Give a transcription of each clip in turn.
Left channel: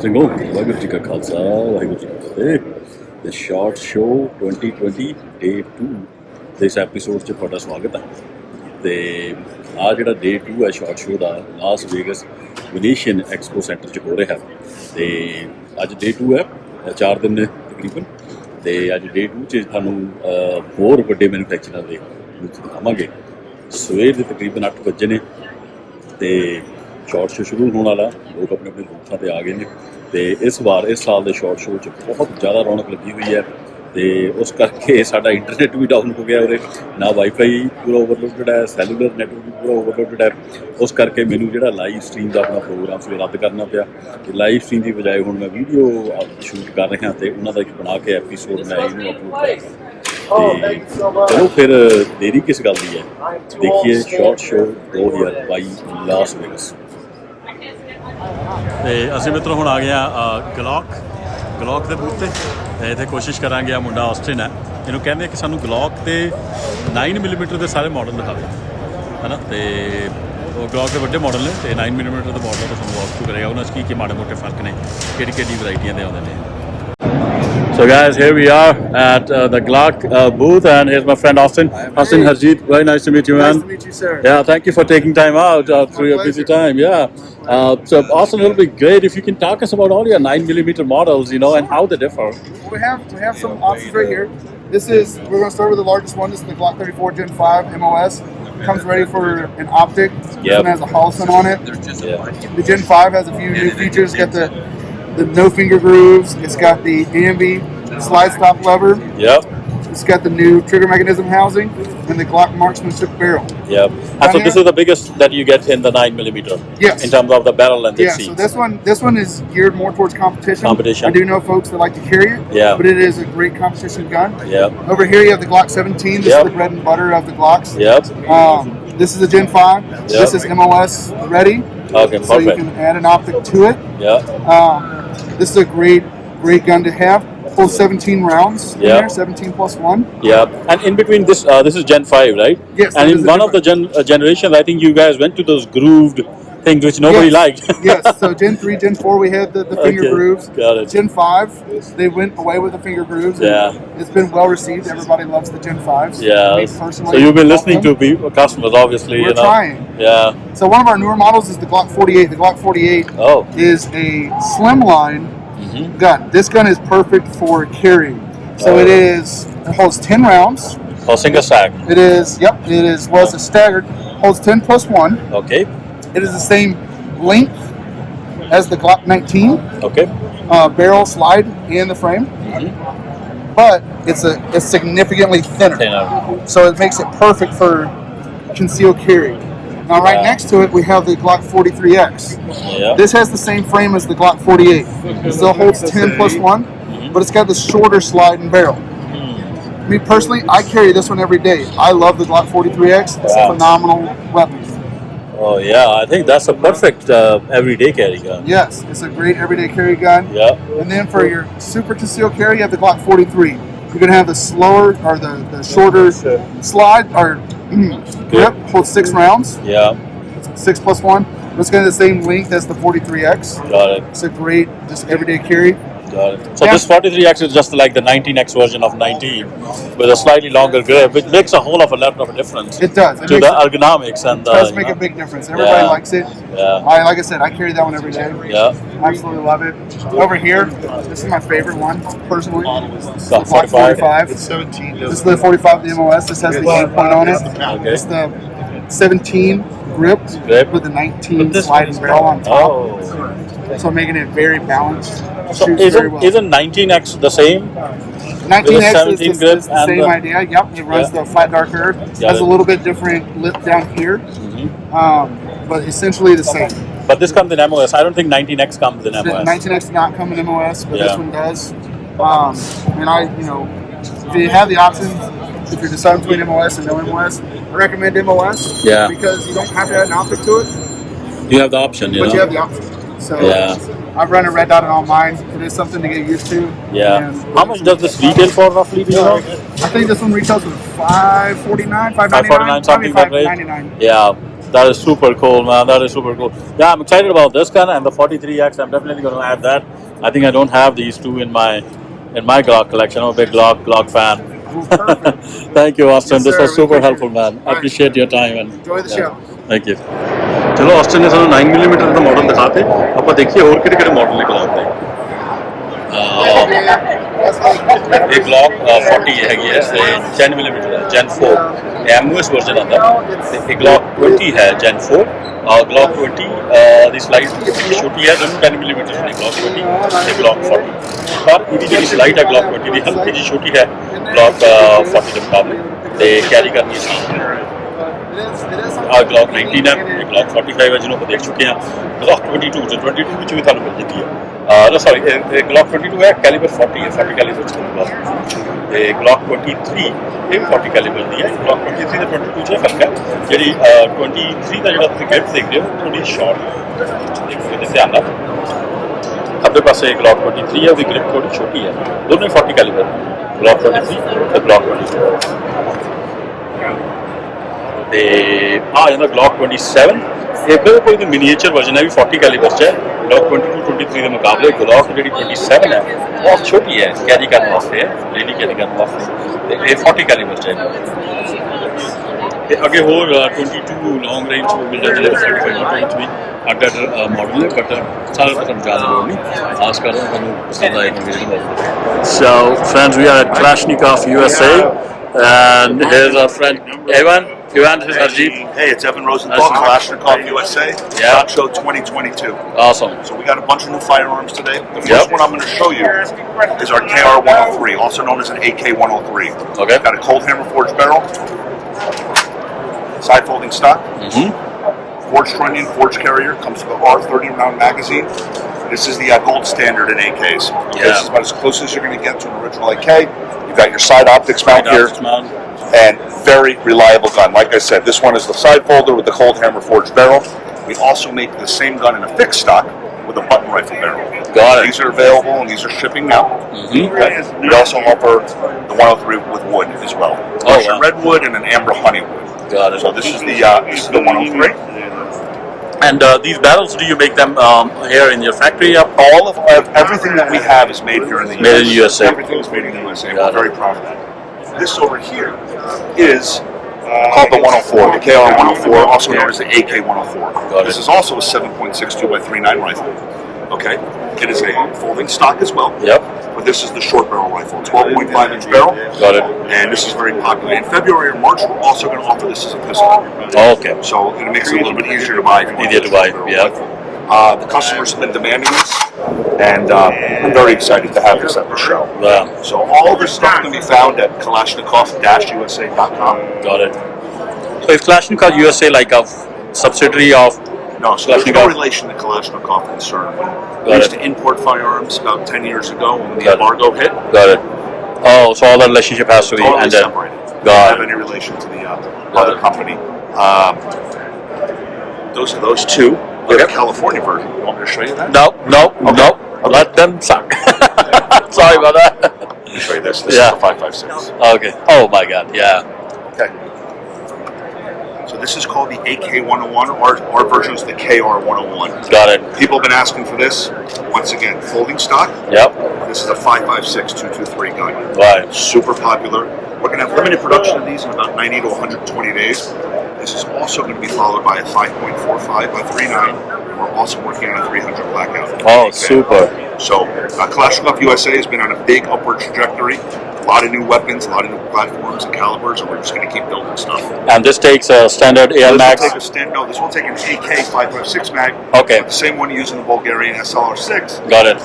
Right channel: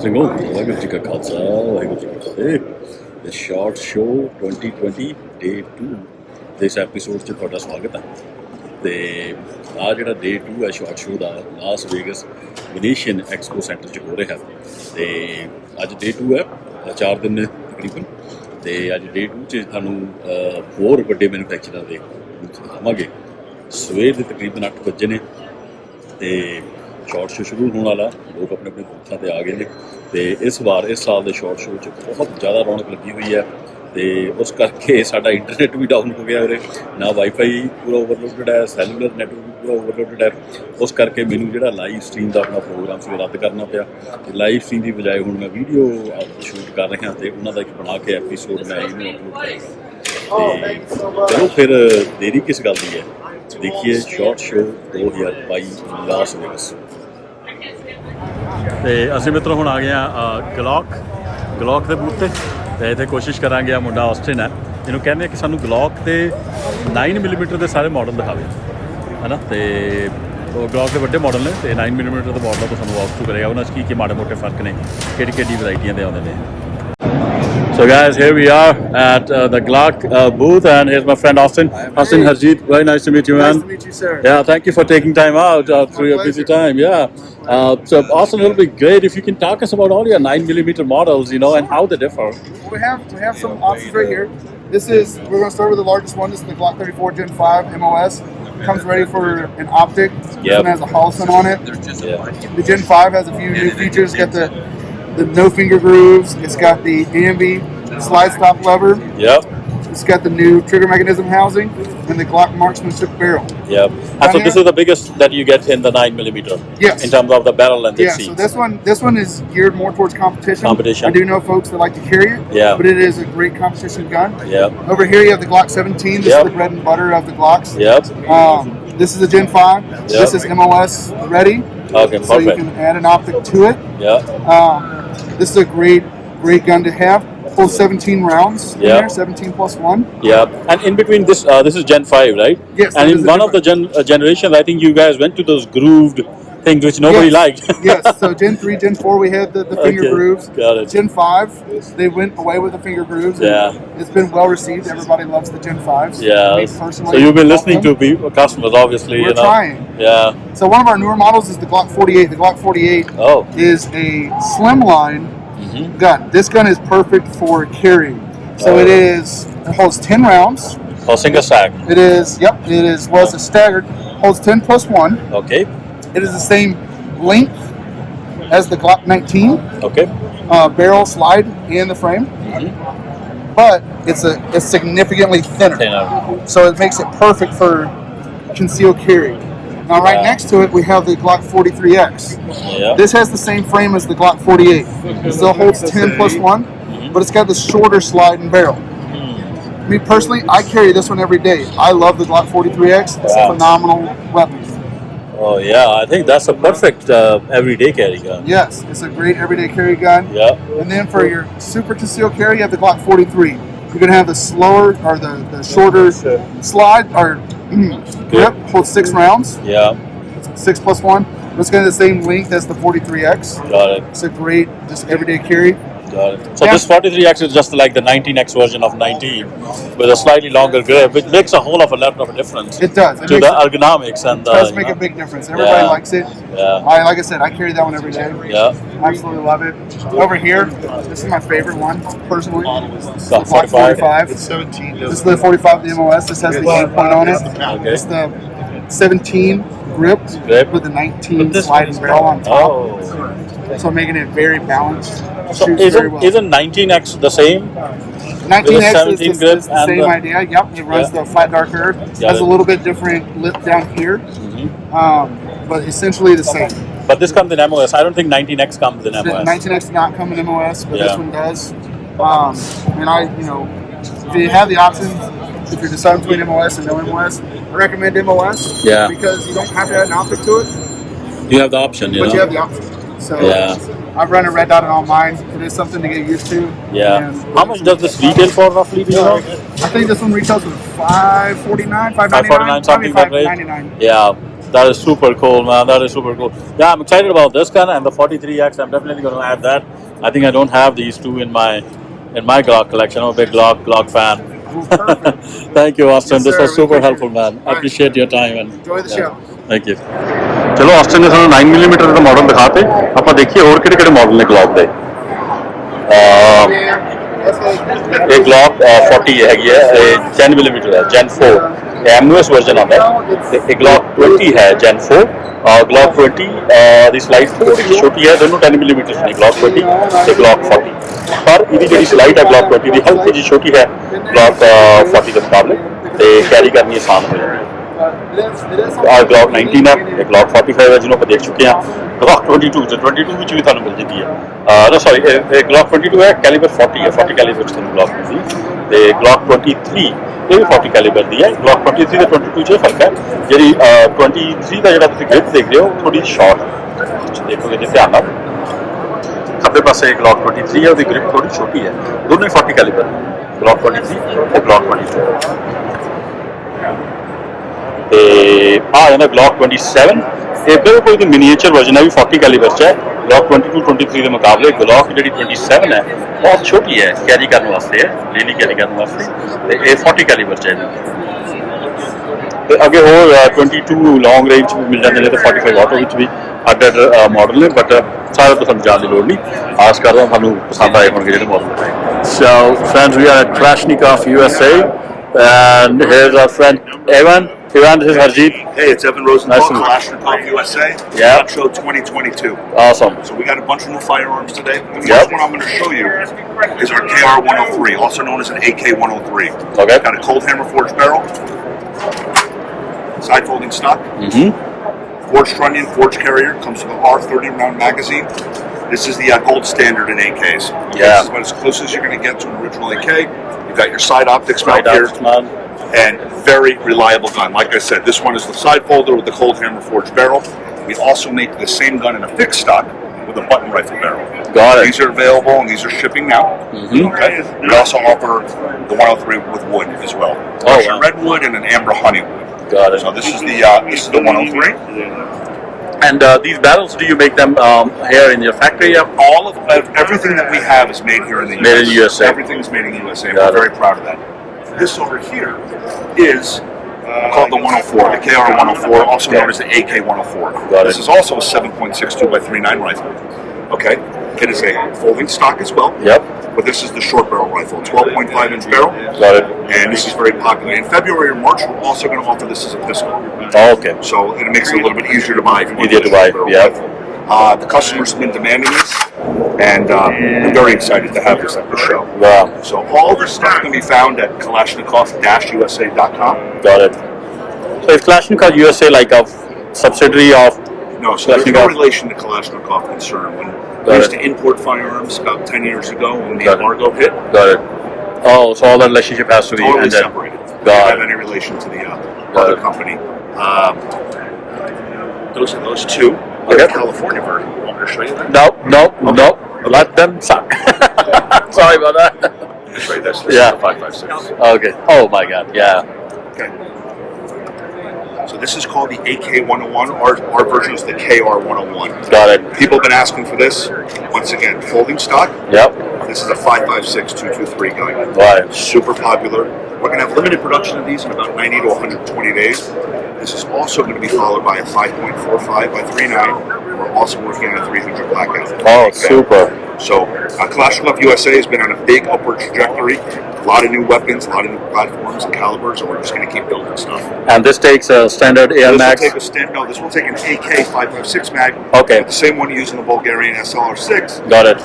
ਸਿੰਘੋ ਵਾਹਿਗੁਰੂ ਜੀ ਕਾ ਖਾਲਸਾ ਵਾਹਿਗੁਰੂ ਜੀ ਕੀ ਫਤਿਹ। ਤੇ short show 2020 ਡੇ 2 ਦੇ ਇਸ ਐਪੀਸੋਡ 'ਚ ਤੁਹਾਡਾ ਸਵਾਗਤ ਹੈ। ਤੇ ਆ ਜਿਹੜਾ ਡੇ 2 ਹੈ ਸ਼ਾਰਟ ਸ਼ੋਅ ਦਾ ਲਾਸ ਵੇਗਸ ਵੈਨੀਸ਼ੀਅਨ ਐਕਸਪੋ ਸੈਂਟਰ 'ਚ ਹੋ ਰਿਹਾ। ਤੇ ਅੱਜ ਡੇ 2 ਹੈ, 4 ਦਿਨ ਨੇ ਤਕਰੀਬਨ। ਤੇ ਅੱਜ ਡੇ 2 'ਚ ਤੁਹਾਨੂੰ ਹੋਰ ਵੱਡੇ ਮੈਨੂਫੈਕਚਰਾਂ ਦੇ ਬੂਥ ਦਿਖਾਵਾਂਗੇ। ਸਵੇਰ ਦੇ ਤਕਰੀਬਨ 8 ਵਜੇ ਨੇ ਤੇ ਸ਼ਾਰਟ ਸ਼ੋਅ ਸ਼ੁਰੂ ਹੋਣ ਵਾਲਾ। ਲੋਕ ਆਪਣੇ ਆਪਣੇ ਬੂਥਾਂ 'ਤੇ ਆ ਗਏ ਨੇ। ਤੇ ਇਸ ਸਾਲ ਦੇ ਸ਼ਾਰਟ ਸ਼ੋਅ 'ਚ ਬਹੁਤ ਜ਼ਿਆਦਾ ਰੌਣਕ ਲੱਗੀ ਹੋਈ ਹੈ। ਤੇ ਉਸ ਕਰਕੇ ਸਾਡਾ ਇੰਟਰਨੈਟ ਵੀ ਡਾਊਨ ਹੋ ਗਿਆ ਉਰੇ, ਨਾ ਵਾਈਫਾਈ ਪੂਰਾ ਓਵਰਲੋਡਡ ਹੈ, ਸੈਲੂਲਰ ਨੈਟਵਰਕ ਵੀ ਪੂਰਾ ਓਵਰਲੋਡਡ ਹੈ। ਉਸ ਕਰਕੇ ਮੈਨੂੰ ਜਿਹੜਾ ਲਾਈਵ ਸਟਰੀਮ ਦਾ ਆਪਣਾ ਪ੍ਰੋਗਰਾਮ ਸੀ ਉਹ ਰੱਦ ਕਰਨਾ ਪਿਆ। ਤੇ ਲਾਈਵ ਸਟਰੀਮ ਦੀ ਬਜਾਏ ਹੁਣ ਮੈਂ ਵੀਡੀਓ ਸ਼ੂਟ ਕਰ ਰਿਹਾ ਤੇ ਉਹਨਾਂ ਦਾ ਇੱਕ ਬਣਾ ਕੇ ਐਪੀਸੋਡ ਮੈਂ ਇਹਨੂੰ ਅਪਲੋਡ ਕਰਾਂਗਾ। ਤੇ ਚਲੋ ਫਿਰ ਦੇਰੀ ਕਿਸ ਗੱਲ ਦੀ ਹੈ, ਦੇਖੀਏ ਸ਼ਾਰਟ ਸ਼ੋਅ 2022 ਲਾਸ ਵੇਗਸ। ਤੇ ਅਸੀਂ ਮਿੱਤਰੋ ਹੁਣ ਆ ਗਏ ਹਾਂ ਗਲੌਕ ਦੇ ਬੂਥ 'ਤੇ। ਅਤੇ ਇੱਥੇ ਕੋਸ਼ਿਸ਼ ਕਰਾਂਗੇ। ਆ ਮੁੰਡਾ ਆਸਟਿਨ ਹੈ, ਇਹਨੂੰ ਕਹਿੰਦੇ ਕਿ ਸਾਨੂੰ ਗਲੌਕ ਦੇ 9mm ਦੇ ਸਾਰੇ ਮਾਡਲ ਦਿਖਾਵੇ, ਹੈ ਨਾ। ਅਤੇ ਉਹ ਗਲੌਕ ਦੇ ਵੱਡੇ ਮਾਡਲ ਨੇ ਅਤੇ 9mm ਦੇ ਮਾਡਲ ਤੋਂ ਸਾਨੂੰ ਵਾਕ ਥਰੂ ਕਰੇਗਾ। ਉਹਨਾਂ 'ਚ ਕੀ ਮਾੜੇ ਮੋਟੇ ਫਰਕ ਨੇ, ਕਿਹੜੀ ਵਰਾਇਟੀਆਂ ਦੇ ਆਉਂਦੇ ਨੇ। So guys, here we are at the Glock booth, and here's my friend Austin. Austin Harjeet, very nice to meet you, man. Nice to meet you, sir. Yeah, thank you for taking time out through your busy time. Yeah. So Austin, it'll be great if you can talk us about all your 9mm models, you know, and how they differ. We have some options right here. We're going to start with the largest one. This is the Glock 34 Gen 5 MOS. Comes ready for an optic. This one has a Holliston on it. Yeah. The Gen 5 has a few new features. It's got the no finger grooves. It's got the AMB slide stop lever. Yep. It's got the new trigger mechanism housing and the Glock marksmanship barrel. Yep. And so this is the biggest that you get in the 9mm. Yes. In terms of the barrel length it seems. So this one is geared more towards competition. I do know folks that like to carry it. Yeah. But it is a great competition gun. Yep. Over here you have the Glock 17. This is the bread and butter of the Glocks. Yep. This is a Gen 5. Yep. This is MOS ready. Okay, so perfect. you can add an optic to it. Yeah. This is a great gun to have. Full 17 rounds in there, 17 plus 1. Yeah. And in between this is Gen 5, right? Yes. And in one of the generations, I think you guys went to those grooved things which nobody liked. Yes. So Gen 3, Gen 4, we had the finger grooves. Got it. Gen 5, they went away with the finger grooves. Yeah. It's been well received. Everybody loves the Gen 5s. Yeah. Me personally, so you've been listening to customers, obviously. We're trying. Yeah. So one of our newer models is the Glock 48. The Glock 48 is a slimline gun. This gun is perfect for carrying. So it holds 10 rounds. Oh, single stack. It was a staggered. Holds 10 plus 1. Okay. It is the same length as the Glock 19. Okay. Barrel, slide, and the frame. But it's significantly thinner. So it makes it perfect for concealed carry. Now right next to it we have the Glock 43X. Yeah. This has the same frame as the Glock 48. It still holds 10 plus 1, but it's got the shorter slide and barrel. Me personally, I carry this one every day. I love the Glock 43X. It's a phenomenal weapon. Oh yeah, I think that's a perfect everyday carry gun. Yes, it's a great everyday carry gun. Yeah. And then for your super concealed carry, you have the Glock 43. You're going to have the slower or the shorter slide or grip, holds 6 rounds. Yeah. 6 plus 1. It's got the same length as the 43X. Got it. It's a great, just everyday carry. Got it. So this 43X is just like the 19X version of 19 with a slightly longer grip, which makes a whole of a lot of a difference. It does. To the ergonomics and it does make a big difference. Everybody likes it. Yeah. Like I said, I carry that one every day. Yeah. Absolutely love it. Over here, this is my favorite one personally. So 45. It's 17. This is the 45 of the MOS. This has the point on it. Okay. It's the 17 grip with the 19 slide and barrel on top. Oh. So making it very balanced. So isn't 19X the same? 19X is the same idea. Yep, it runs the flat dark earth. Has a little bit different lip down here, but essentially the same. But this comes in MOS. I don't think 19X comes in MOS. 19X does not come in MOS, but this one does. And if you have the option, if you're deciding between MOS and no MOS, I recommend MOS. Yeah. Because you don't have to add an optic to it. You have the option, But you have the option. So I've run a red dot on mine. It is something to get used to. Yeah. How much does this retail for roughly? Do you know? I think this one retails for $549, $599, something like that. $599. Yeah. That is super cool, man. That is super cool. Yeah, I'm excited about this gun and the 43X. I'm definitely going to add that. I think I don't have these two in my Glock collection. I'm a big Glock fan. Thank you, Austin. Yes, this sir. was We super appreciate helpful, it. man. I Right. appreciate your time and Enjoy the show. Thank you. ਚਲੋ Aston ਨੇ ਸਾਨੂੰ 9mm ਦੇ model ਦਿਖਾਤੇ ਆਪਾਂ ਦੇਖੀਏ ਹੋਰ ਕਿਹੜੇ ਕਿਹੜੇ model ਨੇ ਗਲੌਕ ਦੇ ਇਹ ਗਲੌਕ 40 ਹੈਗੀ ਹੈ ਇਹ 10mm ਹੈ ਜੈਨ 4 ਐਮਯੂਐਸ ਵਰਜ਼ਨ ਆਉਂਦਾ ਤੇ ਇਹ ਗਲੌਕ 20 ਹੈ ਜੈਨ 4 ਗਲੌਕ 20 ਦੀ ਸਲਾਈਡ ਥੋੜੀ ਛੋਟੀ ਹੈ ਦੋਨੋਂ 10mm ਨੇ ਗਲੌਕ 20 ਤੇ ਗਲੌਕ 40 ਪਰ ਇਹਦੀ ਜਿਹੜੀ ਸਲਾਈਡ ਹੈ ਗਲੌਕ 20 ਦੀ ਹਲਕੀ ਜਿਹੀ ਛੋਟੀ ਹੈ ਗਲੌਕ 40 ਦੇ ਮੁਕਾਬਲੇ ਤੇ ਕੈਰੀ ਕਰਨੀ ਆਸਾਨ ਹੋ ਜਾਂਦੀ ਹੈ ਗਲੌਕ 19 ਹੈ ਇਹ ਗਲੌਕ 45 ਹੈ ਜਿਹਨੂੰ ਆਪਾਂ ਦੇਖ ਚੁੱਕੇ ਹਾਂ ਗਲੌਕ 22 ਤੇ 22 ਵਿੱਚ ਵੀ ਤੁਹਾਨੂੰ ਮਿਲ ਜਾਂਦੀ ਹੈ ਨਾ ਸੌਰੀ ਇਹ ਗਲੌਕ 22 ਹੈ ਕੈਲੀਬਰ 40 ਹੈ 40 ਕੈਲੀਬਰ ਵਿੱਚ ਤੁਹਾਨੂੰ ਗਲੌਕ ਮਿਲਦੀ ਤੇ ਗਲੌਕ 23 ਇਹ ਵੀ 40 ਕੈਲੀਬਰ ਦੀ ਹੈ ਗਲੌਕ 23 ਤੇ 22 'ਚ ਫਰਕ ਹੈ ਜਿਹੜੀ 23 ਦਾ ਜਿਹੜਾ ਤੁਸੀਂ ਗ੍ਰਿਪ ਦੇਖ ਰਹੇ ਹੋ ਥੋੜੀ ਸ਼ਾਰਟ ਹੈ ਦੇਖੋਗੇ ਤੇ ਧਿਆਨ ਨਾਲ ਖੱਬੇ ਪਾਸੇ ਗਲੌਕ 23 ਹੈ ਉਹਦੀ ਗ੍ਰਿਪ ਥੋੜੀ ਛੋਟੀ ਹੈ ਦੋਨੋਂ ਹੀ 40 ਕੈਲੀਬਰ ਗਲੌਕ 23 ਤੇ ਗਲੌਕ 22 ਤੇ ਆ ਜਾਂਦਾ ਗਲੌਕ 27 ਇਹ ਬਿਲਕੁਲ ਦੀ ਮਿਨੀਏਚਰ ਵਰਜ਼ਨ ਹੈ ਵੀ 40 ਕੈਲੀਬਰ 'ਚ ਹੈ ਗਲੌਕ 22 23 ਦੇ ਮੁਕਾਬਲੇ ਗਲੌਕ ਜਿਹੜੀ 27 ਹੈ ਬਹੁਤ ਛੋਟੀ ਹੈ ਕੈਰੀ ਕਰਨ ਵਾਸਤੇ ਹੈ ਡੇਲੀ ਕੈਰੀ ਕਰਨ ਵਾਸਤੇ ਤੇ ਇਹ 40 ਕੈਲੀਬਰ 'ਚ ਹੈ ਤੇ ਅੱਗੇ ਹੋਰ 22 ਲੌਂਗ ਰੇਂਜ ਵੀ ਮਿਲ ਜਾਂਦੇ ਨੇ ਤੇ 45 ਆਟੋ ਵਿੱਚ ਵੀ ਅੱਡ ਮਾਡਲ ਨੇ ਬਟ ਸਾਰਾ ਤੋਂ ਤੁਹਾਨੂੰ ਜਾਣ ਦੀ ਲੋੜ ਨਹੀਂ ਆਸ ਕਰਦਾ ਤੁਹਾਨੂੰ ਪਸੰਦ ਆਏ ਹੋਣਗੇ ਜਿਹੜੇ ਮਾਡਲ ਨੇ so friends we are at Kalashnikov USA and here's our friend Evan. Evan, this is Harjeet. Hey, it's Evan Rosenthal, Kalashnikov USA. Yeah. ShotShow 2022. Awesome. So we got a bunch of new firearms today. The first one I'm going to show you is our KR-103, also known as an AK-103. Okay. Got a cold hammer forged barrel, side folding stock, forged trunnion, forged carrier, comes with a R30 round magazine. This is the gold standard in AKs. Yeah. This is about as close as you're going to get to an original AK. You've got your side optics back here. Man. And very reliable gun. Like I said, this one is the side folder with the cold hammer forged barrel. We also make the same gun in a fixed stock with a button rifle barrel. Got it. These are available and these are shipping now. Okay. We also offer the 103 with wood as well. Wow. Redwood and an amber honey wood. Got it. So this is the 103. And these barrels, do you make them here in your factory? All of everything that we have is made here in the US. Made in USA. Everything is made in the USA. Got We're very proud of that. This over here is called the 104, the KR-104, also known as the AK-104. Got it. This is also a 7.62 by 39 rifle. Okay, it is a folding stock as well. Yep. But this is the short barrel rifle, 12.5-inch barrel. Got it. And this is very popular. In February or March, we're also going to offer this as a pistol. Oh, okay. So it makes it a little bit easier to buy. If you want Easier to buy, short barrel yeah. rifle. The customers have been demanding this, and I'm very excited to have this at the show. Wow. So all this stuff can be found at Kalashnikov-USA.com. Got it. So is Kalashnikov USA like a subsidiary of No, so there's no Kalashnikov? relation to Kalashnikov concern. When Got we used it. to import firearms about 10 years ago when the Got it. embargo hit, Got it. Oh, so all that relationship has to be totally ended. separated. Got Don't have it. any relation to the Got other it. company. Those are those two. Okay. The California version. Want me to show you that? No. Let them suck. Sorry about that. Let me show you this. This Yeah. is the 5.56. Okay. Oh my God. Yeah. Okay. So this is called the AK-101. Our version is the KR-101. Got it. People have been asking for this. Once again, folding stock. Yep. This is a 5.56 223 gun. Right. Super popular. We're going to have limited production of these in about 90 to 120 days. This is also going to be followed by a 5.45 by 39, and we're also working on a 300 blackout. Oh, Okay. super. So Kalashnikov USA has been on a big upward trajectory. A lot of new weapons, a lot of new platforms and calibers, and we're just going to keep building stuff. And this takes a standard AR This Max. will take this will take an AK 5.56 mag. Okay. The same one used in the Bulgarian SLR6. Got it.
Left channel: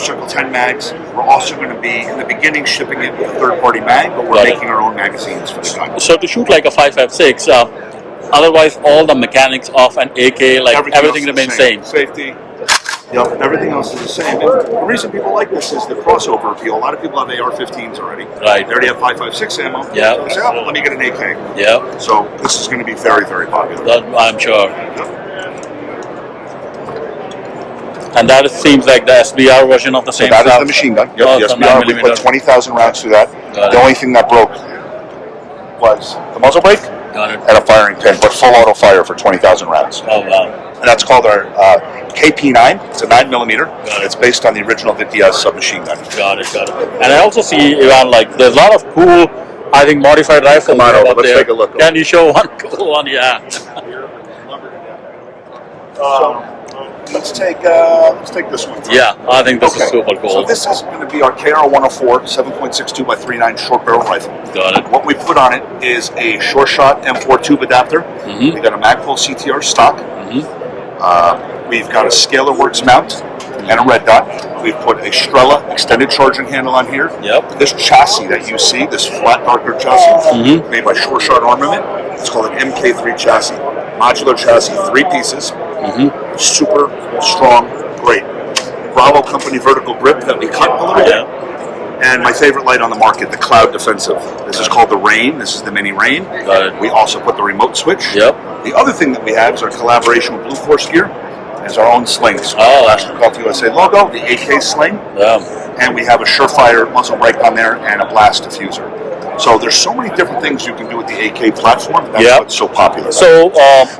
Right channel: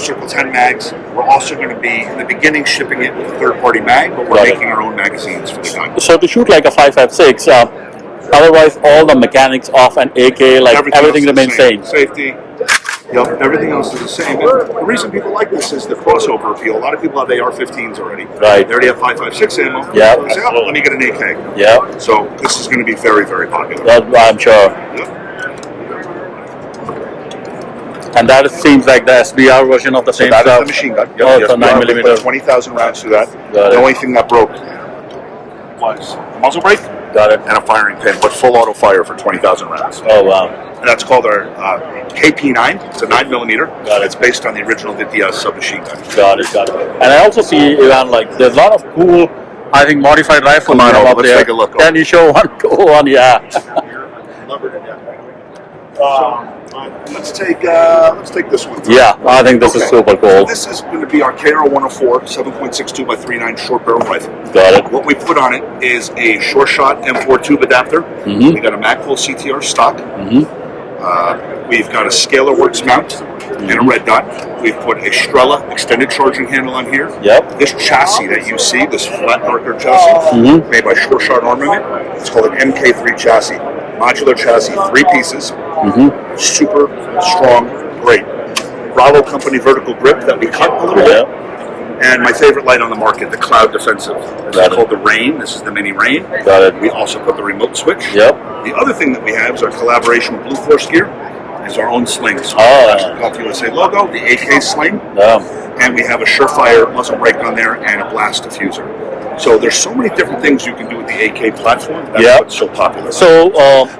Circle 10 mags. We're also going to be, in the beginning, shipping it with a third-party mag, but we're Got it. making our own magazines for the gun. So to shoot like a 5.56, otherwise all the mechanics of an AK, like everything else is remains the same. Safety. Yep, everything else is the same. And the reason people like this is the crossover appeal. A lot of people have AR-15s already. Right. They already have 5.56 ammo. Yeah. So they say, oh, let me get an AK. Yeah, So this is going to be very, very popular. that I'm sure. Yep. And that seems like the SBR version of the same That is stuff. the machine gun. Oh, the it's a SBR. 9mm. We put 20,000 rounds through that. Got The it. only thing that broke was the muzzle brake Got it. and a firing pin, but full auto fire for 20,000 rounds. Oh, wow. And that's called our KP9. It's a 9mm. Got it. It's based on the original VPS submachine gun. Got it. And I also see, Ivan, like, there's a lot of cool, I think, modified rifles you have up let's there. take a look. Can you show one? Go on, yeah. Let's take this one. First. Yeah, I think this is super cool. So this is going to be our KR-104 7.62 by 3.9 short barrel rifle. Got it. What we put on it is a ShotShow M4 tube adapter. Mm-hmm. We got a Magpul CTR stock. Mm-hmm. We've got a Scalar Works mount and a red dot. We've put a Strela extended charging handle on here. Yep. This chassis that you see, this flat darker chassis, Mm-hmm. made by ShotShow Armament. It's called an MK3 chassis. Modular chassis, 3 pieces. Mm-hmm. Super strong, great. Bravo Company vertical grip that we cut a little bit. And my favorite light on the market, the Cloud Defensive. This is called the Rain. This is the Mini Rain. Got it. We also put the remote switch. Yep. The other thing that we have is our collaboration with Blue Force Gear. Is our own slings. Oh. USA logo, the AK sling. Yeah. And we have a Surefire muzzle brake on there and a blast diffuser. So there's so many different things you can do with the AK platform. That's what's so popular. So,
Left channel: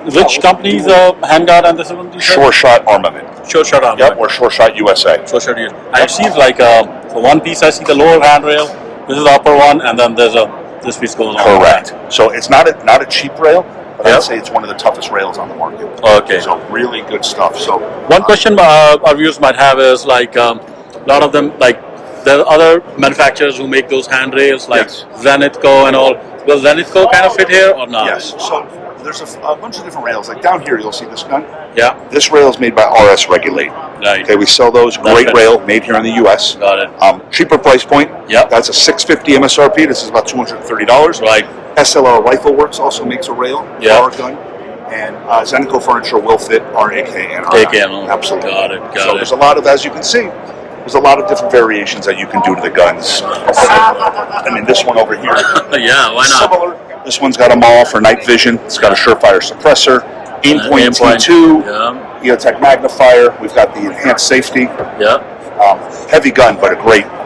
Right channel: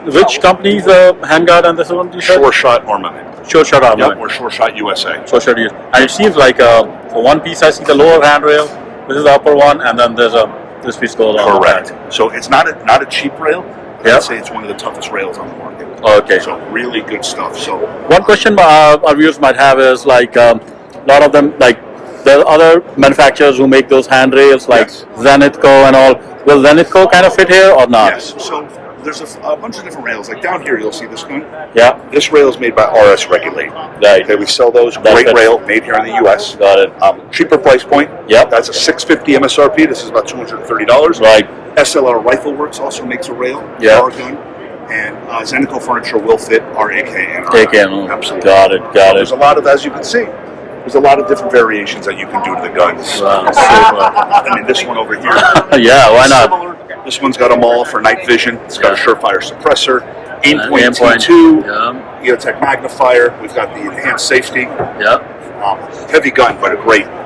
which company's handguard and this one? SureShot Armament. SureShot Armament. Yep, or SureShot USA. SureShot USA. And it seems like for one piece I see the lower handrail. This is the upper one, and then there's this piece goes on the back. So it's not a cheap rail. But I'd say it's one of the toughest rails on the market. Okay. So really good stuff. So one question our viewers might have is like a lot of them, like there are other manufacturers who make those handrails like Zenithco and all. Will Zenithco kind of fit here or not? Yes. So there's a bunch of different rails. Like down here, you'll see this gun. Yeah. This rail is made by RS Regulate. Right. Okay, we sell those. Great rail, made here in the U.S. Got it. Cheaper price point. Yep. That's a $650 MSRP. This is about $230. Right. SLR Rifle Works also makes a rail for our gun. And Zenithco Furniture will fit our AK and our absolutely. Got it. There's a lot of, as you can see, there's a lot of different variations that you can do to the guns. Wow. I mean, this one over here. Yeah, why not? Similar. This one's got a maul for night vision. It's got a Surefire suppressor. Aimpoint T2. EOTech magnifier. We've got the enhanced safety. Yeah. Heavy gun, but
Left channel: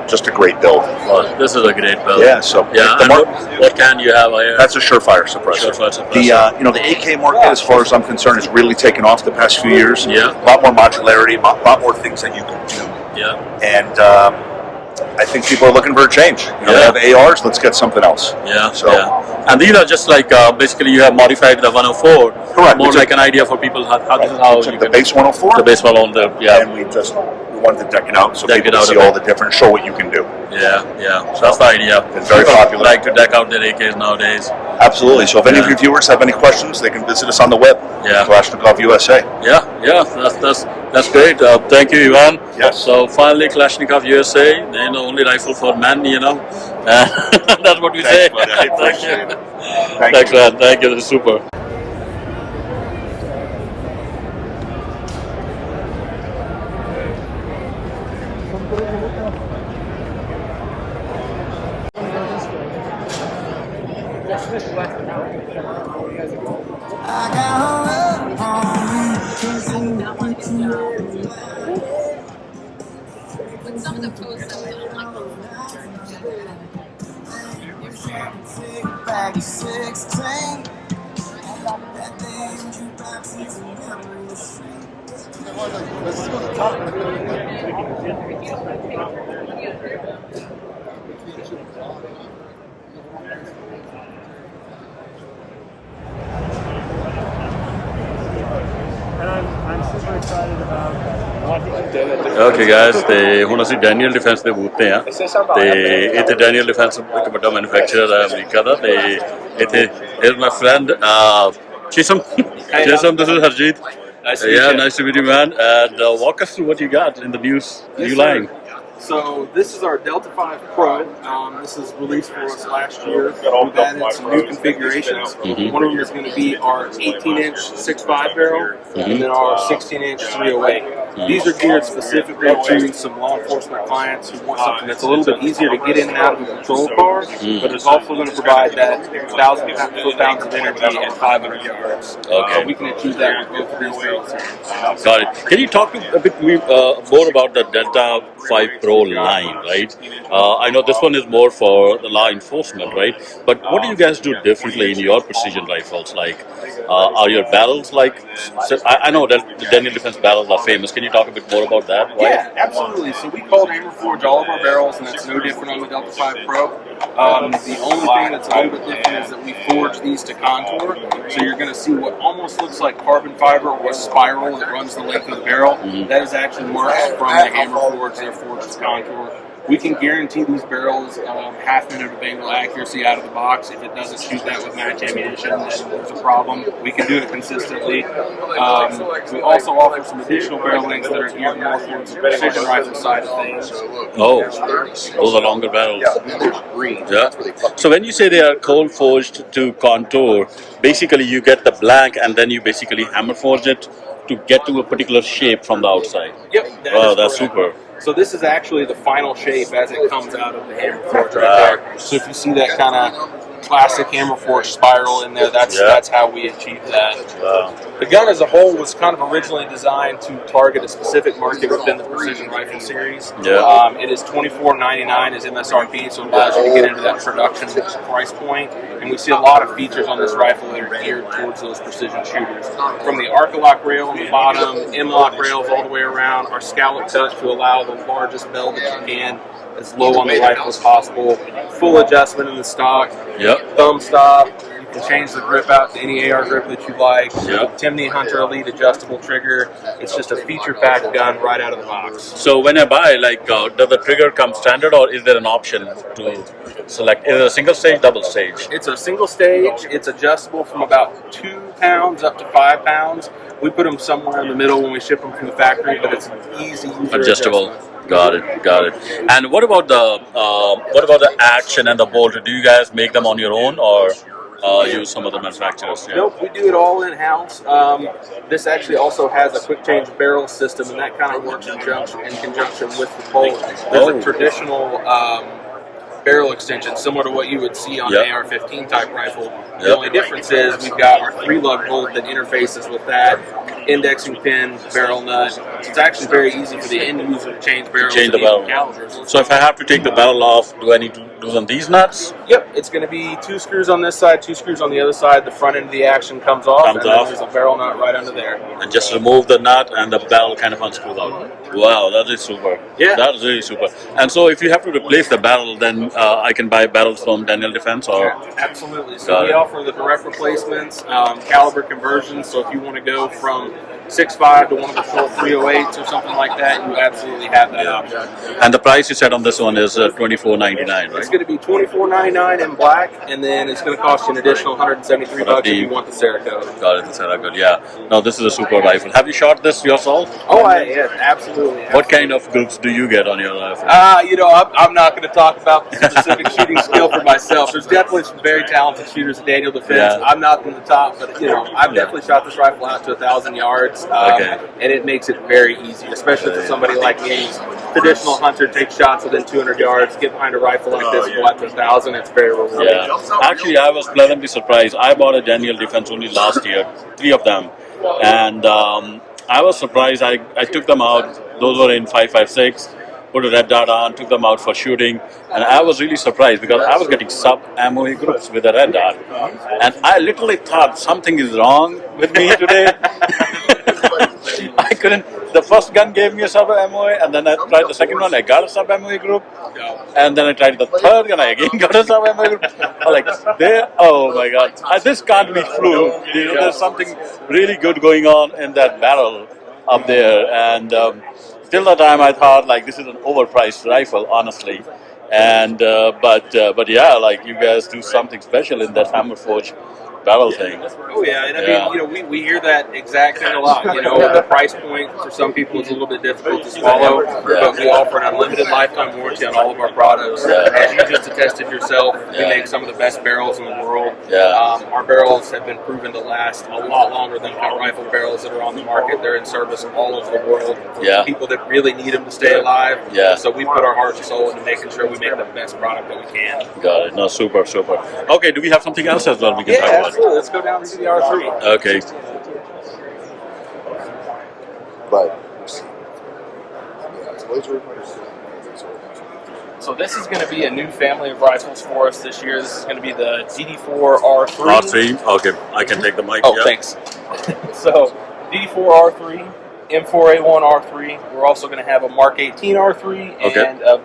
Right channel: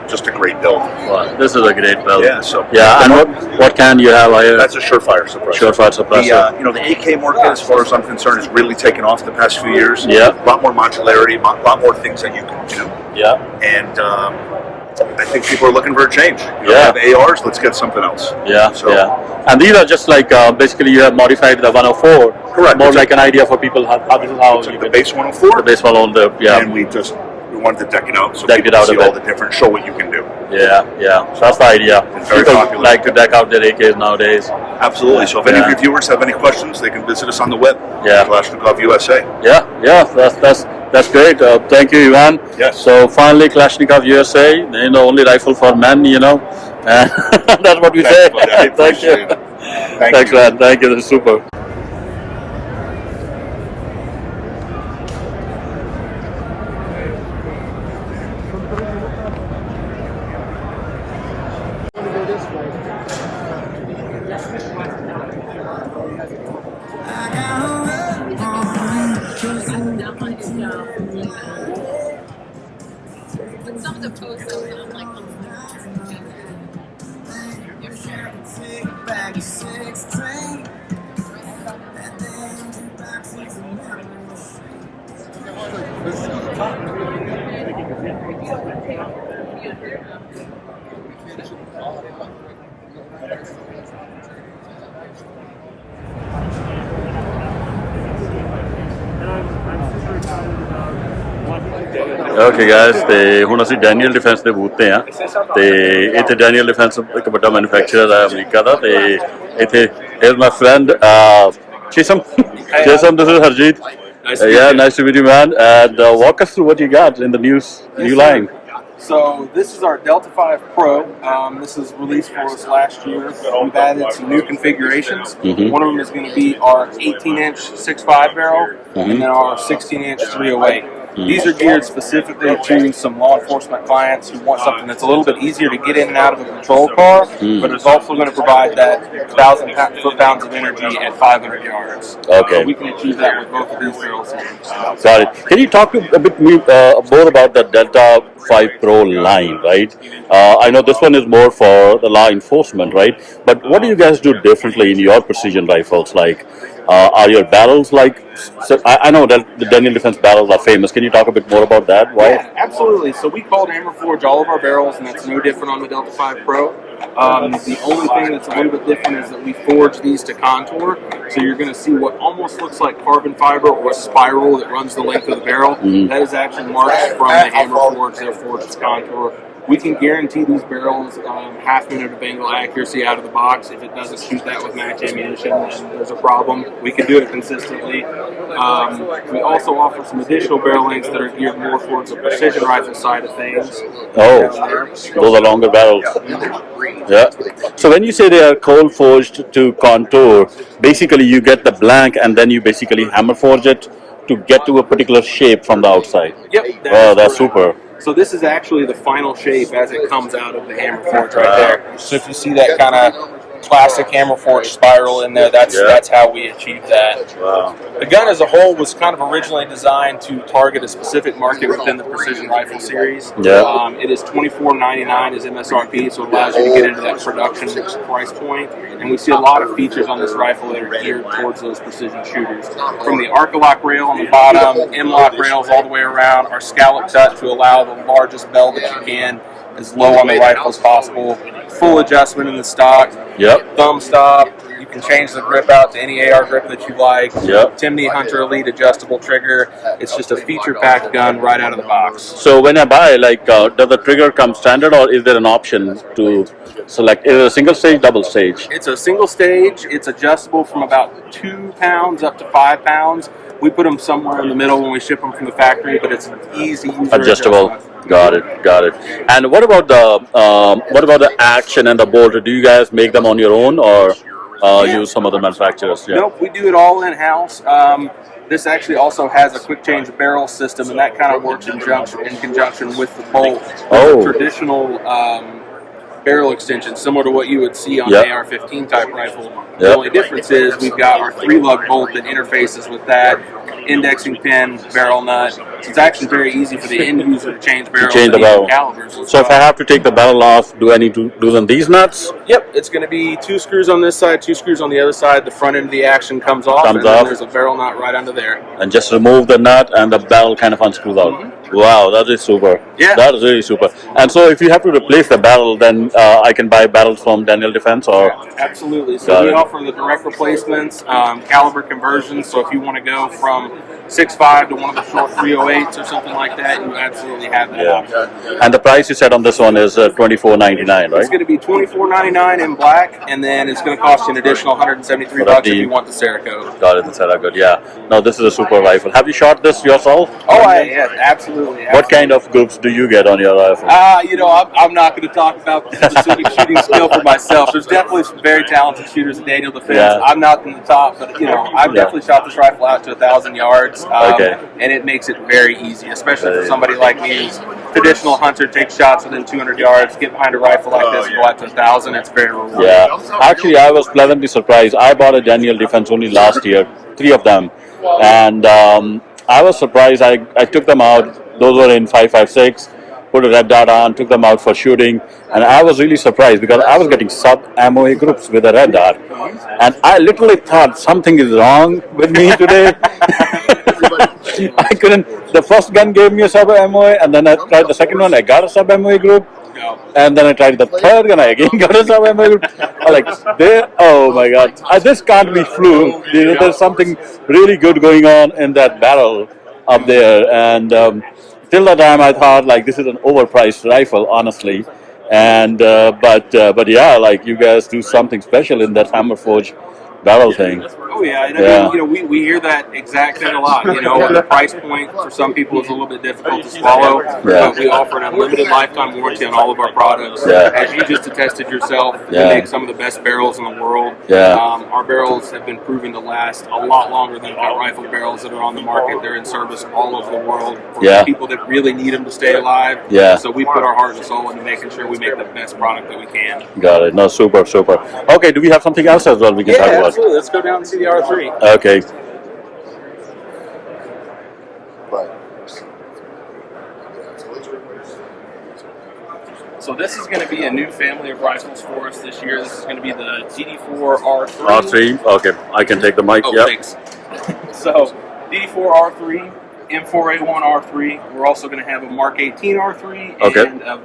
just a great build. Well, this is a great build. Yeah. So and what can you have? That's a Surefire suppressor. Surefire suppressor. The AK market, as far as I'm concerned, has really taken off the past few years. Yeah. A lot more modularity, a lot more things that you can do. Yeah. And I think people are looking for a change. We have ARs, let's get something else. Yeah. And these are just like basically you have modified the 104. Correct. More like an idea for people how this is how you the base 104. The base 104. Yeah. And we wanted to deck it out so deck people it out can see a bit. all the different, show what you can do. Yeah. So that's the idea. It's very People popular. like to deck out their AKs nowadays. Absolutely. So if any of your viewers have any questions, they can visit us on the web. Kalashnikov USA. Yeah. That's great. Thank you, Ivan. Yes. So finally, Kalashnikov USA, the only rifle for men, That's what we say. Buddy. I appreciate it. Thanks, man. Thank you. This is super. Okay guys, ਤੇ ਹੁਣ ਅਸੀਂ Daniel defence ਦੇ booth ਤੇ ਆ ਤੇ ਇੱਥੇ Daniel defence ਇੱਕ ਵੱਡਾ ਮੈਨੂਫੈਕਚਰਰ ਹੈ ਅਮਰੀਕਾ ਦਾ ਤੇ ਇੱਥੇ here's my friend Chisholm. Chisholm, this is Harjeet. Nice to meet you, man. And walk us through what you got in the new line. So this is our Delta 5 Pro. This is released for us last year. We've added some new configurations. One of them is going to be our 18-inch 6.5 barrel, and then our 16-inch 308. These are geared specifically to some law enforcement clients who want something that's a little bit easier to get in and out of a patrol car, but it's also going to provide that 1,000 foot-pounds of energy at 500 yards. Okay. We can achieve that with both of these barrels here. Got it. Can you talk a bit more about the Delta .5 Pro line, right? I know this one is more for the law enforcement, right? But what do you guys do differently in your precision rifles? Like, are your barrels like? So I know that the Daniel Defense barrels are famous. Can you talk a bit more about that? Why? Yeah, absolutely. So we cold hammer forge all of our barrels, and that's no different on the Delta 5 Pro. The only thing that's a little bit different is that we forge these to contour. So you're going to see what almost looks like carbon fiber or a spiral that runs the length of the barrel. That is actually marks from the hammer forge. They're forged to contour. We can guarantee these barrels half minute of angle accuracy out of the box. If it doesn't shoot that with match ammunition, then there's a problem. We can do it consistently. We also offer some additional barrel lengths that are geared more towards the precision rifle side of things. Oh, those are longer barrels. Yeah. So when you say they are cold forged to contour, basically you get the blank and then you basically hammer forge it to get to a particular shape from the outside. Yep. That's super. So this is actually the final shape as it comes out of the hammer forge right there. So if you see that kind of classic hammer forge spiral in there, that's how we achieved that. Wow. The gun as a whole was kind of originally designed to target a specific market within the precision rifle series. Yeah. It is $24.99 as MSRP, so it allows you to get into that production price point. And we see a lot of features on this rifle that are geared towards those precision shooters. From the Arc-A-Lock rail on the bottom, M-Lock rails all the way around, our scallop cut to allow the largest bell that you can as low on the rifle as possible. Full adjustment in the stock. Yep. Thumb stop. You can change the grip out to any AR grip that you like. Yep. Timney Hunter Elite adjustable trigger. It's just a feature-packed gun right out of the box. So when I buy, like, does the trigger come standard or is there an option to select? Is it a single stage, double stage? It's a single stage. It's adjustable from about 2 pounds up to 5 pounds. We put them somewhere in the middle when we ship them from the factory, but it's an easy user Adjustable. Got it. And what about the action and the bolt? Do you guys make them on your own or use some other manufacturers? Yeah. Nope, we do it all in-house. This actually also has a quick change barrel system, and that kind of works in conjunction with the bolt. There's a traditional barrel extension, similar to what you would see on an AR-15 type rifle. The only difference is we've got our 3-lug bolt that interfaces with that, indexing pin, barrel nut. So it's actually very easy for the end user to change barrels and even calibers. So if I have to take the barrel off, do I need to loosen these nuts? Yep, it's going to be 2 screws on this side, 2 screws on the other side. The front end of the action comes off, and then there's a barrel nut right under there. And just remove the nut and the barrel kind of unscrews out. Wow, that is super. Yeah. That is really super. And so if you have to replace the barrel, then I can buy barrels from Daniel Defense or? Absolutely. So we offer the direct replacements, caliber conversions. So if you want to go from 6.5 to one of the short 308s or something like that, you absolutely have that option. And the price you said on this one is $24.99, right? It's going to be $24.99 in black, and then it's going to cost you an additional $173 if you want the Cerakote. Got it, the Cerakote, yeah. No, this is a super rifle. Have you shot this yourself? Oh, yeah, absolutely. What kind of groups do you get on your rifle? I'm not going to talk about the specific shooting skill for myself. There's definitely some very talented shooters at Daniel Defense. Yeah. I'm not in the top, but I've definitely shot this rifle out to 1,000 yards. And it makes it very easy, especially for somebody like me who's traditional hunter, takes shots within 200 yards, get behind a rifle like this and go out to 1,000. It's very rewarding. Yeah. Actually, I was pleasantly surprised. I bought a Daniel Defense only last year, 3 of them. And I was surprised. I took them out. Those were in 5.56. Put a red dot on, took them out for shooting, and I was really surprised because I was getting sub-MOA groups with a red dot, and I literally thought something is wrong with me today. I couldn't. The first gun gave me a sub-MOA, and then I tried the second one, I got a sub-MOA group, and then I tried the third gun, I again got a sub-MOA group. Oh my God, this can't be fluke. There's something really good going on in that barrel up there, and till that time, I thought like this is an overpriced rifle, honestly, and but yeah, like you guys do something special in that hammer forge barrel thing. Oh yeah, and I mean, we hear that exact thing a lot. The price point for some people is a little bit difficult to swallow, but we offer an unlimited lifetime warranty on all of our products. As you just attested yourself, we make some of the best barrels in the world. Our barrels have been proven to last a lot longer than cut rifle barrels that are on the market. They're in service all over the world for people that really need them to stay alive. So we put our heart and soul into making sure we make the best product that we can. Got it. No, super. Okay, do we have something else as well we can talk about? Absolutely. Let's go down and see the R3. Okay. So this is going to be a new family of rifles for us this year. This is going to be the DD4 R3. R3. Okay, I can take the mic. Oh, Yep. thanks. So DD4 R3, M4A1 R3. We're also going to have a Mark 18 R3 Okay. and a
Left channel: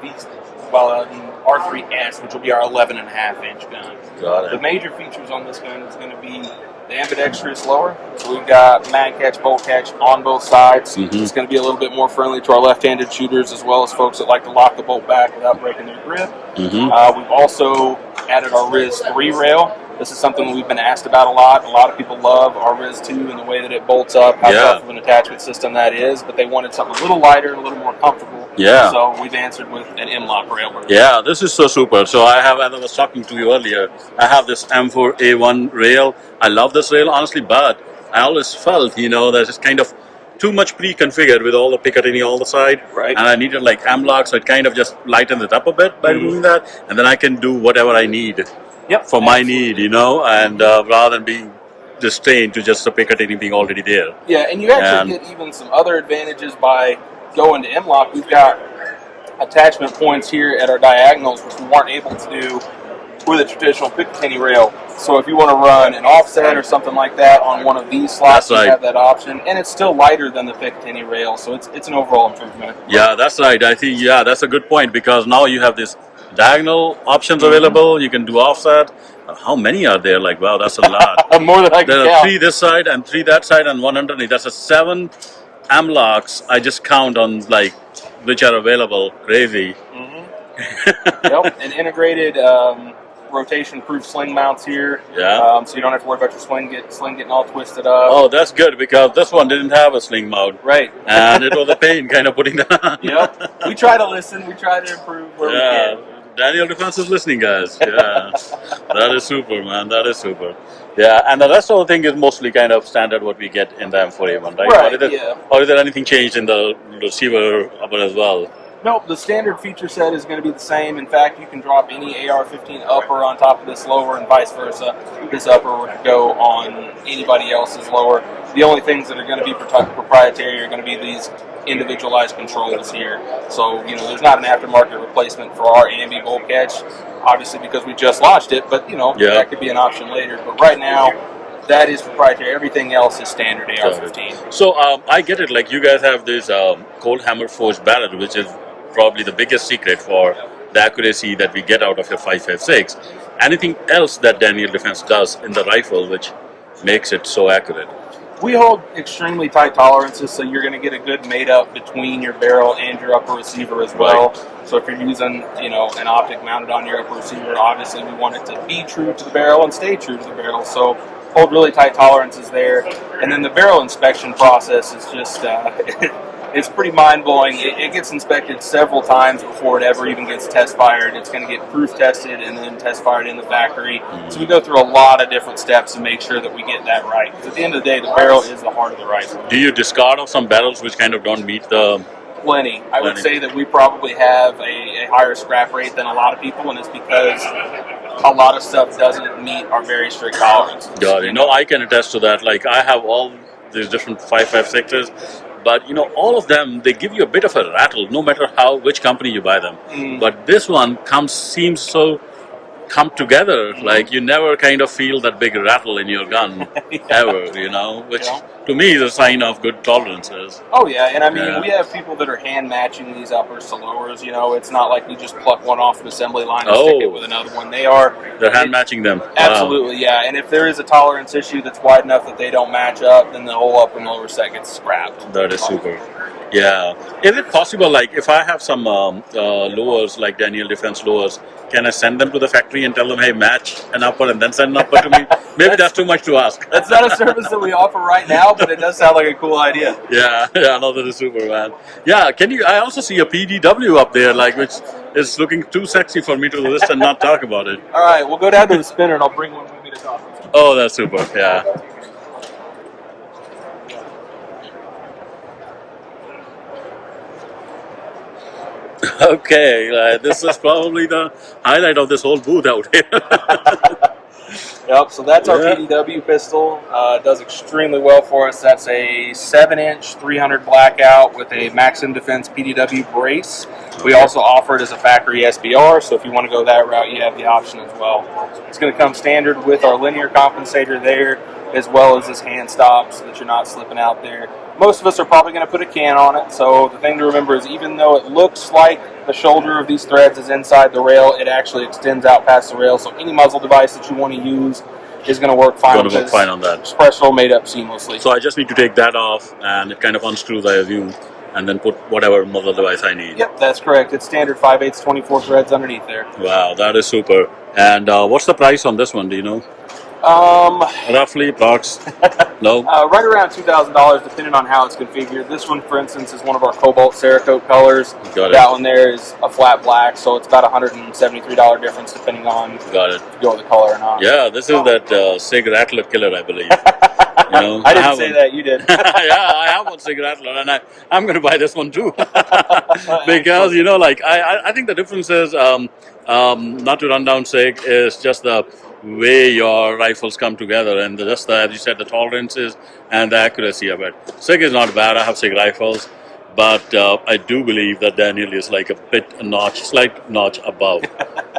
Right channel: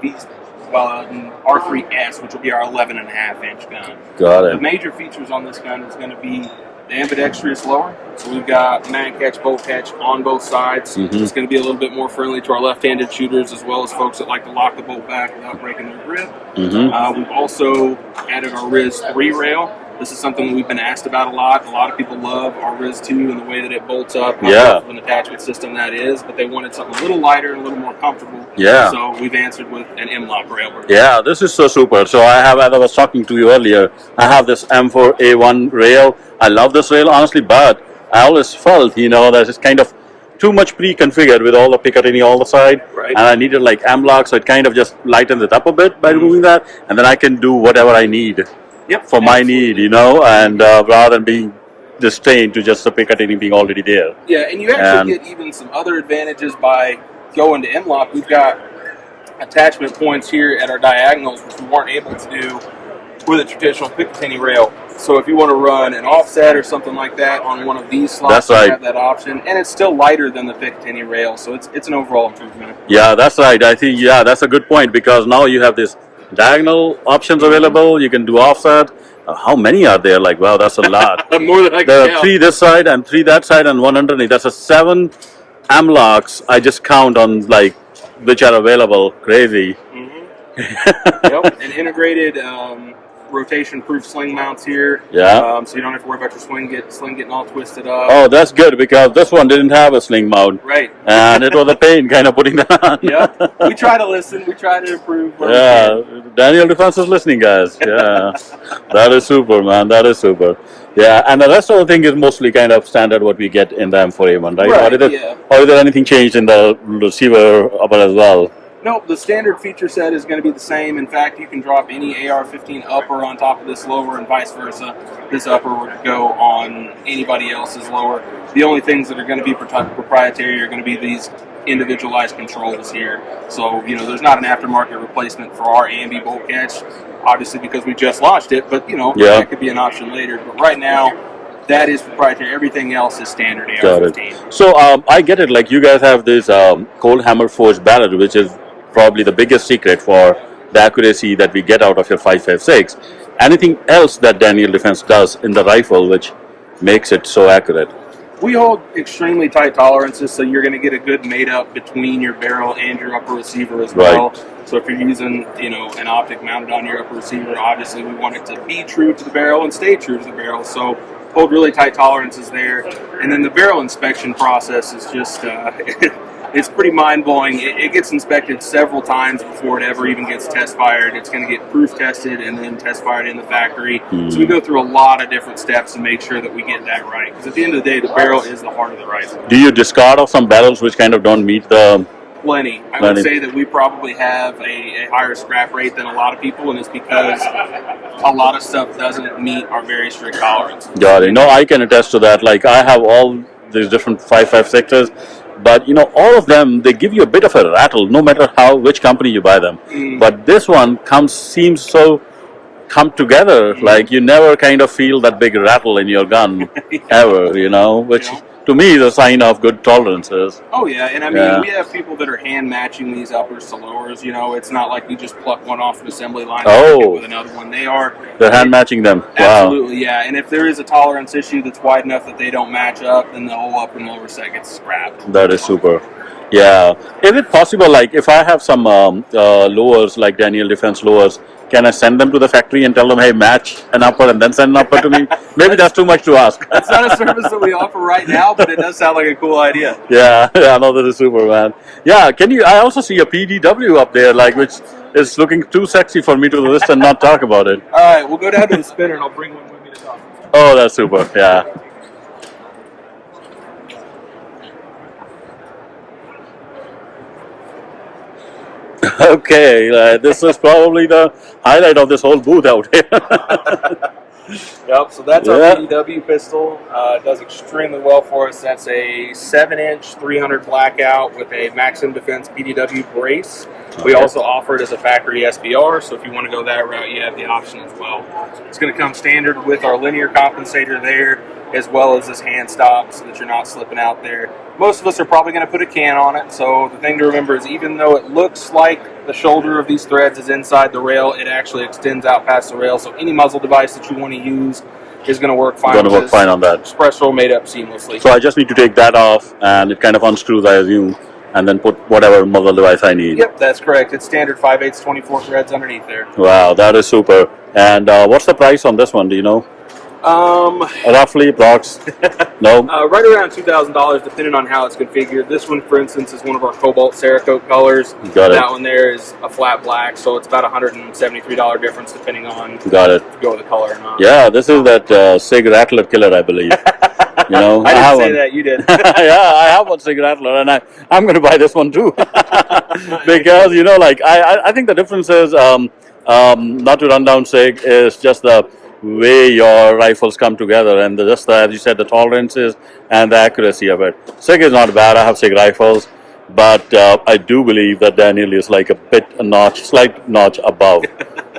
an R3S, which will be our 11.5-inch gun. Got The it. major features on this gun is going to be the ambidextrous lower. So we've got mag catch, bolt catch on both sides. Mhm. It's going to be a little bit more friendly to our left-handed shooters as well as folks that like to lock the bolt back without breaking their grip. Mm-hmm. We've also added our Riz 3 rail. This is something that we've been asked about a lot. A lot of people love our Riz 2 and the way that it bolts up, how tough of an attachment system that is, but they wanted something a little lighter and a little more comfortable. Yeah. So we've answered with an M-lock rail version. Yeah, this is so super. So I have, as I was talking to you earlier, I have this M4A1 rail. I love this rail, honestly, but I always felt, that it's kind of too much pre-configured with all the Picatinny all the side. Right. And I needed like M-lock, so it kind of just lightens it up a bit by removing that. And then I can do whatever I need for my need, and rather than being restrained to just the Picatinny being already there. Yeah, and you actually get even some other advantages by going to M-lock. We've got attachment points here at our diagonals, which we weren't able to do with a traditional Picatinny rail. So if you want to run an offset or something like that on one of these slots, you have that option. And it's still lighter than the Picatinny rail, so it's an overall improvement. Yeah, that's right. I think, that's a good point, because now you have this diagonal options available. You can do offset. How many are there? Like, wow, that's a lot. More than I can There are count. 3 this side and 3 that side and 1 underneath. That's a 7 M-locks. I just count on like which are available. Crazy. Yep, and integrated rotation-proof sling mounts here. Yeah. So you don't have to worry about your sling getting all twisted up. Oh, that's good, because this one didn't have a sling mount. Right. And it was a pain kind of putting that on. Yep. We try to listen. We try to improve. Where we can. Daniel Defense is listening, guys. Yeah. That is super, man. That is super. Yeah, and the rest of the thing is mostly kind of standard what we get in the M4A1, right? Right, Or is there anything changed in the receiver upper as well? Nope, the standard feature set is going to be the same. In fact, you can drop any AR-15 upper on top of this lower and vice versa. This upper would go on anybody else's lower. The only things that are going to be proprietary are going to be these individualized controls here. So, there's not an aftermarket replacement for our ambi bolt catch, obviously because we just launched it, but, that could be an option later. But right now, that is proprietary. Everything else is standard AR-15. So I get it. Like, you guys have this cold hammer forged barrel, which is probably the biggest secret for the accuracy that we get out of your 5.56. Anything else that Daniel Defense does in the rifle which makes it so accurate? We hold extremely tight tolerances, so you're going to get a good mate-up between your barrel and your upper receiver as well. So if you're using, an optic mounted on your upper receiver, obviously we want it to be true to the barrel and stay true to the barrel. So hold really tight tolerances there. And then the barrel inspection process is just, it's pretty mind-blowing. It gets inspected several times before it ever even gets test fired. It's going to get proof tested and then test fired in the factory. So we go through a lot of different steps to make sure that we get that right. Because at the end of the day, the barrel is the heart of the rifle. Do you discard of some barrels which kind of don't meet the... Plenty. I would say that we probably have a higher scrap rate than a lot of people, and it's because a lot of stuff doesn't meet our very strict tolerances. Got it. No, I can attest to that. Like, I have all these different 5.56s, but all of them, they give you a bit of a rattle, no matter which company you buy them. But this one seems so come together. Like, you never kind of feel that big rattle in your gun ever, which to me is a sign of good tolerances. Oh yeah, and I mean we have people that are hand matching these uppers to lowers. It's not like we just pluck one off an assembly line and stick it with another one. They're hand matching them. Absolutely, yeah. And if there is a tolerance issue that's wide enough that they don't match up, then the whole upper and lower set gets scrapped. That is super. Yeah. Is it possible, like, if I have some lowers, like Daniel Defense lowers, can I send them to the factory and tell them, hey, match an upper and then send an upper to me? Maybe that's too much to ask. That's not a service that we offer right now, but it does sound like a cool idea. Yeah, no, that is super, man. Yeah, I also see a PDW up there, like, which is looking too sexy for me to list and not talk about it. All right, we'll go down to the spinner and I'll bring one with me to talk. Oh, that's super, yeah. Okay, this is probably the highlight of this whole booth out here. Yep, so that's Yeah. our PDW pistol. It does extremely well for us. That's a 7-inch 300 blackout with a Maximum Defense PDW brace. We Okay. also offer it as a factory SBR, so if you want to go that route, you have the option as well. It's going to come standard with our linear compensator there, as well as this hand stop so that you're not slipping out there. Most of us are probably going to put a can on it, so the thing to remember is even though it looks like the shoulder of these threads is inside the rail, it actually extends out past the rail, so any muzzle device that you want to use is going to work fine. Going to work fine on that. Express roll made up seamlessly. So I just need to take that off, and it kind of unscrews, I assume, and then put whatever muzzle device I need. Yep, that's correct. It's standard 5/8 24 threads underneath there. Wow, that is super. And what's the price on this one? Do you know? Roughly, approx. No. Right around $2,000, depending on how it's configured. This one, for instance, is one of our Cobalt Cerakote colors. Got it. That one there is a flat black, so it's about $173 difference depending on Got it. if you go with the color or not. Yeah, this is that Sig Rattler killer, I believe. You know, I didn't have say one. that, you did. Yeah, I have one Sig Rattler, and I'm going to buy this one too. Because, you know, like, I think the difference is, not to run down Sig, is just the way your rifles come together, and just the, as you said, the tolerances and the accuracy of it. Sig is not bad. I have Sig rifles, but I do believe that Daniel is like slight notch above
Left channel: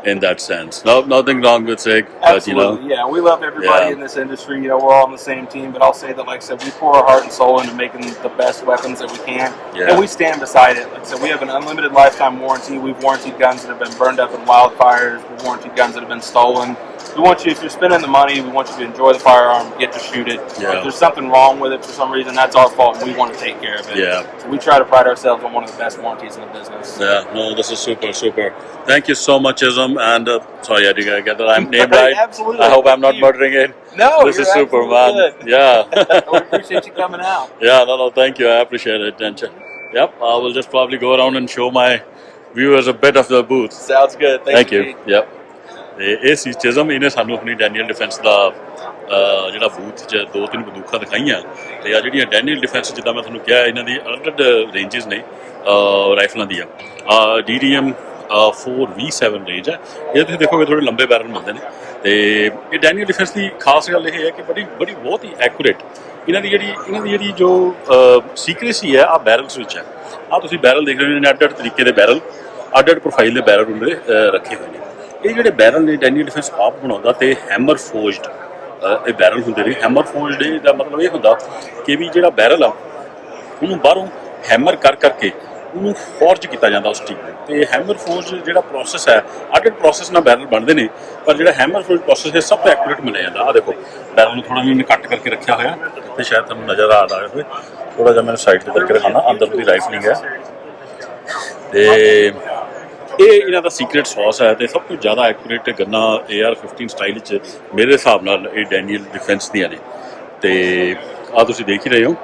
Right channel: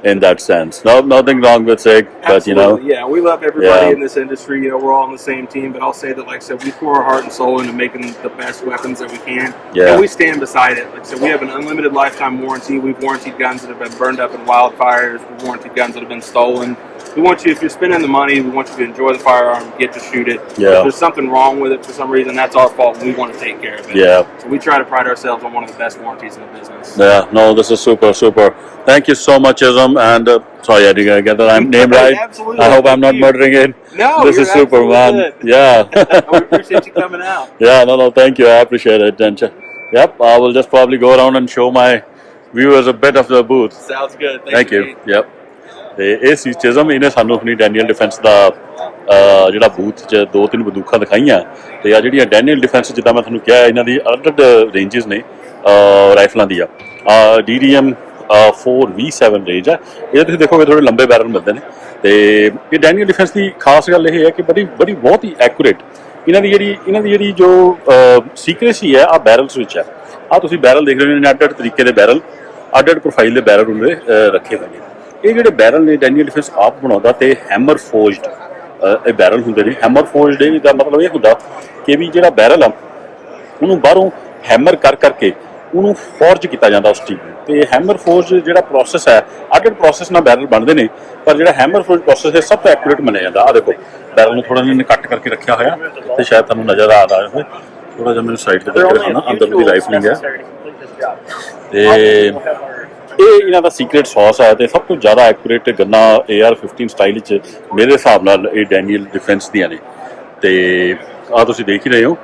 in that sense. No, nothing wrong with Sig, but you know. Yeah, we love everybody Yeah. in this industry. You know, we're all on the same team. But I'll say that, like I said, we pour our heart and soul into making the best weapons that we can. Yeah. And we stand beside it. Like I said, we have an unlimited lifetime warranty. We've warranted guns that have been burned up in wildfires. We've warranted guns that have been stolen. We want you, if you're spending the money, we want you to enjoy the firearm, get to shoot it. Yeah. If there's something wrong with it for some reason, that's our fault, and we want to take care of it. Yeah. So we try to pride ourselves on one of the best warranties in the business. Yeah, no, this is super, super. Thank you so much, Ism. And sorry, I didn't get the name right. Absolutely. I hope I'm not Thank you. murdering it. No, This you're is super, absolutely man. good. Yeah. We appreciate you coming out. Yeah, no, thank you. I appreciate it. And yep, I will just probably go around and show my viewers a bit of the booth. Sounds good. Thank you. Yep. ਤੇ ਇਹ ਸੀ ਚਿਜ਼ਮ, ਇਹਨੇ ਸਾਨੂੰ ਆਪਣੀ Daniel defence ਦਾ ਜਿਹੜਾ booth 'ਚ 2-3 ਬੰਦੂਕਾਂ ਦਿਖਾਈਆਂ, ਤੇ ਆ ਜਿਹੜੀਆਂ ਡੈਨੀਅਲ ਡਿਫੈਂਸ ਜਿੱਦਾਂ ਮੈਂ ਤੁਹਾਨੂੰ ਕਿਹਾ ਇਹਨਾਂ ਦੀ ਅਲੱਗ ਰੇਂਜਸ ਨੇ ਰਾਈਫਲਾਂ ਦੀਆਂ। DDM 4V7 ਰੇਂਜ ਹੈ, ਇਹ ਤੁਸੀਂ ਦੇਖੋਗੇ ਥੋੜੇ ਲੰਬੇ ਬੈਰਲ ਮਿਲਦੇ ਨੇ। ਤੇ ਇਹ ਡੈਨੀਅਲ ਡਿਫੈਂਸ ਦੀ ਖਾਸ ਗੱਲ ਇਹ ਹੈ ਕਿ ਬੜੀ ਬਹੁਤ ਹੀ ਐਕੂਰੇਟ ਇਹਨਾਂ ਦੀ ਜਿਹੜੀ ਜੋ ਸੀਕ੍ਰੇਸੀ ਹੈ ਆ ਬੈਰਲਸ ਵਿੱਚ ਹੈ। ਆ ਤੁਸੀਂ ਬੈਰਲ ਦੇਖ ਰਹੇ ਹੋ ਨੇ, ਅੱਡ ਤਰੀਕੇ ਦੇ ਬੈਰਲ, ਅੱਡ ਪ੍ਰੋਫਾਈਲ ਦੇ ਬੈਰਲ ਉਹਨੇ ਰੱਖੇ ਹੋਏ ਨੇ। ਇਹ ਜਿਹੜੇ ਬੈਰਲ ਨੇ ਡੈਨੀਅਲ ਡਿਫੈਂਸ ਆਪ ਬਣਾਉਂਦਾ, ਤੇ ਹੈਮਰ ਫੋਰਜਡ ਇਹ ਬੈਰਲ ਹੁੰਦੇ ਨੇ। ਹੈਮਰ ਫੋਰਜਡ ਦਾ ਮਤਲਬ ਇਹ ਹੁੰਦਾ ਕਿ ਵੀ ਜਿਹੜਾ ਬੈਰਲ ਆ ਉਹਨੂੰ ਬਾਹਰੋਂ ਹੈਮਰ ਕਰਕੇ ਉਹਨੂੰ ਫੋਰਜ ਕੀਤਾ ਜਾਂਦਾ ਉਸ ਚੀਜ਼ ਨੂੰ। ਤੇ ਹੈਮਰ ਫੋਰਜ ਜਿਹੜਾ ਪ੍ਰੋਸੈਸ ਹੈ, ਅੱਡ ਪ੍ਰੋਸੈਸ ਨਾਲ ਬੈਰਲ ਬਣਦੇ ਨੇ, ਪਰ ਜਿਹੜਾ ਹੈਮਰ ਫੋਰਜ ਪ੍ਰੋਸੈਸ ਹੈ ਸਭ ਤੋਂ ਐਕੂਰੇਟ ਮੰਨਿਆ ਜਾਂਦਾ। ਆ ਦੇਖੋ ਬੈਰਲ ਨੂੰ ਥੋੜਾ ਜਿਹਾ ਕੱਟ ਕਰਕੇ ਰੱਖਿਆ ਹੋਇਆ, ਤੇ ਸ਼ਾਇਦ ਤੁਹਾਨੂੰ ਨਜ਼ਰ ਆ ਰਿਹਾ ਹੋਵੇ, ਥੋੜਾ ਜਿਹਾ ਮੈਨੂੰ ਸਾਈਡ ਤੇ ਕਰਕੇ ਦਿਖਾਉਣਾ। ਅੰਦਰ ਦੀ ਰਾਈਫਲਿੰਗ ਹੈ, ਤੇ ਇਹ ਇਹਨਾਂ ਦਾ ਸੀਕ੍ਰੇਟ ਸੌਸ ਹੈ। ਤੇ ਸਭ ਤੋਂ ਜ਼ਿਆਦਾ ਐਕੂਰੇਟ ਗੰਨਾਂ AR-15 ਸਟਾਈਲ 'ਚ ਮੇਰੇ ਹਿਸਾਬ ਨਾਲ ਇਹ ਡੈਨੀਅਲ ਡਿਫੈਂਸ ਦੀਆਂ ਨੇ। ਤੇ ਆ ਤੁਸੀਂ ਦੇਖ ਹੀ ਰਹੇ ਹੋ,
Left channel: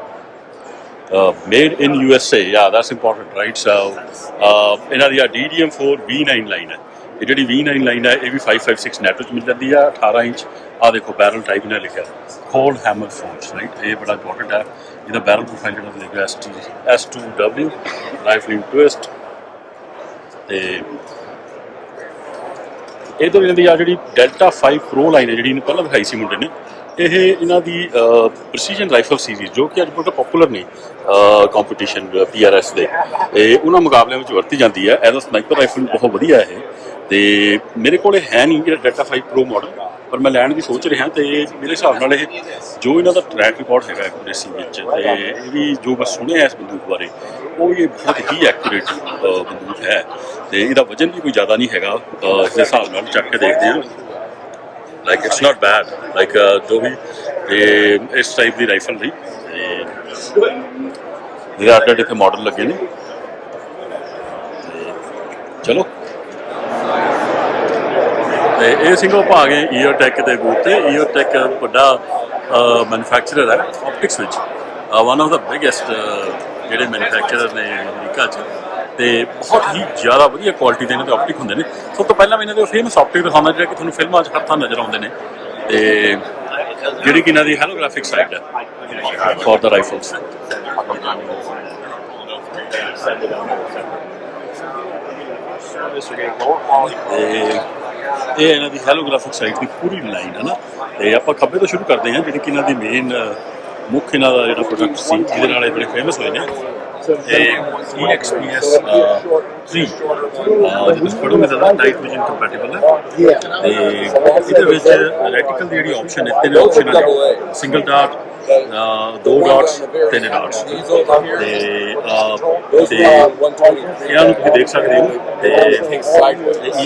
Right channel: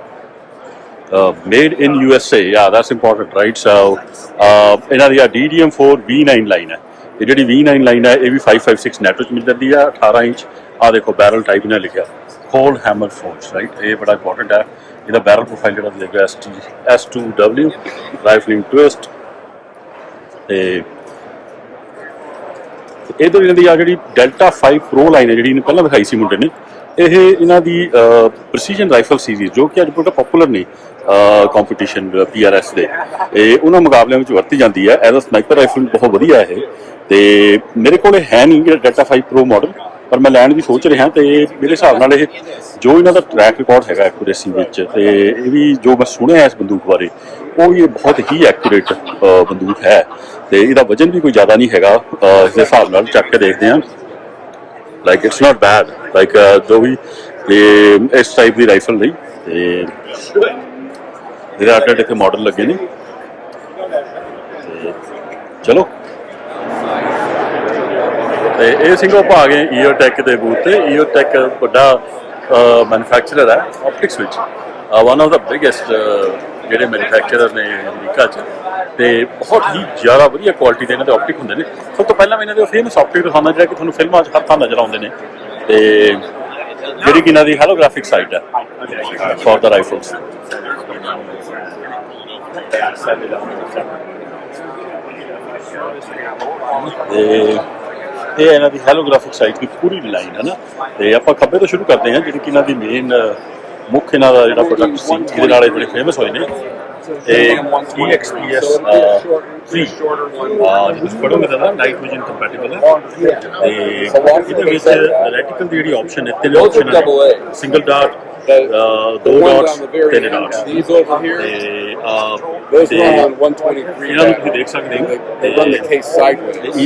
made in USA, yeah, that's important, right? So ਇਹਨਾਂ ਦੀ DDM 4V9 ਲਾਈਨ ਹੈ। ਇਹ ਜਿਹੜੀ V9 ਲਾਈਨ ਹੈ ਇਹ ਵੀ 556 ਨੈਟੋ 'ਚ ਮਿਲ ਜਾਂਦੀ ਆ, 18 ਇੰਚ। ਆ ਦੇਖੋ ਬੈਰਲ ਟਾਈਪ ਇਹਨਾਂ ਲਿਖਿਆ ਕੋਲਡ ਹੈਮਰ ਫੋਰਜ, ਰਾਈਟ? ਇਹ ਬੜਾ ਇੰਪੋਰਟੈਂਟ ਹੈ। ਇਹਦਾ ਬੈਰਲ ਪ੍ਰੋਫਾਈਲ ਜਿਹੜਾ ਲਿਖਿਆ S2W ਰਾਈਫਲਿੰਗ ਟਵਿਸਟ। ਤੇ ਇੱਧਰ ਇਹਨਾਂ ਦੀ ਆ ਜਿਹੜੀ ਡੈਲਟਾ 5 ਪ੍ਰੋ ਲਾਈਨ ਹੈ, ਜਿਹੜੀ ਇਹਨੇ ਪਹਿਲਾਂ ਦਿਖਾਈ ਸੀ ਮੁੰਡੇ ਨੇ, ਇਹ ਇਹਨਾਂ ਦੀ ਪ੍ਰੈਸੀਜਨ ਰਾਈਫਲ ਸੀਰੀਜ਼, ਜੋ ਕਿ ਅੱਜ ਬਹੁਤ ਪਪੂਲਰ ਨੇ ਕੰਪੀਟੀਸ਼ਨ PRS ਦੇ, ਇਹ ਉਹਨਾਂ ਮੁਕਾਬਲਿਆਂ ਵਿੱਚ ਵਰਤੀ ਜਾਂਦੀ ਹੈ। ਐਜ਼ ਅ ਸਨਾਈਪਰ ਰਾਈਫਲ ਬਹੁਤ ਵਧੀਆ ਇਹ। ਤੇ ਮੇਰੇ ਕੋਲ ਹੈ ਨਹੀਂ ਜਿਹੜਾ ਡੈਲਟਾ 5 ਪ੍ਰੋ ਮਾਡਲ, ਪਰ ਮੈਂ ਲੈਣ ਦੀ ਸੋਚ ਰਿਹਾ। ਤੇ ਮੇਰੇ ਹਿਸਾਬ ਨਾਲ ਇਹ ਜੋ ਇਹਨਾਂ ਦਾ ਟਰੈਕ ਰਿਕਾਰਡ ਹੈਗਾ ਐਕੂਰੇਸੀ ਵਿੱਚ, ਤੇ ਇਹ ਵੀ ਜੋ ਮੈਂ ਸੁਣਿਆ ਇਸ ਬੰਦੂਕ ਬਾਰੇ, ਉਹ ਵੀ ਇਹ ਬਹੁਤ ਹੀ ਐਕੂਰੇਟ ਬੰਦੂਕ ਹੈ। ਤੇ ਇਹਦਾ ਵਜਨ ਵੀ ਕੋਈ ਜ਼ਿਆਦਾ ਨਹੀਂ ਹੈਗਾ, ਇਸ ਦੇ ਹਿਸਾਬ ਨਾਲ ਚੱਕ ਕੇ ਦੇਖਦੇ ਹਾਂ। Like it's not bed, like ਜੋ ਵੀ ਤੇ ਇਸ ਟਾਈਪ ਦੀ ਰਾਈਫਲ ਲਈ। ਤੇ ਇਹਦੇ ਅੱਡ ਇੱਥੇ ਮਾਡਲ ਲੱਗੇ ਨੇ। ਤੇ ਚਲੋ, ਤੇ ਇਹ ਸਿੰਘੋ ਆਪਾਂ ਗਏ ਈਅਰਟੈਕ ਦੇ ਬੂਥ ਤੇ। ਈਅਰਟੈਕ ਵੱਡਾ ਮੈਨੂਫੈਕਚਰਰ ਹੈ ਆਪਟਿਕਸ ਵਿੱਚ, ਵਨ ਆਫ ਦਾ ਬਿਗੇਸਟ ਜਿਹੜੇ ਮੈਨੂਫੈਕਚਰਰ ਨੇ ਅਮਰੀਕਾ 'ਚ। ਤੇ ਬਹੁਤ ਹੀ ਜ਼ਿਆਦਾ ਵਧੀਆ ਕੁਆਲਿਟੀ ਦੇ ਇਹਨਾਂ ਦੇ ਆਪਟਿਕ ਹੁੰਦੇ ਨੇ। ਸਭ ਤੋਂ ਪਹਿਲਾਂ ਮੈਂ ਇਹਨਾਂ ਦੇ ਫੇਮਸ ਆਪਟਿਕ ਦਿਖਾਉਂਦਾ, ਜਿਹੜਾ ਕਿ ਤੁਹਾਨੂੰ ਫਿਲਮਾਂ 'ਚ ਹਰ ਥਾਂ ਨਜ਼ਰ ਆਉਂਦੇ ਨੇ, ਤੇ ਜਿਹੜੀ ਕਿ ਇਹਨਾਂ ਦੀ ਹੈਲੋਗ੍ਰਾਫਿਕ ਸਾਈਟ ਹੈ ਫॉर द ਰਾਈਫਲਸ। ਤੇ ਇਹ ਇਹਨਾਂ ਦੀ ਹੈਲੋਗ੍ਰਾਫਿਕ ਸਾਈਟ ਦੀ ਪੂਰੀ ਲਾਈਨ ਹੈ ਨਾ। ਤੇ ਆਪਾਂ ਖੱਬੇ ਤੋਂ ਸ਼ੁਰੂ ਕਰਦੇ ਹਾਂ, ਜਿਹੜੀ ਕਿ ਇਹਨਾਂ ਦੀ ਮੇਨ ਮੁੱਖ ਇਹਨਾਂ ਦਾ ਜਿਹੜਾ ਪ੍ਰੋਡਕਟ ਸੀ ਜਿਹਦੇ ਨਾਲ ਇਹ ਬੜੇ ਫੇਮਸ ਹੋਏ ਨੇ, ਤੇ EXPS 3 ਜੇ ਤੁਸੀਂ ਪੜ੍ਹੋਗੇ ਤਾਂ ਨਾਈਟ ਵਿਜ਼ਨ ਕੰਪੈਟੀਬਲ ਹੈ। ਤੇ ਇਹਦੇ ਵਿੱਚ ਰੈਟੀਕਲ ਦੀ ਜਿਹੜੀ ਆਪਸ਼ਨ ਹੈ, 3 ਆਪਸ਼ਨਾਂ ਨੇ, ਸਿੰਗਲ ਡਾਟ, 2 ਡਾਟਸ, 3 ਡਾਟਸ। ਤੇ ਇਹਨਾਂ ਨੂੰ ਤੁਸੀਂ ਦੇਖ ਸਕਦੇ ਹੋ। ਤੇ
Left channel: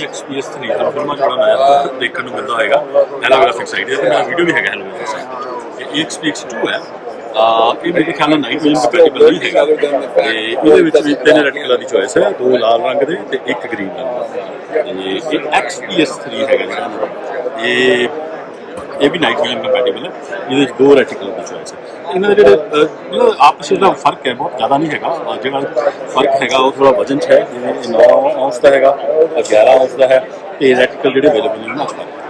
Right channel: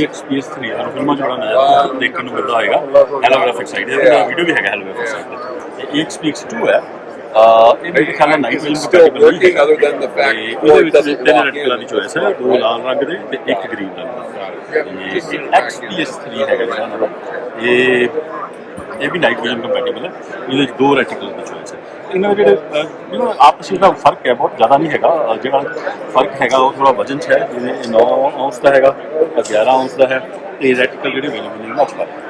EXPS 3 ਸਾਨੂੰ ਫਿਲਮਾਂ 'ਚ ਬੜਾ ਨਜ਼ਰ ਦੇਖਣ ਨੂੰ ਮਿਲਦਾ ਹੋਏਗਾ, ਹੈਲੋਗ੍ਰਾਫਿਕ ਸਾਈਟ। ਇਹਦਾ ਮੇਰਾ ਵੀਡੀਓ ਵੀ ਹੈਗਾ ਹੈਲੋਗ੍ਰਾਫਿਕ ਸਾਈਟ 'ਤੇ। EXPS 2 ਹੈ, ਇਹ ਮੇਰੇ ਖਿਆਲ ਨਾਲ ਨਾਈਟ ਵਿਜ਼ਨ ਕੰਪੈਟੀਬਲ ਨਹੀਂ ਹੈਗਾ। ਤੇ ਇਹਦੇ ਵਿੱਚ ਵੀ 3 ਰੈਟੀਕਲਾਂ ਦੀ ਚੋਇਸ ਹੈ, 2 ਲਾਲ ਰੰਗ ਦੇ ਤੇ 1 ਗ੍ਰੀਨ ਰੰਗ ਦਾ। ਤੇ ਇਹ XPS 3 ਹੈਗਾ ਜਿਹੜਾ ਇਹਨਾਂ ਦਾ, ਇਹ ਵੀ ਨਾਈਟ ਵਿਜ਼ਨ ਕੰਪੈਟੀਬਲ ਹੈ। ਇਹਦੇ ਵਿੱਚ 2 ਰੈਟੀਕਲ ਦੀ ਚੋਇਸ ਹੈ। ਇਹਨਾਂ ਦੇ ਜਿਹੜਾ ਆਪਸ ਵਿੱਚ ਦਾ ਫਰਕ ਹੈ ਬਹੁਤ ਜ਼ਿਆਦਾ ਨਹੀਂ ਹੈਗਾ। ਜਿਹੜਾ ਫਰਕ ਹੈਗਾ ਉਹ ਥੋੜ੍ਹਾ ਵਜਨ 'ਚ ਹੈ, ਜਿਵੇਂ 9 ਔਂਸ ਦਾ ਹੈਗਾ, 11 ਔਂਸ ਦਾ ਹੈ। ਤੇ ਰੈਟੀਕਲ ਜਿਹੜੇ ਅਵੇਲੇਬਲ ਨੇ ਉਹਨਾਂ 'ਚ ਫਰਕ ਹੈ।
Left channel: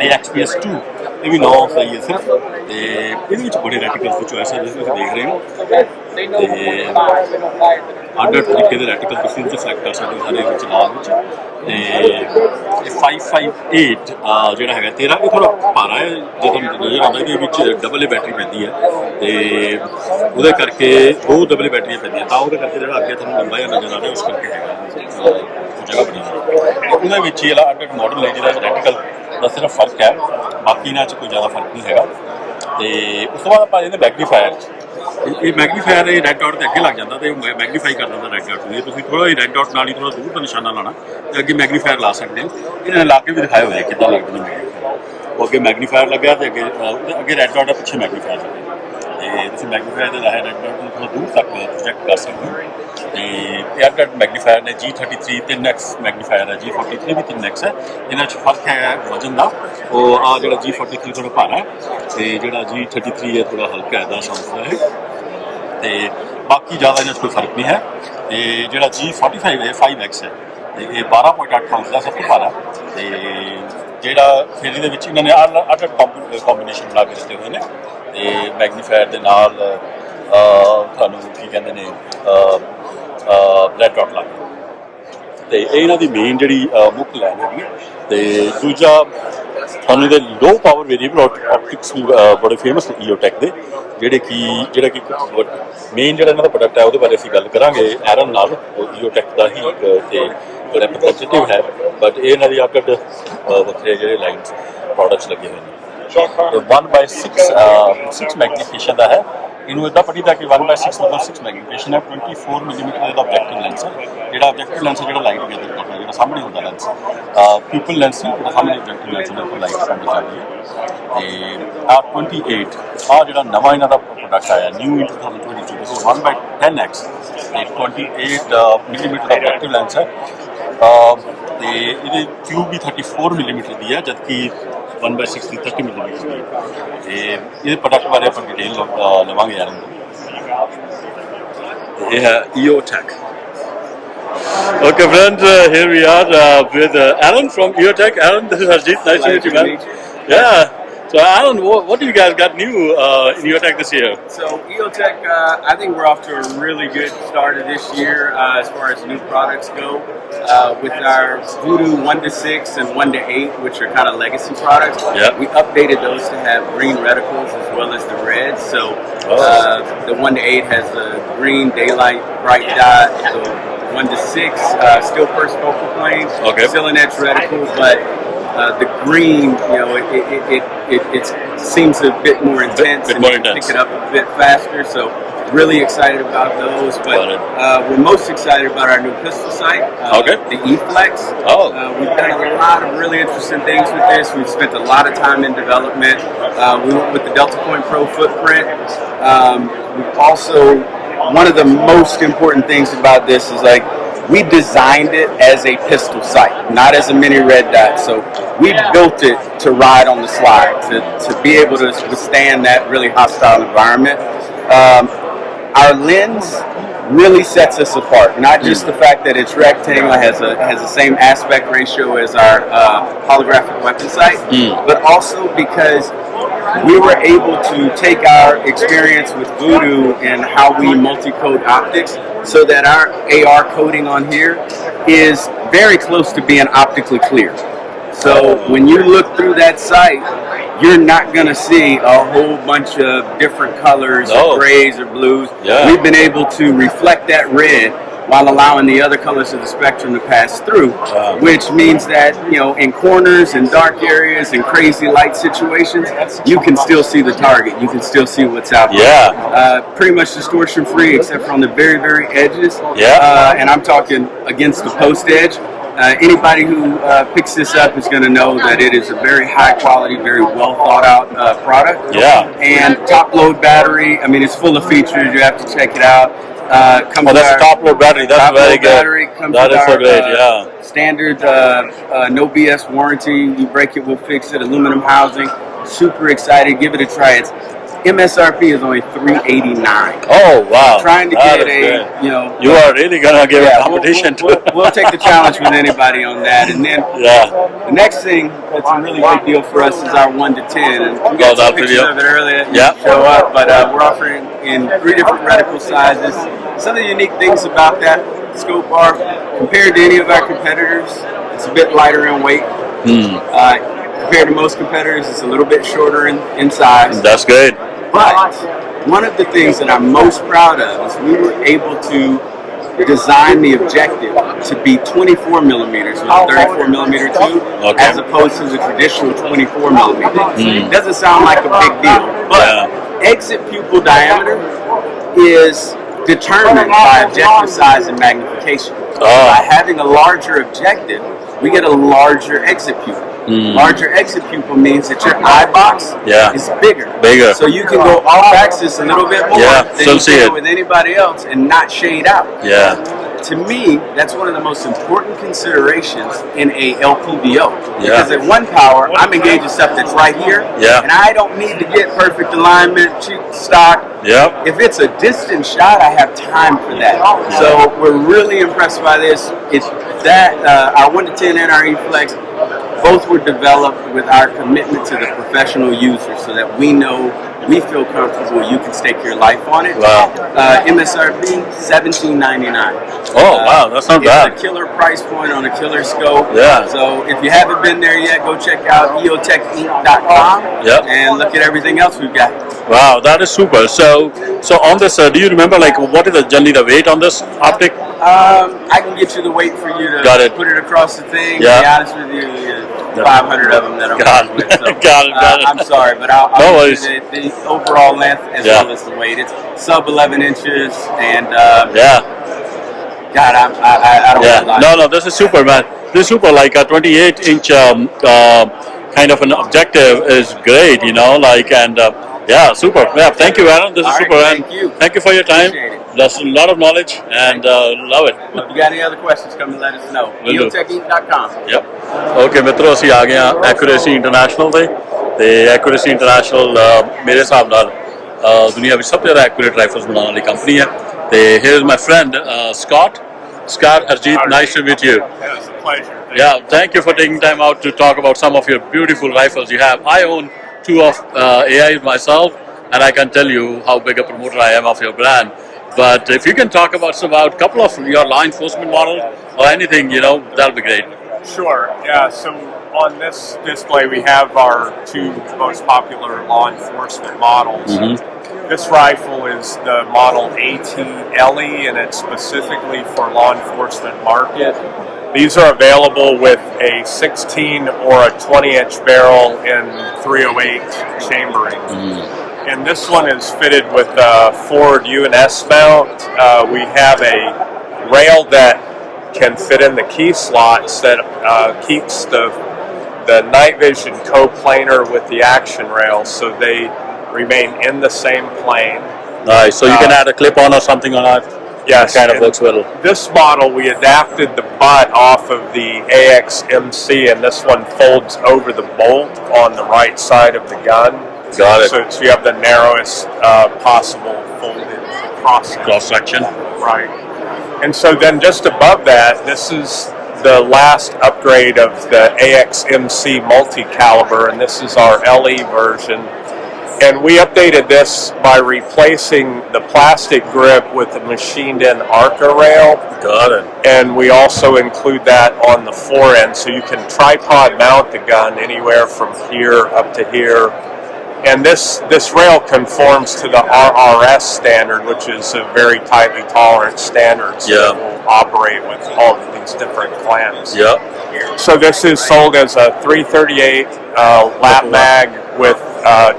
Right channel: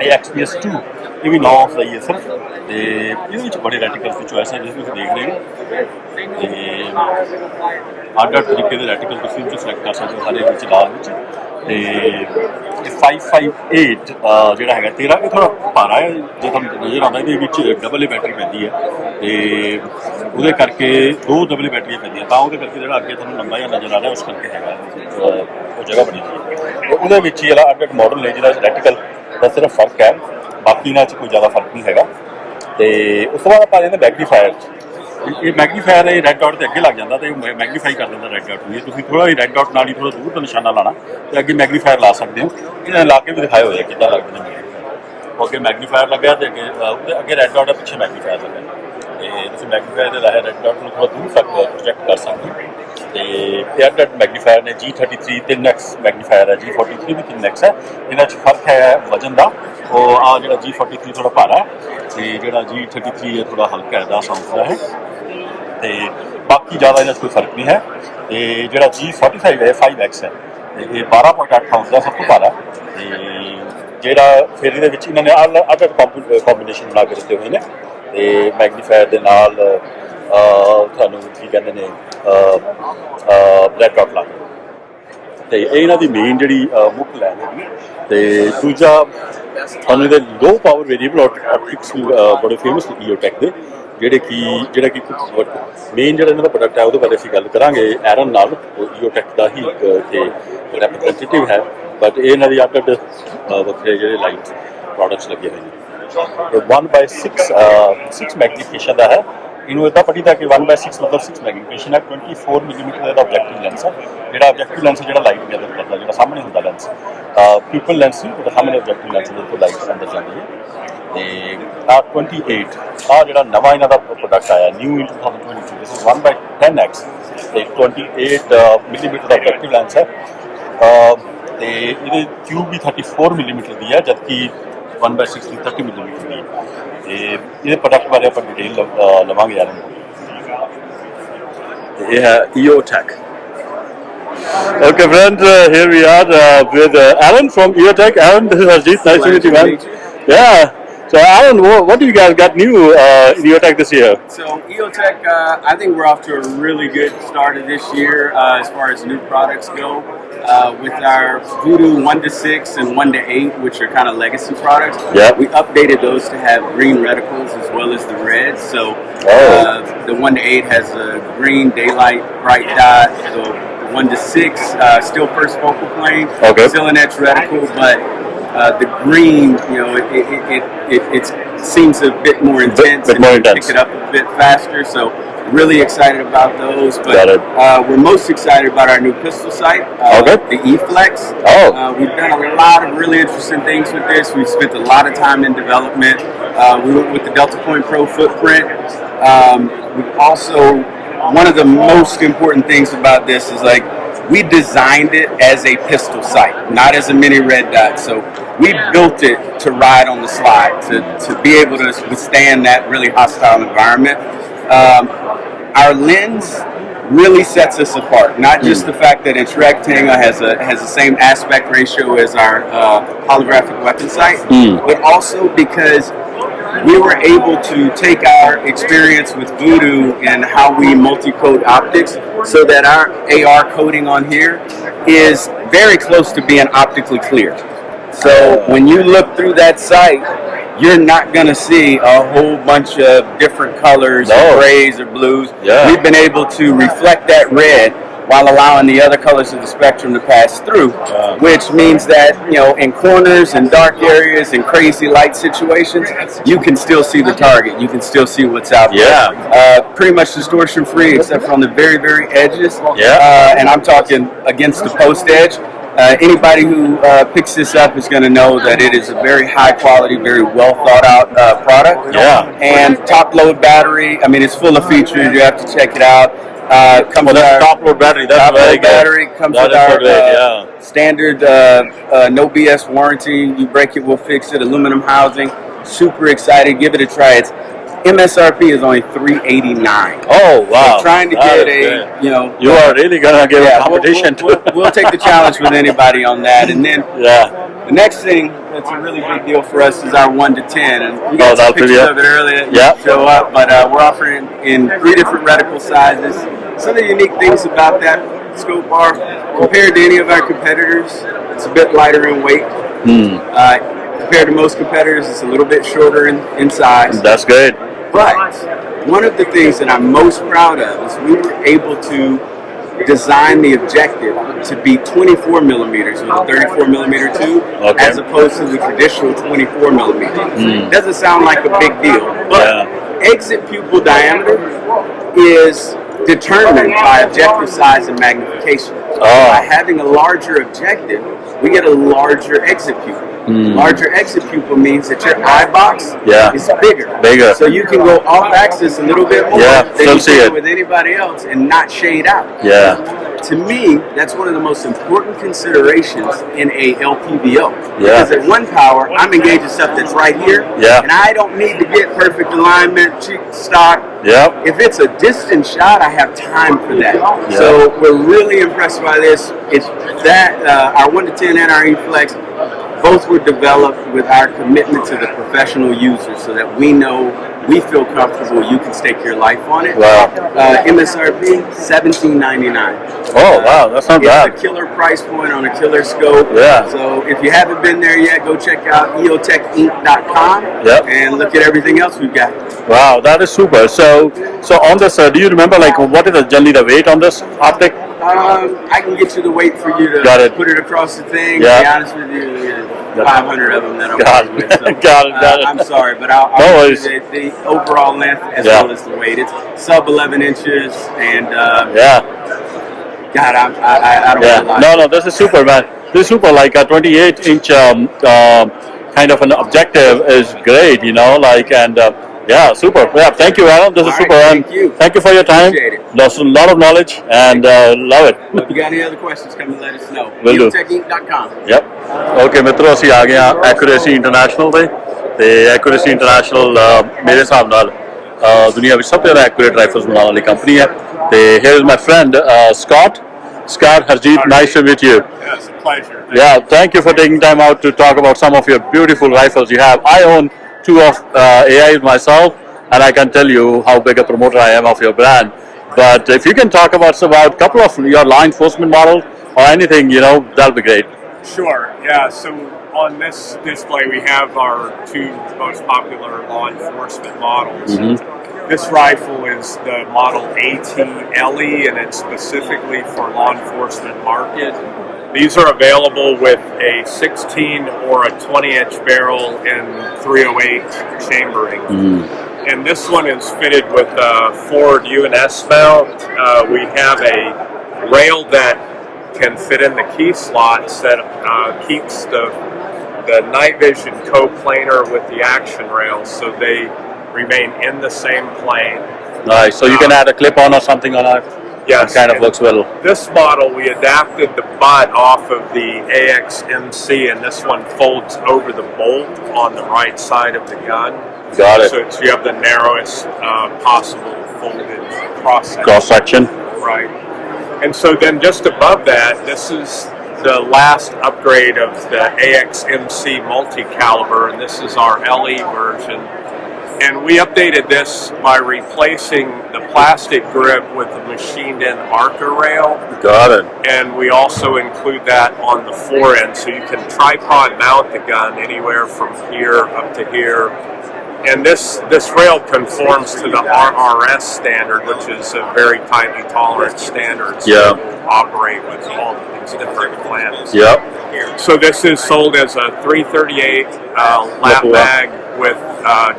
ਇਹ XPS 2 ਇਹ ਵੀ 9 ਔਂਸ ਦਾ ਹੀ ਹੈ ਸਿਰਫ। ਤੇ ਇਹਦੇ ਵਿੱਚ ਬੜੇ ਰੈਟੀਕਲਸ ਦੀ ਚੋਇਸ ਹੈ, ਜਿਸ ਤੁਸੀਂ ਦੇਖ ਰਹੇ ਹੋ। ਤੇ ਅੱਡ ਤਰੀਕੇ ਦੇ ਰੈਟੀਕਲ ਤੁਸੀਂ ਇਹਦੇ 'ਚ ਸਿਲੈਕਟ ਕਰ ਸਕਦੇ ਹੋ, ਹਰੇ ਵਿੱਚ, ਲਾਲ ਵਿੱਚ। ਤੇ ਇਹ 558 ਜਿਹੜਾ ਹੈਗਾ 13, ਇਹ ਥੋੜ੍ਹਾ ਭਾਰਾ ਹੈ ਜੇ ਤੁਹਾਨੂੰ ਨਜ਼ਰ ਆਉਂਦਾ। ਇਹਦੇ ਵਿੱਚ ਡਬਲ ਬੈਟਰੀ ਪੈਂਦੀ ਹੈ, ਤੇ ਉਹਦੇ ਕਰਕੇ 2 ਡਬਲ ਬੈਟਰੀਆਂ ਪੈਂਦੀਆਂ, ਤਾਂ ਉਹਦੇ ਕਰਕੇ ਜਿਹੜਾ ਅੱਗੇ ਤੁਹਾਨੂੰ ਲੰਬਾ ਜਿਹਾ ਨਜ਼ਰ ਆ ਰਿਹਾ, ਉਸ ਕਰਕੇ ਹੈਗਾ ਉਹ ਜਗ੍ਹਾ ਬਣੀ ਹੋਈ। ਤੇ ਉਹਦੇ ਵਿੱਚ ਹੀ ਜਿਹੜਾ ਅੱਡ ਮਾਡਲ ਨੇ, ਜਿਹਦਾ ਰੈਟੀਕਲ ਦਾ ਸਿਰਫ ਫਰਕ ਹੈ, ਬਾਕੀ ਇਹਨਾਂ 'ਚ ਕੋਈ ਜ਼ਿਆਦਾ ਫਰਕ ਨਹੀਂ ਹੈਗਾ। ਤੇ ਉਸ ਤੋਂ ਬਾਅਦ ਆਪਾਂ ਜਾਂਦੇ ਮੈਗਨੀਫਾਇਰ 'ਚ। ਇਹ ਮੈਗਨੀਫਾਇਰ ਇਹ ਰੈੱਡ ਡਾਟ ਦੇ ਅੱਗੇ ਲੱਗ ਜਾਂਦਾ ਤੇ ਮੈਗਨੀਫਾਈ ਕਰ ਦਿੰਦਾ ਰੈੱਡ ਡਾਟ ਨੂੰ। ਇਹ ਤੁਸੀਂ ਥੋੜ੍ਹਾ ਜਿਹਾ ਰੈੱਡ ਡਾਟ ਨਾਲ ਹੀ ਥੋੜ੍ਹਾ ਦੂਰ ਤੋਂ ਨਿਸ਼ਾਨਾ ਲਾਣਾ ਤੇ ਅੱਗੇ ਮੈਗਨੀਫਾਇਰ ਲਾ ਸਕਦੇ ਹੋ। ਇਹਨਾਂ ਨੇ ਲਾ ਕੇ ਵੀ ਦਿਖਾਏ ਹੋਏ ਕਿੱਦਾਂ ਲੱਗਦੇ ਨੇ ਮੈਗਨੀਫਾਇਰ। ਉਹ ਅੱਗੇ ਮੈਗਨੀਫਾਇਰ ਲੱਗਿਆ ਤੇ ਅੱਗੇ ਰੈੱਡ ਡਾਟ ਹੈ, ਪਿੱਛੇ ਮੈਗਨੀਫਾਇਰ ਲੱਗਿਆ। ਤੇ ਤੁਸੀਂ ਮੈਗਨੀਫਾਇਰ ਦੇ ਰਾਹੀਂ ਰੈੱਡ ਡਾਟ ਨੂੰ ਥੋੜ੍ਹਾ ਦੂਰ ਤੱਕ ਪ੍ਰੋਜੈਕਟ ਕਰ ਸਕਦੇ ਹੋ। ਤੇ ਇਹ ਅੱਡ ਮੈਗਨੀਫਾਇਰ ਨੇ। G33 3x ਮੈਗਨੀਫਾਇਰ ਹੈ, G43 ਵੀ 3x ਹੈ। ਇਹਨਾਂ 'ਚ ਫਰਕ ਹੈ ਵਜਨ ਦਾ। ਉਹ ਆ ਜਿਹੜਾ G43 ਥੋੜ੍ਹਾ ਭਾਰਾ ਹੈ ਤੇ ਜਿਹੜਾ G33 ਹੈ ਥੋੜ੍ਹਾ ਹਲਕਾ ਹੈ, 10 ਔਂਸ ਦਾ ਹੈ। ਤੇ ਬਾਕੀ ਜ਼ਿਆਦਾ ਇਹਨਾਂ 'ਚ ਕੋਈ ਫਰਕ ਨਹੀਂ ਹੈ। ਤੇ ਜਿਹੜਾ G45 ਹੈ 5x ਹੈ, ਤੇ ਇਹ 12.8 ਔਂਸ ਦਾ ਸਭ ਤੋਂ ਭਾਰਾ। ਤੇ ਜਿਹੜਾ ਫਿਰ ਇਹਦੇ ਵਿੱਚ ਇਹਨਾਂ ਨੇ ਅੱਡ ਕੰਬੀਨੇਸ਼ਨ ਬਣਾ ਕੇ ਦਿੱਤੇ ਹੋਏ ਨੇ। ਤੇ ਮੈਗਨੀਫਾਇਰ ਦੇ ਨਾਲ ਤੁਹਾਨੂੰ ਕੀ ਕਹਿੰਦੇ ਨੇ, ਰੈੱਡ ਡਾਟ ਲਾ ਕੇ। ਤੇ ਇਹ ਇਹਨਾਂ ਦੀ ਮੇਨ ਜਿਹੜੀ ਮੁੱਖ ਲਾਈਨ ਹੈਗੀ। ਤੇ ਦੂਜਾ ਤੁਹਾਨੂੰ ਇਹਦੇ ਲੋ ਪਾਵਰ ਵੇਰੀਏਬਲ ਆਪਟਿਕਸ ਬੜੇ ਫੇਮਸ ਨੇ EOTech ਦੇ, ਜਿਹੜਾ ਕਿ ਮੇਨ ਜਿਹੜਾ ਇਹਨਾਂ ਦਾ ਪ੍ਰੋਡਕਟ ਹੈ ਉਹਦੇ ਬਾਰੇ ਅਸੀਂ ਗੱਲ ਕਰਾਂਗੇ ਐਰਨ ਨਾਲ। EOTech ਦਾ ਹੀ ਤੇ ਰੈਪਰੈਜ਼ੈਂਟੇਟਿਵ ਹੈ, ਬਟ ਇਹ ਇਹਨਾਂ ਦੀ ਅੱਡ ਵੱਖਰੇ ਜਿਹੜੇ ਲਾਈਨਸ ਪ੍ਰੋਡਕਟਸ ਲੱਗੇ ਹੋਏ ਨੇ। ਇਹ 1/6 ਮੈਗਨੀਫਿਕੇਸ਼ਨ ਦਾ ਹੈ। ਇਹਨੂੰ ਇੱਦਾਂ ਪੜ੍ਹੀਦਾ ਕਿ 1/6 ਮਤਲਬ 6 ਮੈਗਨੀਫਿਕੇਸ਼ਨ ਹੈ। 24 ਮਿਲੀਮੀਟਰ ਦਾ ਆਬਜੈਕਟਿਵ ਲੈਂਸ ਹੈ। ਜਿਹੜਾ ਆਬਜੈਕਟਿਵ ਲੈਂਸ ਹੈ ਜਿਹੜਾ ਲਾਈਟ ਗੈਦਰ ਕਰਦਾ, ਜਿਹੜਾ ਸਾਹਮਣੇ ਹੁੰਦਾ ਲੈਂਸ, ਪੀਪਲ ਲੈਂਸ ਨਹੀਂ, ਜਿਹੜਾ ਸਾਹਮਣੇ ਆਬਜੈਕਟਿਵ ਲੈਂਸ ਜਿਹਦੇ ਤੋਂ ਲਾਈਟ ਅੰਦਰ ਜਾਂਦੀ ਹੈ। ਤੇ 28 ਜਿਹੜਾ ਨਵਾਂ ਇਹਨਾਂ ਦਾ ਪ੍ਰੋਡਕਟ ਆਇਆ new in 2022, this is 1/10x ਤੇ 28 ਮਿਲੀਮੀਟਰ ਦਾ ਆਬਜੈਕਟਿਵ ਲੈਂਸ ਹੈ। ਤੇ ਇਹਦੇ ਟਿਊਬ ਵੀ 34 ਮਿਲੀਮੀਟਰ ਦੀ ਹੈ, ਜਦਕਿ 1/6 ਦੀ 30 ਮਿਲੀਮੀਟਰ ਦੀ ਹੈ। ਤੇ ਇਹਦੇ ਪ੍ਰੋਡਕਟ ਬਾਰੇ ਆਪਾਂ ਡਿਟੇਲ ਲਵਾਂਗੇ ਯਾਰ। ਤੇ ਇਹ ਹੈ EOTech। Okay, friends, here we are with Alan from EOTech. Alan, this is Harjeet. Nice to meet you, man. Yeah. So, Alan, what do you guys got new in EOTech this year? So, EOTech, I think we're off to a really good start of this year as far as new products go. With our Voodoo 1-6 and 1-8, which are kind of legacy products, we updated those to have green reticles as well as the red. So, the 1-8 has a green daylight bright dot. The 1-6 still first focal plane, still an edge reticle, but the green, it seems a bit more intense and you pick it up a bit faster. So really excited about those. But we're most excited about our new pistol sight, the E-Flex. We've done a lot of really interesting things with this. We've spent a lot of time in development. We went with the Delta Point Pro footprint. We've also, one of the most important things about this is we designed it as a pistol sight, not as a mini red dot. So we built it to ride on the slide, to be able to withstand that really hostile environment. Our lens really sets us apart. Not just the fact that it's rectangle, has the same aspect ratio as our holographic weapon sight, but also because we were able to take our experience with Voodoo and how we multi-code optics so that our AR coding on here is very close to being optically clear. So when you look through that sight, you're not going to see a whole bunch of different colors, or grays or blues. Yeah. We've been able to reflect that red while allowing the other colors of the spectrum to pass through, which means that, in corners and dark areas and crazy light situations, you can still see the target. You can still see what's out there. Yeah. Pretty much distortion free, except for on the very, very edges. Yeah. And I'm talking against the post edge. Anybody who picks this up is going to know that it is a very high quality, very well thought out product. Yeah. And top load battery. I mean, it's full of features. You have to check it out. That's a top load battery. That's very good. Battery comes that with our great, standard no BS warranty. You break it, we'll fix it. Aluminum housing. Super excited. Give it a try. It's MSRP is only $389. Oh wow! So trying to that get you are really gonna give a competition. We'll take the challenge with anybody on that, and then the next thing that's a really big deal for us is our 1 to 10, and we got some pictures of it earlier. Show up, but we're offering in 3 different reticle sizes. Some of the unique things about that scope are compared to any of our competitors, it's a bit lighter in weight. Compared to most competitors, it's a little bit shorter in size. That's good. But one of the things that I'm most proud of is we were able to design the objective to be 24 millimeters with a 34 millimeter tube, as opposed to the traditional 24 millimeters. It doesn't sound like a big deal, but exit pupil diameter is determined by objective size and magnification. By having a larger objective, we get a larger exit pupil. Larger exit pupil means that your eye box is bigger. So you can go off axis a little bit more than you can with anybody else and not shade out. To me, that's one of the most important considerations in a LPVO. Because at one power, I'm engaging stuff that's right here, and I don't need to get perfect alignment, stock. If it's a distant shot, I have time for that. So we're really impressed by this. It's that our 1 to 10 and our E-Flex, both were developed with our commitment to the professional user, so that we feel comfortable you can stake your life on it. MSRP $17.99. Oh wow, that's not bad. It's a killer price point on a killer scope. So if you haven't been there yet, go check out eotechinc.com and look at everything else we've got. Wow, that is super. So on this, do you remember what is generally the weight on this optic? I can get you the weight for you to put it across the thing. To be honest with you, 500 of them that I'm working with. So, got it. I'm sorry, but I'll give you the overall length as well as the weight. It's sub 11 inches, and God, I don't want to lie. No, this is super, man. This is super. Like a 28-inch kind of an objective is great, super. Thank you, Adam. This is super, man. Thank you for your time. Appreciate it. That's a lot of knowledge, and love it. Well, if you got any other questions, come and let us know. eotechinc.com. Okay, ਮਿੱਤਰੋ ਅਸੀਂ ਆ ਗਏ ਹਾਂ accuracy international ਤੇ accuracy international ਮੇਰੇ ਹਿਸਾਬ ਨਾਲ ਦੁਨੀਆ ਵਿੱਚ ਸਭ ਤੋਂ ਜ਼ਿਆਦਾ ਐਕੂਰੇਟ ਰਾਈਫਲਸ ਬਣਾਉਣ ਵਾਲੀ ਕੰਪਨੀ ਹੈ ਤੇ here is my friend Scott Harjeet, nice to meet you. It's a pleasure. Thank you for taking time out to talk about some of your beautiful rifles you have. I own 2 of AIs myself, and I can tell you how big a promoter I am of your brand. But if you can talk about a couple of your law enforcement models or anything, that'll be great. Sure. So on this display, we have our 2 most popular law enforcement models. This rifle is the model AT-LE, and it's specifically for law enforcement market. These are available with a 16 or a 20-inch barrel in 308 chambering. And this one is fitted with a forward UNS mount. We have a rail that can fit in the key slots that keeps the night vision coplanar with the action rail, so they remain in the same plane. Nice. So you can add a clip-on or something on it? Yes. It kind of looks well. This model, we adapted the butt off of the AXMC, and this one folds over the bolt on the right side of the gun. Got it. So you have the narrowest possible folded cross-section. Right. And so then just above that, this is the last upgrade of the AXMC multi-caliber, and this is our LE version. And we updated this by replacing the plastic grip with the machined-in Arca rail. Got it. And we also include that on the fore end, so you can tripod mount the gun anywhere from here up to here. And this rail conforms to the RRS standard, which is a very tightly tolerant standard. So Yeah. you operate with all of these different clamps. Yep. So this is sold as a 338 lap mag with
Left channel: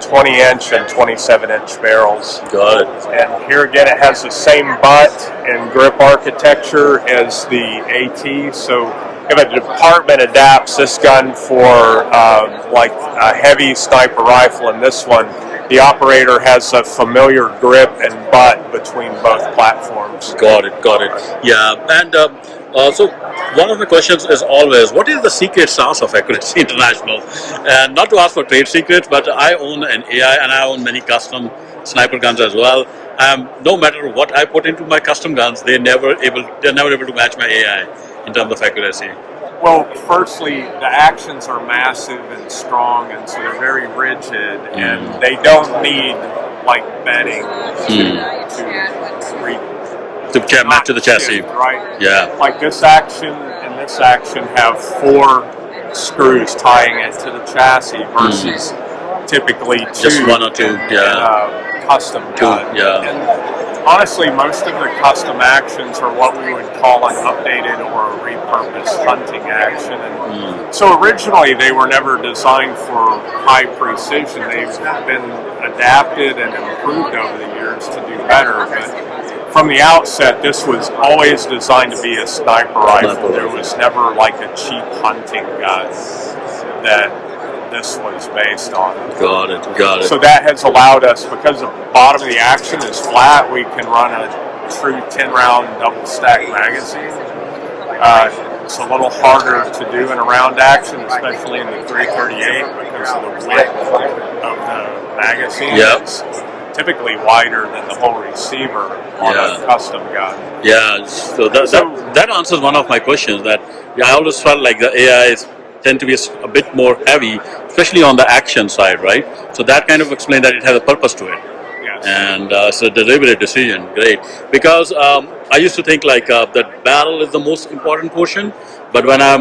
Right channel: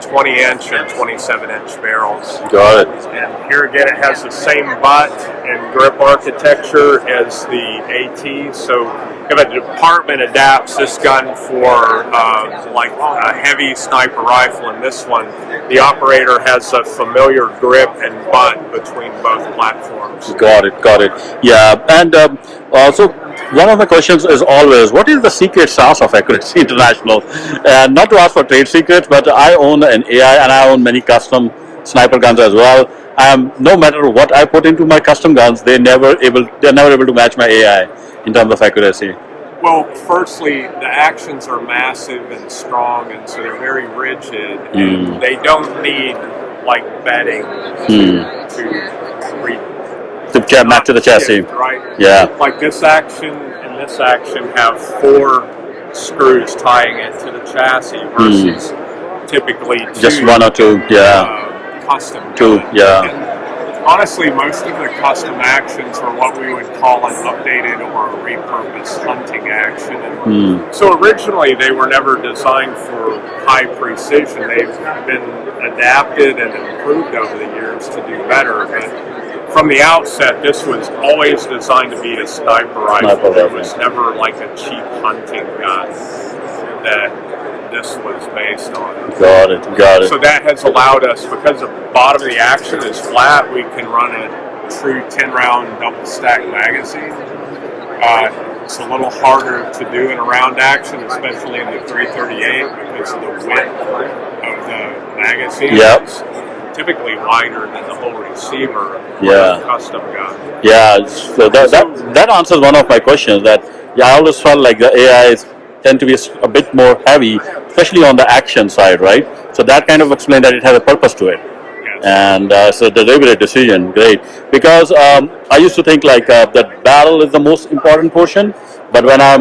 20-inch and 27-inch barrels. Got it. And here again, it has the same butt and grip architecture as the AT. So if a department adapts this gun for like a heavy sniper rifle and this one, the operator has a familiar grip and butt between both platforms. Got it. Yeah, and also one of my questions is always, what is the secret sauce of Accuracy International? And not to ask for trade secrets, but I own an AI and I own many custom sniper guns as well. No matter what I put into my custom guns, they're never able to match my AI in terms of accuracy. Well, firstly, the actions are massive and strong, and so they're very rigid, and they don't need like bedding To match to the chassis. shift, right? Yeah. Like this action and this action have 4 screws tying it to the chassis versus typically 2. Just 1 or 2. Yeah. Custom 2. gun. Yeah. And honestly, most of the custom actions are what we would call an updated or a repurposed hunting action. And so originally they were never designed for high precision. They've been adapted and improved over the years to do better. But from the outset, this was always designed to be a sniper rifle. It was never like a cheap hunting gun that this was based on. Got it. So that has allowed us, because the bottom of the action is flat, we can run a true 10-round double-stack magazine. It's a little harder to do in a round action, especially in the 338, because of the width of the magazine. Yep. It's typically wider than the whole receiver. Yeah. Custom gun. Yeah, so that answers one of my questions. That I always felt like the AIs tend to be a bit more heavy, especially on the action side, right? So that kind of explained that it has a purpose to it. Yes. And so the deliberate decision, great. Because I used to think like that barrel is the most important portion, but when I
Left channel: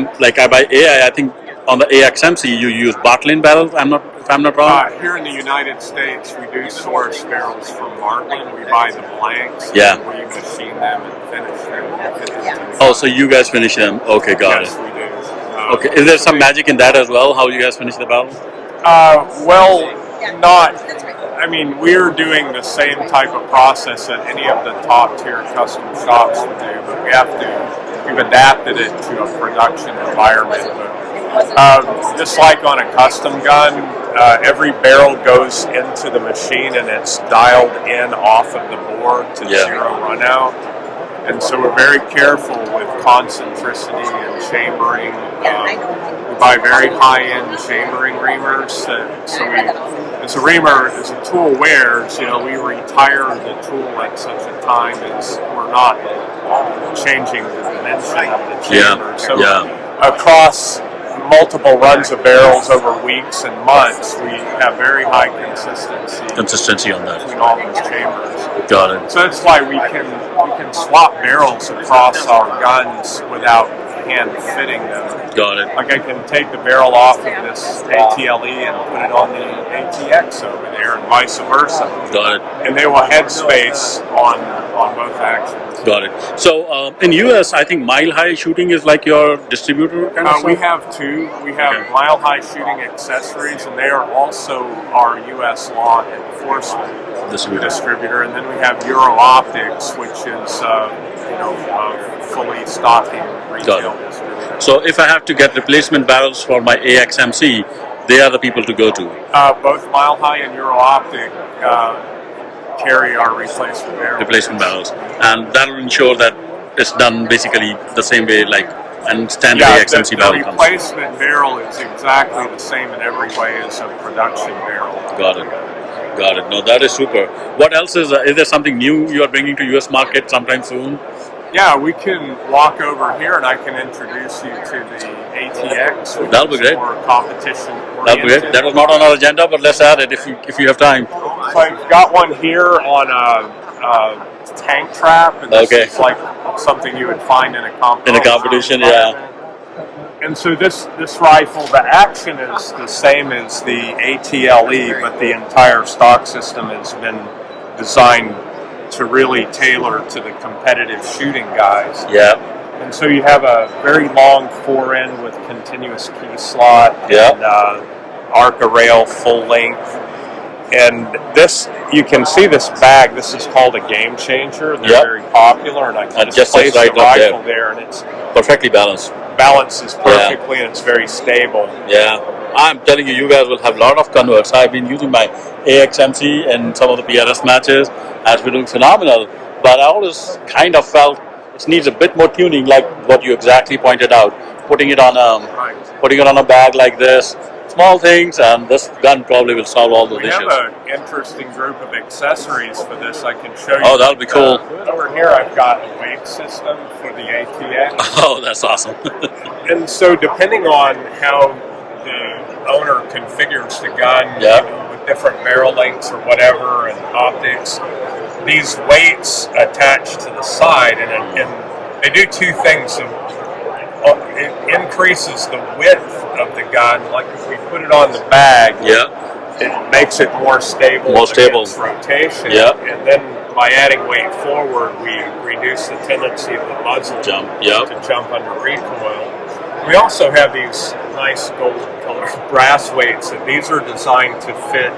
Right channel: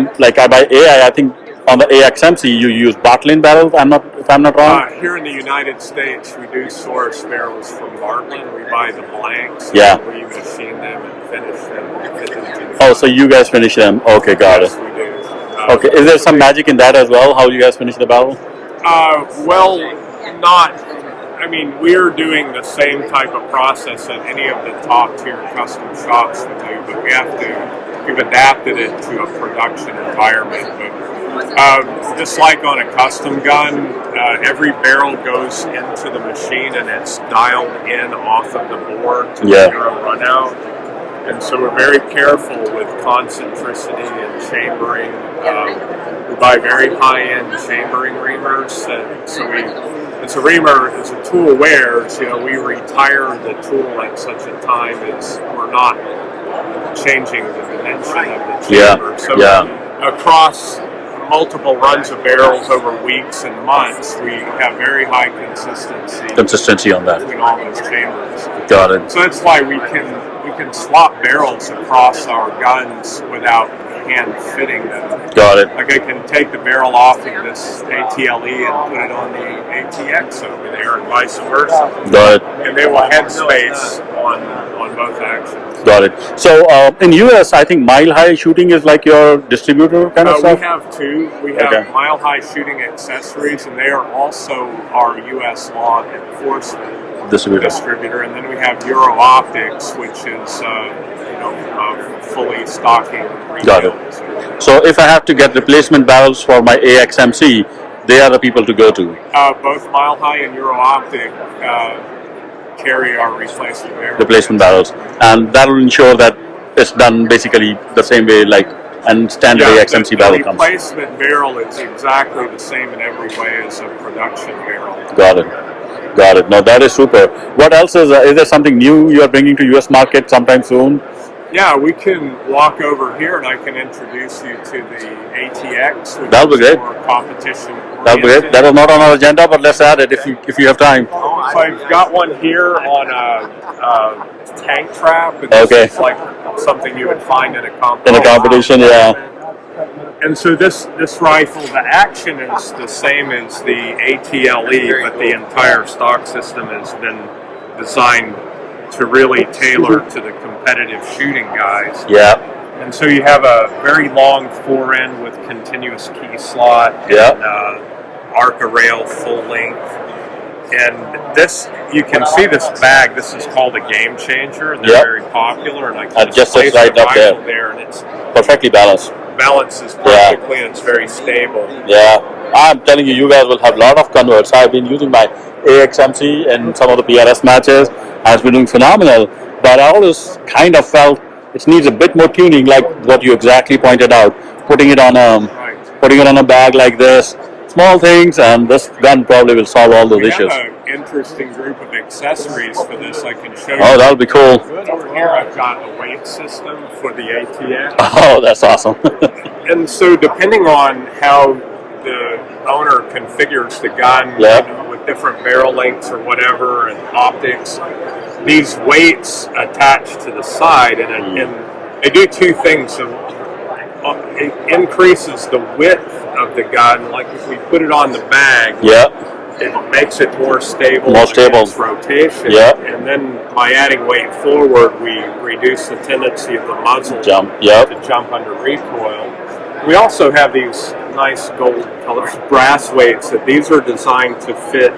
buy AI, I think on the AXMC you use Bartlin barrels. If I'm not wrong. Here in the United States, we do source barrels from Bartlin. We buy the blanks. Yeah. We machine them and finish them. Oh, so you guys finish them? Okay, got it. Yes, we do. Okay, is there some magic in that as well? How you guys finish the barrel? Well, not. I mean, we're doing the same type of process that any of the top tier custom shops would do, but we've adapted it to a production environment. But just like on a custom gun, every barrel goes into the machine and it's dialed in off of the board to zero run out. And so we're very careful with concentricity and chambering. We buy very high-end chambering reamers. As a reamer, as a tool wears, we retire the tool at such a time as we're not changing the dimension of the chamber. So across multiple runs of barrels over weeks and months, we have very high consistency on that between all those chambers. Got it. So that's why we can swap barrels across our guns without hand fitting them. Got it. Like I can take the barrel off of this ATLE and put it on the ATX over there, and vice versa. Got it. And they will head space on both actions. Got it. So in US, I think Mile High Shooting is like your distributor kind of We stuff? have 2. We have Mile High Shooting Accessories, and they are also our US law enforcement distributor. And then we have Euro Optics, which is a fully stocking retail distributor. So if I have to get replacement barrels for my AXMC, they are the people to go to? Both Mile High and Euro Optic carry our replacement barrels. And that will ensure that it's done basically the same way and standard AXMC barrel comes. The replacement barrel is exactly the same in every way as a production barrel. Got it. No, that is super. What else is there something new you are bringing to US market sometime soon? Yeah, we can walk over here and I can introduce you to the ATX, which That'll be is great. more competition That'll be great. That was not on our agenda, but let's add it if you have time. So I've got one here on a tank trap, and this Okay. is like something you would find in a competition. In a competition, yeah. And so this rifle, the action is the same as the ATLE, but the entire stock system has been designed to really tailor to the competitive shooting guys. Yeah. And so you have a very long forend with continuous key slot Yeah. and Arca rail full length. And this, you can see this bag. This is called a game changer. They're Yep. very popular, and I can Just place sits right the up there. rifle there, and it's Perfectly balanced. balances perfectly, and it's very stable. Yeah. I'm telling you, you guys will have a lot of converts. I've been using my AXMC in some of the PRS matches. Has been doing phenomenal. But I always kind of felt it needs a bit more tuning, like what you exactly pointed out. Putting it on a bag like this. Small things, and this gun probably will solve all those We issues. have an interesting group of accessories for this. I can show you. Oh, that would be cool. Over here, I've got a weight system for the ATX. Oh, that's awesome. And so, depending on how the owner configures the gun with different barrel lengths or whatever and optics, these weights attach to the side, and they do two things. So, it increases the width of the gun. Like if we put it on the bag, it makes it more stable. Against rotation. And then by adding weight forward, we reduce the tendency of the muzzle to jump under recoil. We also have these nice gold-colored brass weights. That these are designed to fit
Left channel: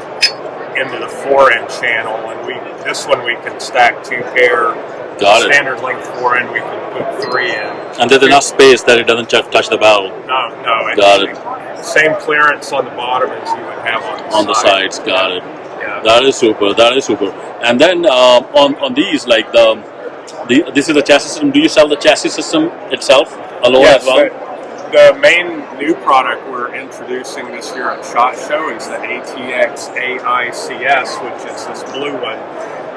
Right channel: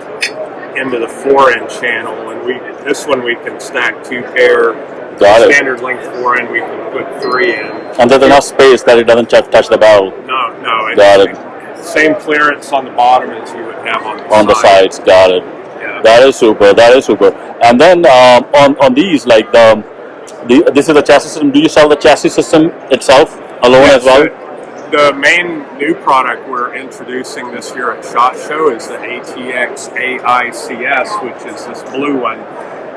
into the forend channel, and this one we can stack 2 pair. Standard length forend, we can put 3 in. And there's enough space that it doesn't touch the barrel. No. Got it. Same clearance on the bottom as you would have on the sides. Got it. Yeah. That is super. And then on these, like this is the chassis system. Do you sell the chassis system itself alone as well? The main new product we're introducing this year at ShotShow is the ATX AICS, which is this blue one.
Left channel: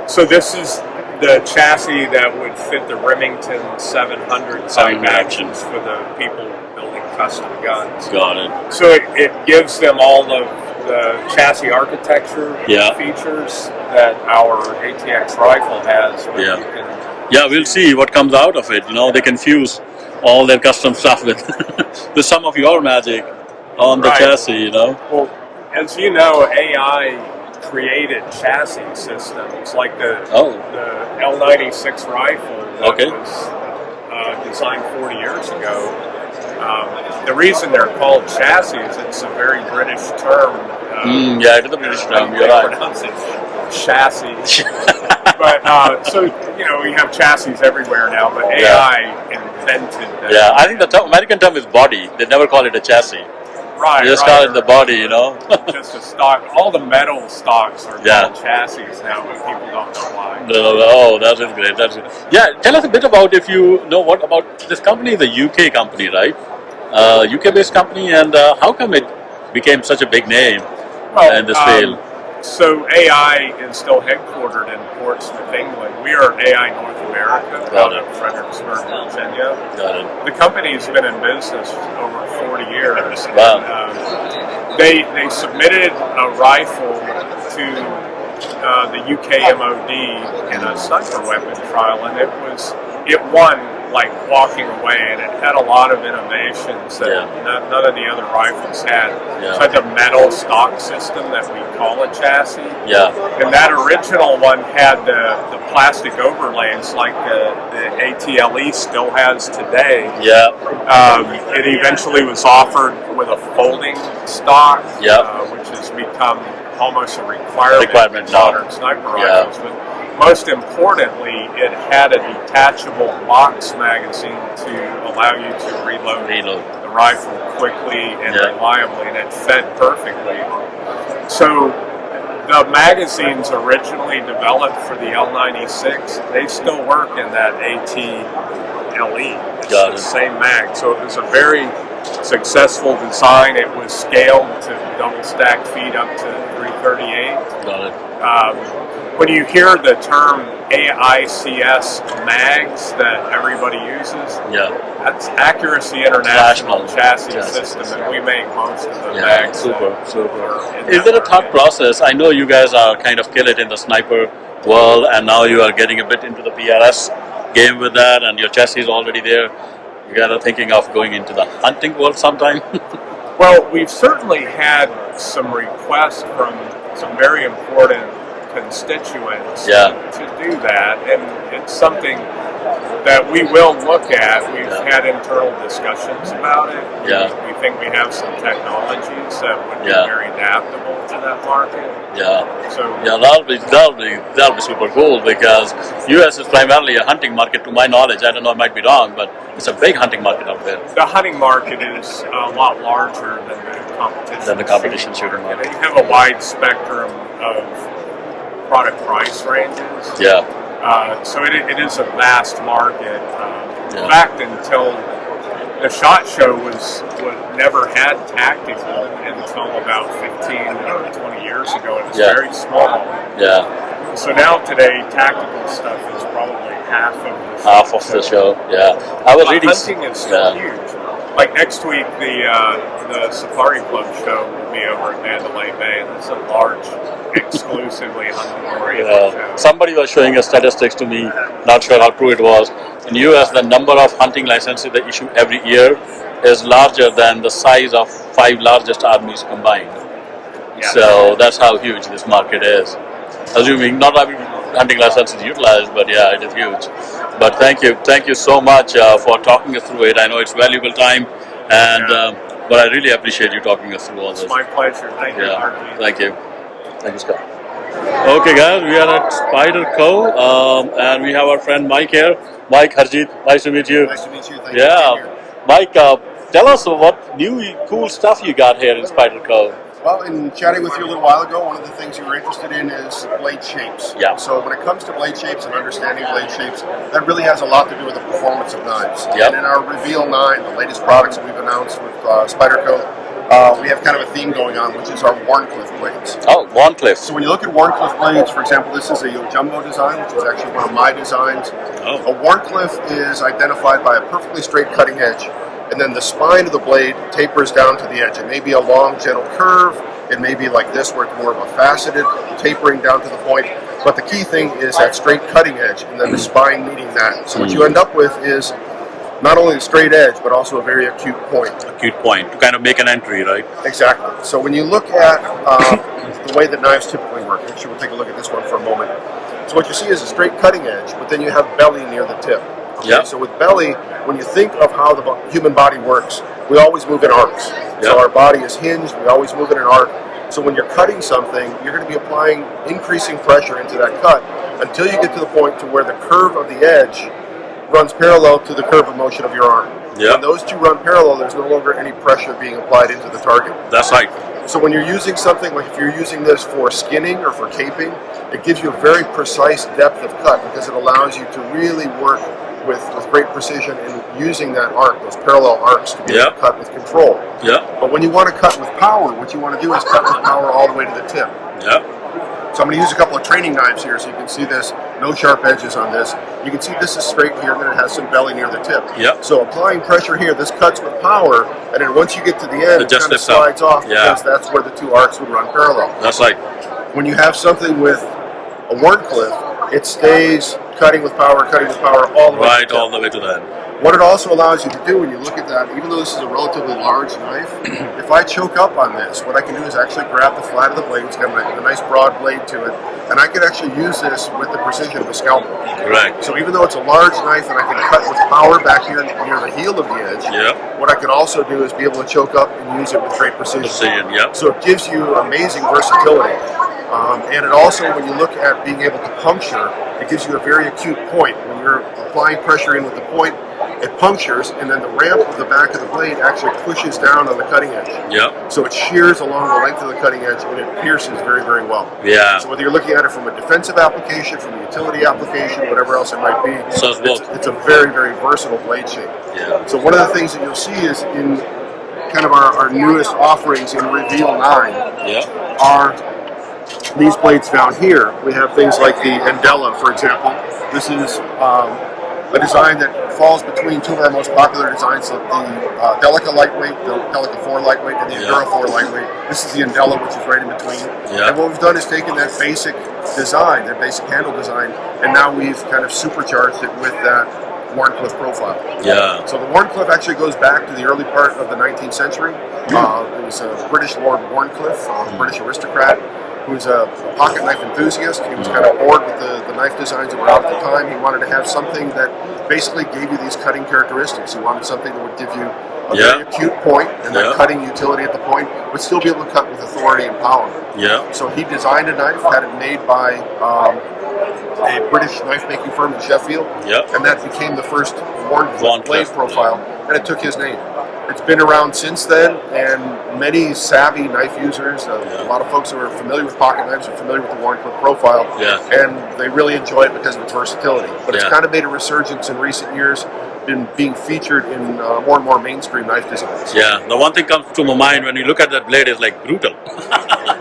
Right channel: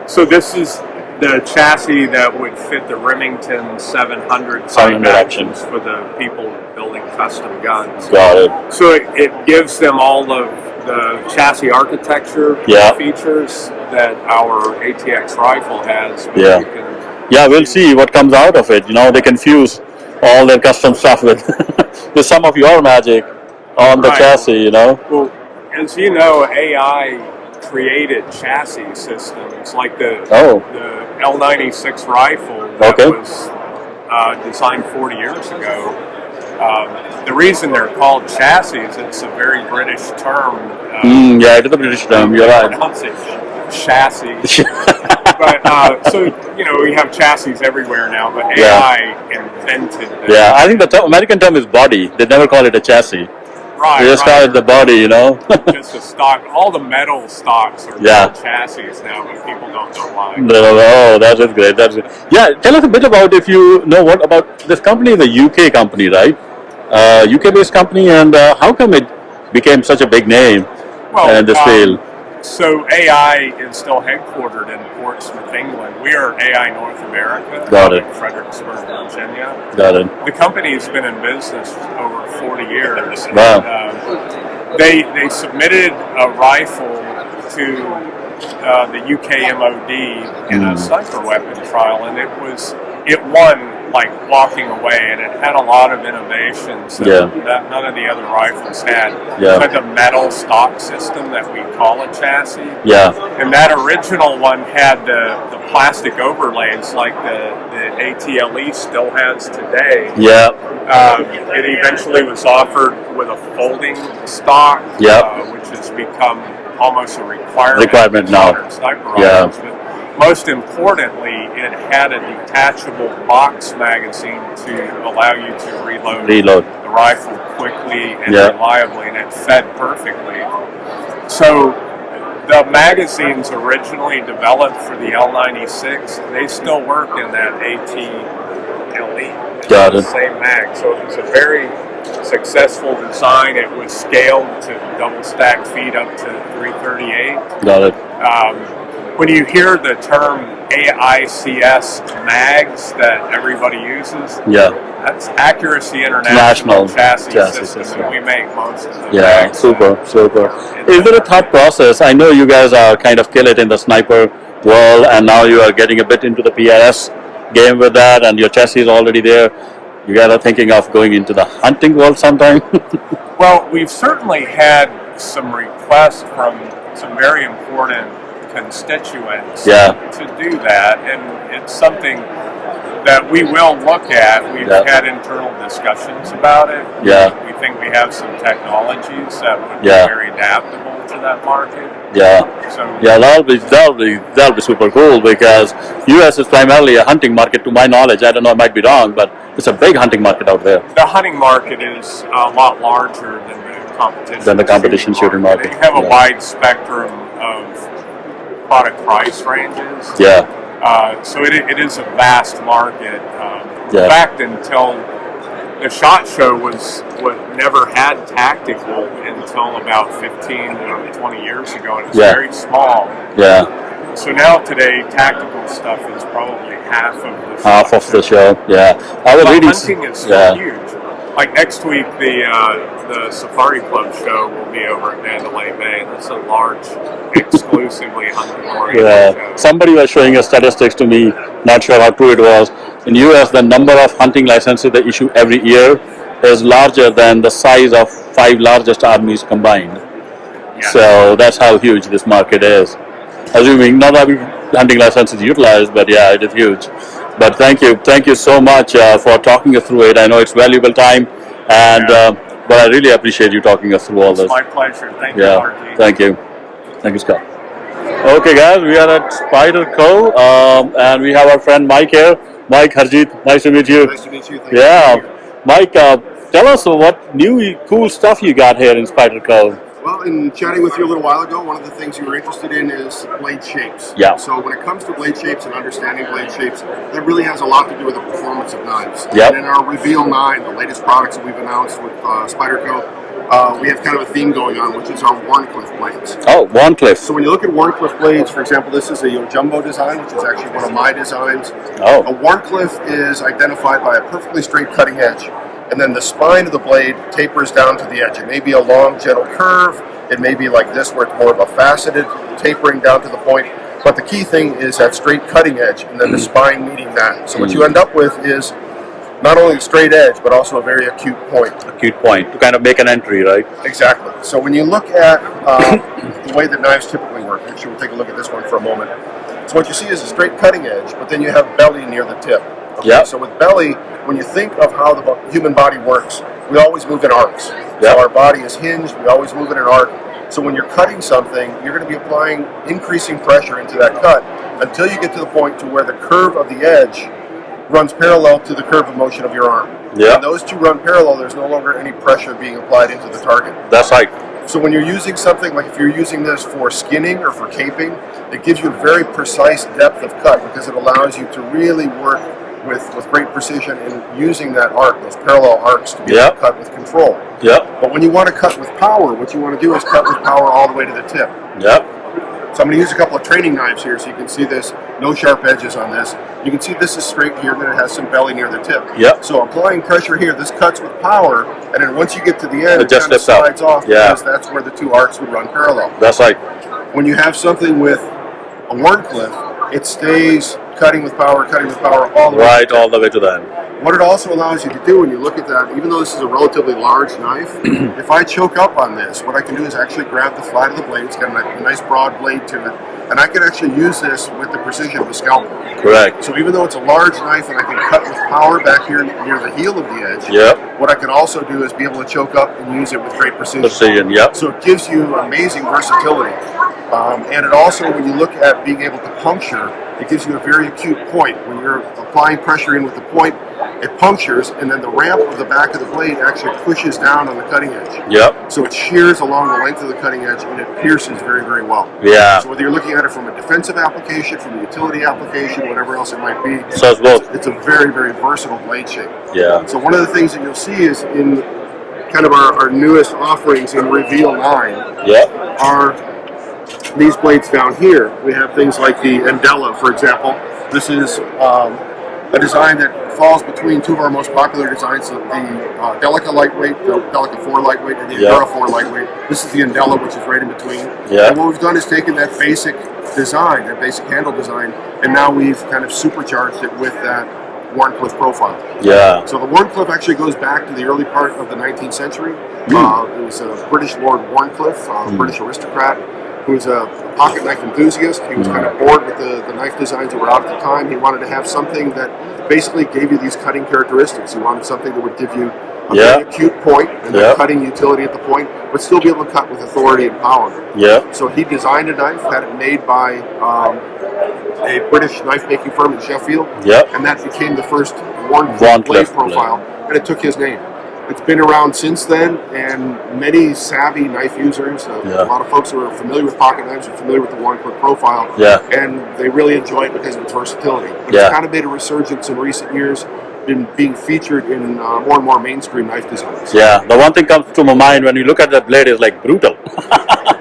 So this is the chassis that would fit the Remington 700 actions for the people building custom guns. Got it. So it gives them all of the chassis architecture features that our ATX rifle has. We'll see what comes out of it. They can fuse all their custom stuff with some of your magic on the chassis. Well, as you know, AI created chassis systems like the L96 rifle that was designed 40 years ago. The reason they're called chassis is it's a very British term. It is a British term. They pronounce it chassis. But so we have chassis everywhere now. But AI invented that. I think the American term is body. They never call it a chassis. Right. They just call it the body, Just a stock. All the metal stocks are called chassis now, but people don't know why. Oh, that is great. Yeah, tell us a bit about, if you know what about this company. Is a UK company, right? UK-based company, and how come it became such a big name in this field? So AI is still headquartered in Portsmouth, England. We are AI North America out of Fredericksburg, Virginia. Got it. The company's been in business over 40 years. And, they submitted a rifle to the UK MOD in a sniper weapon trial, and it won like walking away, and it had a lot of innovations that none of the other rifles had. It had the metal stock system that we call a chassis. And that original one had the plastic overlays like the ATLE still has today. It eventually was offered with a folding stock, which has become almost a requirement in modern sniper rifles. But most importantly, it had a detachable box magazine to allow you to reload the rifle quickly and reliably, and it fed perfectly. So the magazines originally developed for the L96, they still work in that ATLE. Got it. The same mag. So it was a very successful design. It was scaled to double stack feet up to 338. Got it. when you hear the term AICS mags that everybody uses, that's Accuracy International Chassis System, and we make most of the mags. Super. Is there a thought process? I know you guys are kind of kill it in the sniper world, and now you are getting a bit into the PIS game with that, and your chassis is already there. You guys are thinking of going into the hunting world sometime? Well, we've certainly had some requests from some very important constituents to do that, and it's something that we will look at. We've had internal discussions about it. We think we have some technologies that would be very adaptable to that market. So that'll be super cool, because US is primarily a hunting market to my knowledge. I don't know, I might be wrong, but it's a big hunting market out there. The hunting market is a lot larger than the competition shooting market. You have a wide spectrum of product price ranges. So it is a vast market. In fact, until the ShotShow was never had tactical until about 15 or 20 years ago. It was very small. So now today, tactical stuff is probably half of the show. But hunting is still huge. Like next week, the Safari Club show will be over at Mandalay Bay, and it's a large, exclusively hunting-oriented show. Somebody was showing us statistics to me, not sure how true it was. In US, the number of hunting licenses they issue every year is larger than the size of 5 largest armies combined. So that's how huge this market is. Assuming not every hunting license is utilized, but it is huge. But thank you so much for talking us through it. I know it's valuable time, and but I really appreciate you talking us through all this. It's my pleasure. Thank you, RG. Thank you, Scott. Okay, guys, we are at Spider Co, and we have our friend Mike here. Mike, Harjeet, nice to meet you. Nice to meet you. Thank you for being here. Mike, tell us what new cool stuff you got here in Spider Co. Well, in chatting with you a little while ago, one of the things you were interested in is blade shapes. So when it comes to blade shapes and understanding blade shapes, that really has a lot to do with the performance of knives. And in our Reveal 9, the latest products that we've announced with Spyderco, we have kind of a theme going on, which is our Wharncliffe blades. Oh, Wharncliffe. So when you look at Wharncliffe blades, for example, this is a Jumbo design, which is actually one of my designs. A Wharncliffe is identified by a perfectly straight cutting edge, and then the spine of the blade tapers down to the edge. It may be a long, gentle curve. It may be like this, where it's more of a faceted tapering down to the point. But the key thing is that straight cutting edge, and then the spine meeting that. So what you end up with is not only a straight edge, but also a very acute point. Acute point, to kind of make an entry, right? Exactly. So when you look at the way that knives typically work, actually we'll take a look at this one for a moment. So what you see is a straight cutting edge, but then you have belly near the tip. So with belly, when you think of how the human body works, we always move in arcs. So our body is hinged, we always move in an arc. So when you're cutting something, you're going to be applying increasing pressure into that cut until you get to the point to where the curve of the edge runs parallel to the curve of motion of your arm. When those two run parallel, there's no longer any pressure being applied into the target. That's right. So when you're using something, like if you're using this for skinning or for caping, it gives you a very precise depth of cut, because it allows you to really work with great precision in using that arc, those parallel arcs, to be able to cut with control. But when you want to cut with power, what you want to do is cut with power all the way to the tip. So I'm going to use a couple of training knives here so you can see this. No sharp edges on this. You can see this is straight here, and then it has some belly near the tip. So applying pressure here, this cuts with power, and then once you get to the end, it just kind of slides off, because that's where the two arcs would run parallel. That's right. When you have something with a Wharncliffe, it stays cutting with power all the way to the tip. All the way to the end. What it also allows you to do when you look at that, even though this is a relatively large knife, if I choke up on this, what I can do is actually grab the flat of the blade. It's got a nice broad blade to it, and I can actually use this with the precision of a scalpel. Correct. So even though it's a large knife and I can cut with power back here near the heel of the edge, what I can also do is be able to choke up and use it with great precision. So it gives you amazing versatility. And it also, when you look at being able to puncture, it gives you a very acute point. When you're applying pressure in with the point, it punctures, and then the ramp of the back of the blade actually pushes down on the cutting edge. So it shears along the length of the cutting edge, and it pierces very, very well. So whether you're looking at it from a defensive application, from a utility application, whatever else it might be, it's a very, very versatile blade shape. So one of the things that you'll see is in kind of our newest offerings in Reveal 9 are these blades down here, we have things like the Andela, for example. This is a design that falls between two of our most popular designs, the Delica lightweight, the Delica 4 lightweight, and the Endura 4 lightweight. This is the Andela, which is right in between. Yeah. And what we've done is taken that basic design, that basic handle design, and now we've kind of supercharged it with that Wharncliffe profile. Yeah. So the Wharncliffe actually goes back to the early part of the 19th century. It was a British Lord Wharncliffe, a British aristocrat, who was a pocket knife enthusiast. He was kind of bored with the knife designs that were out at the time. He wanted to have something that basically gave you these cutting characteristics. He wanted something that would give you a very acute point and that cutting utility at the point, but still be able to cut with authority and power. Yeah. So he designed a knife, had it made by a British knife-making firm in Sheffield, and that became the first Wharncliffe blade profile, and it took his name. It's been around since then, and many savvy knife users, a lot of folks who are familiar with pocket knives are familiar with the Wharncliffe profile, and they really enjoy it because of its versatility. But it's kind of made a resurgence in recent years, been being featured in more and more mainstream knife designs. Yeah, the one thing comes to my mind when you look at that blade is like brutal.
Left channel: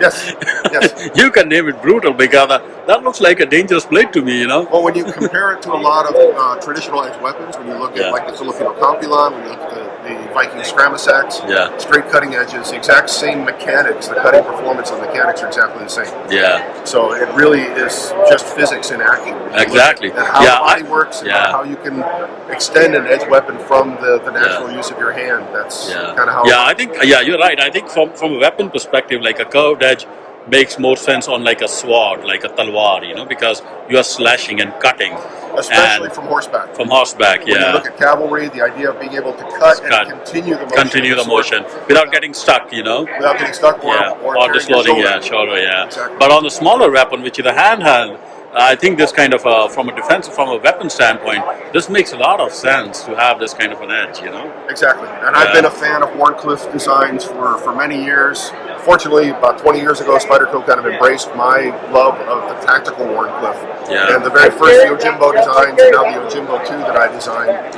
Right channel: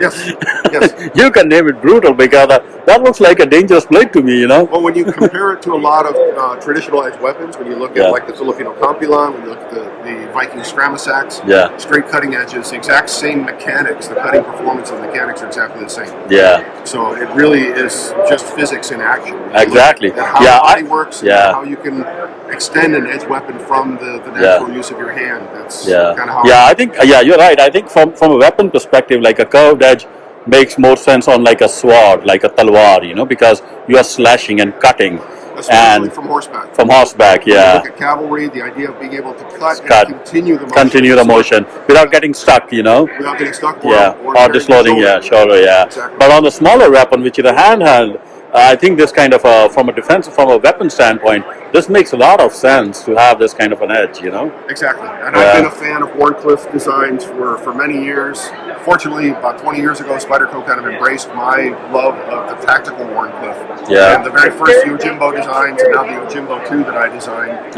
Yes. You can name it brutal because that looks like a dangerous blade to me, you know. Well, when you compare it to a lot of traditional edge weapons, when you look at like the Filipino Campilan, when you look at the Viking Scramasax, straight cutting edges, the exact same mechanics, the cutting performance and mechanics are exactly the same. Yeah. So it really is just physics in action. Exactly. And how the body works and how you can extend an edge weapon from the natural use of your hand. That's kind of how. Yeah, I think. Yeah, you're right. I think from a weapon perspective, like a curved edge makes more sense on like a sword, like a talwar, you know, because you are slashing and cutting. Especially from horseback. From horseback, when you look at cavalry, the idea of being able to cut and continue the motion. Continue the motion without getting stuck, you know. Without getting stuck or disloading, shoulder, Exactly. But on the smaller weapon, which is a handheld, I think this kind of from a weapon standpoint, this makes a lot of sense to have this kind of an edge, you know. Exactly, and I've been a fan of Wharncliffe designs for many years. Fortunately, about 20 years ago, Spyderco kind of embraced my love of the tactical Wharncliffe. Yeah. And the very first Yojimbo designs, and now the Yojimbo 2 that I designed,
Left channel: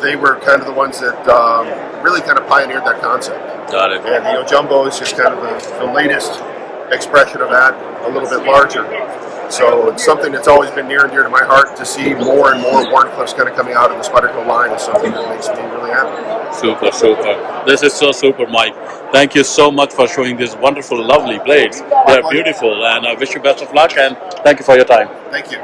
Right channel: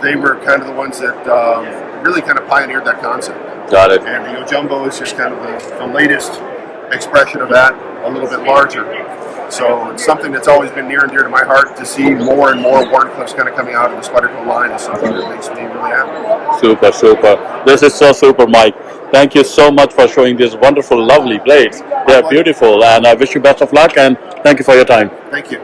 they were kind of the ones that really kind of pioneered that concept. Got it. And the Yojimbo is just kind of the latest expression of that, a little bit larger. So it's something that's always been near and dear to my heart. To see more and more Wharncliffes kind of coming out of the Spyderco line is something that makes me really happy. Super, super. This is so super, Mike. Thank you so much for showing these wonderful, lovely blades. They are beautiful, and I wish you best of luck, and thank you for your time. Thank you.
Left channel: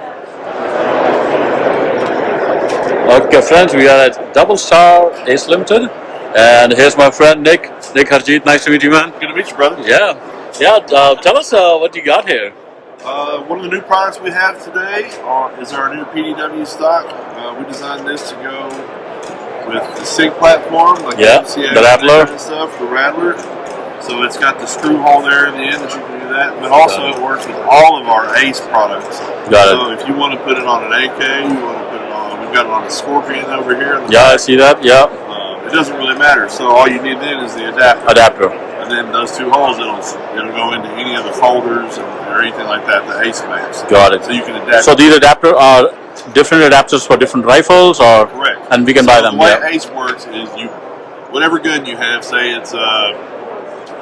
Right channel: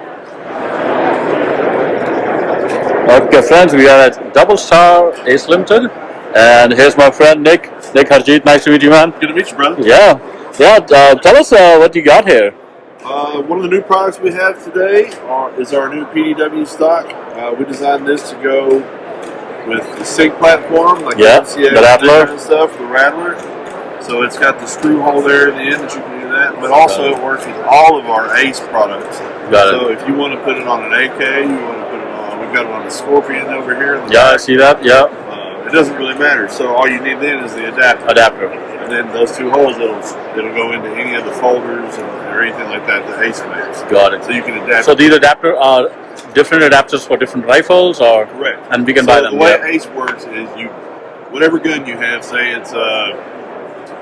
Okay, friends, we are at Double Star Ace Limited, and here's my friend Nick Harjeet. Nice to meet you, man. Good to meet you, brother. Yeah. Tell us what you got here. One of the new products we have today is our new PDW stock. We designed this to go with the SIG platform, like the MCA, the Rattler, kind of stuff, the Rattler. So it's got the screw hole there in the end that you can do that, but also it works with all of our ACE products. So if you want to put it on an AK, you want to put it on, we've got it on a Scorpion over here. On the back. I see that. Yeah. It doesn't really matter. So all you need then is the adapter. And then those two holes, it'll go into any of the folders or anything like that the ACE makes. Got it. So you can adapt. So these adapters are different adapters for different rifles, or correct? And we can buy them. The way ACE works is whatever gun you have, say it's a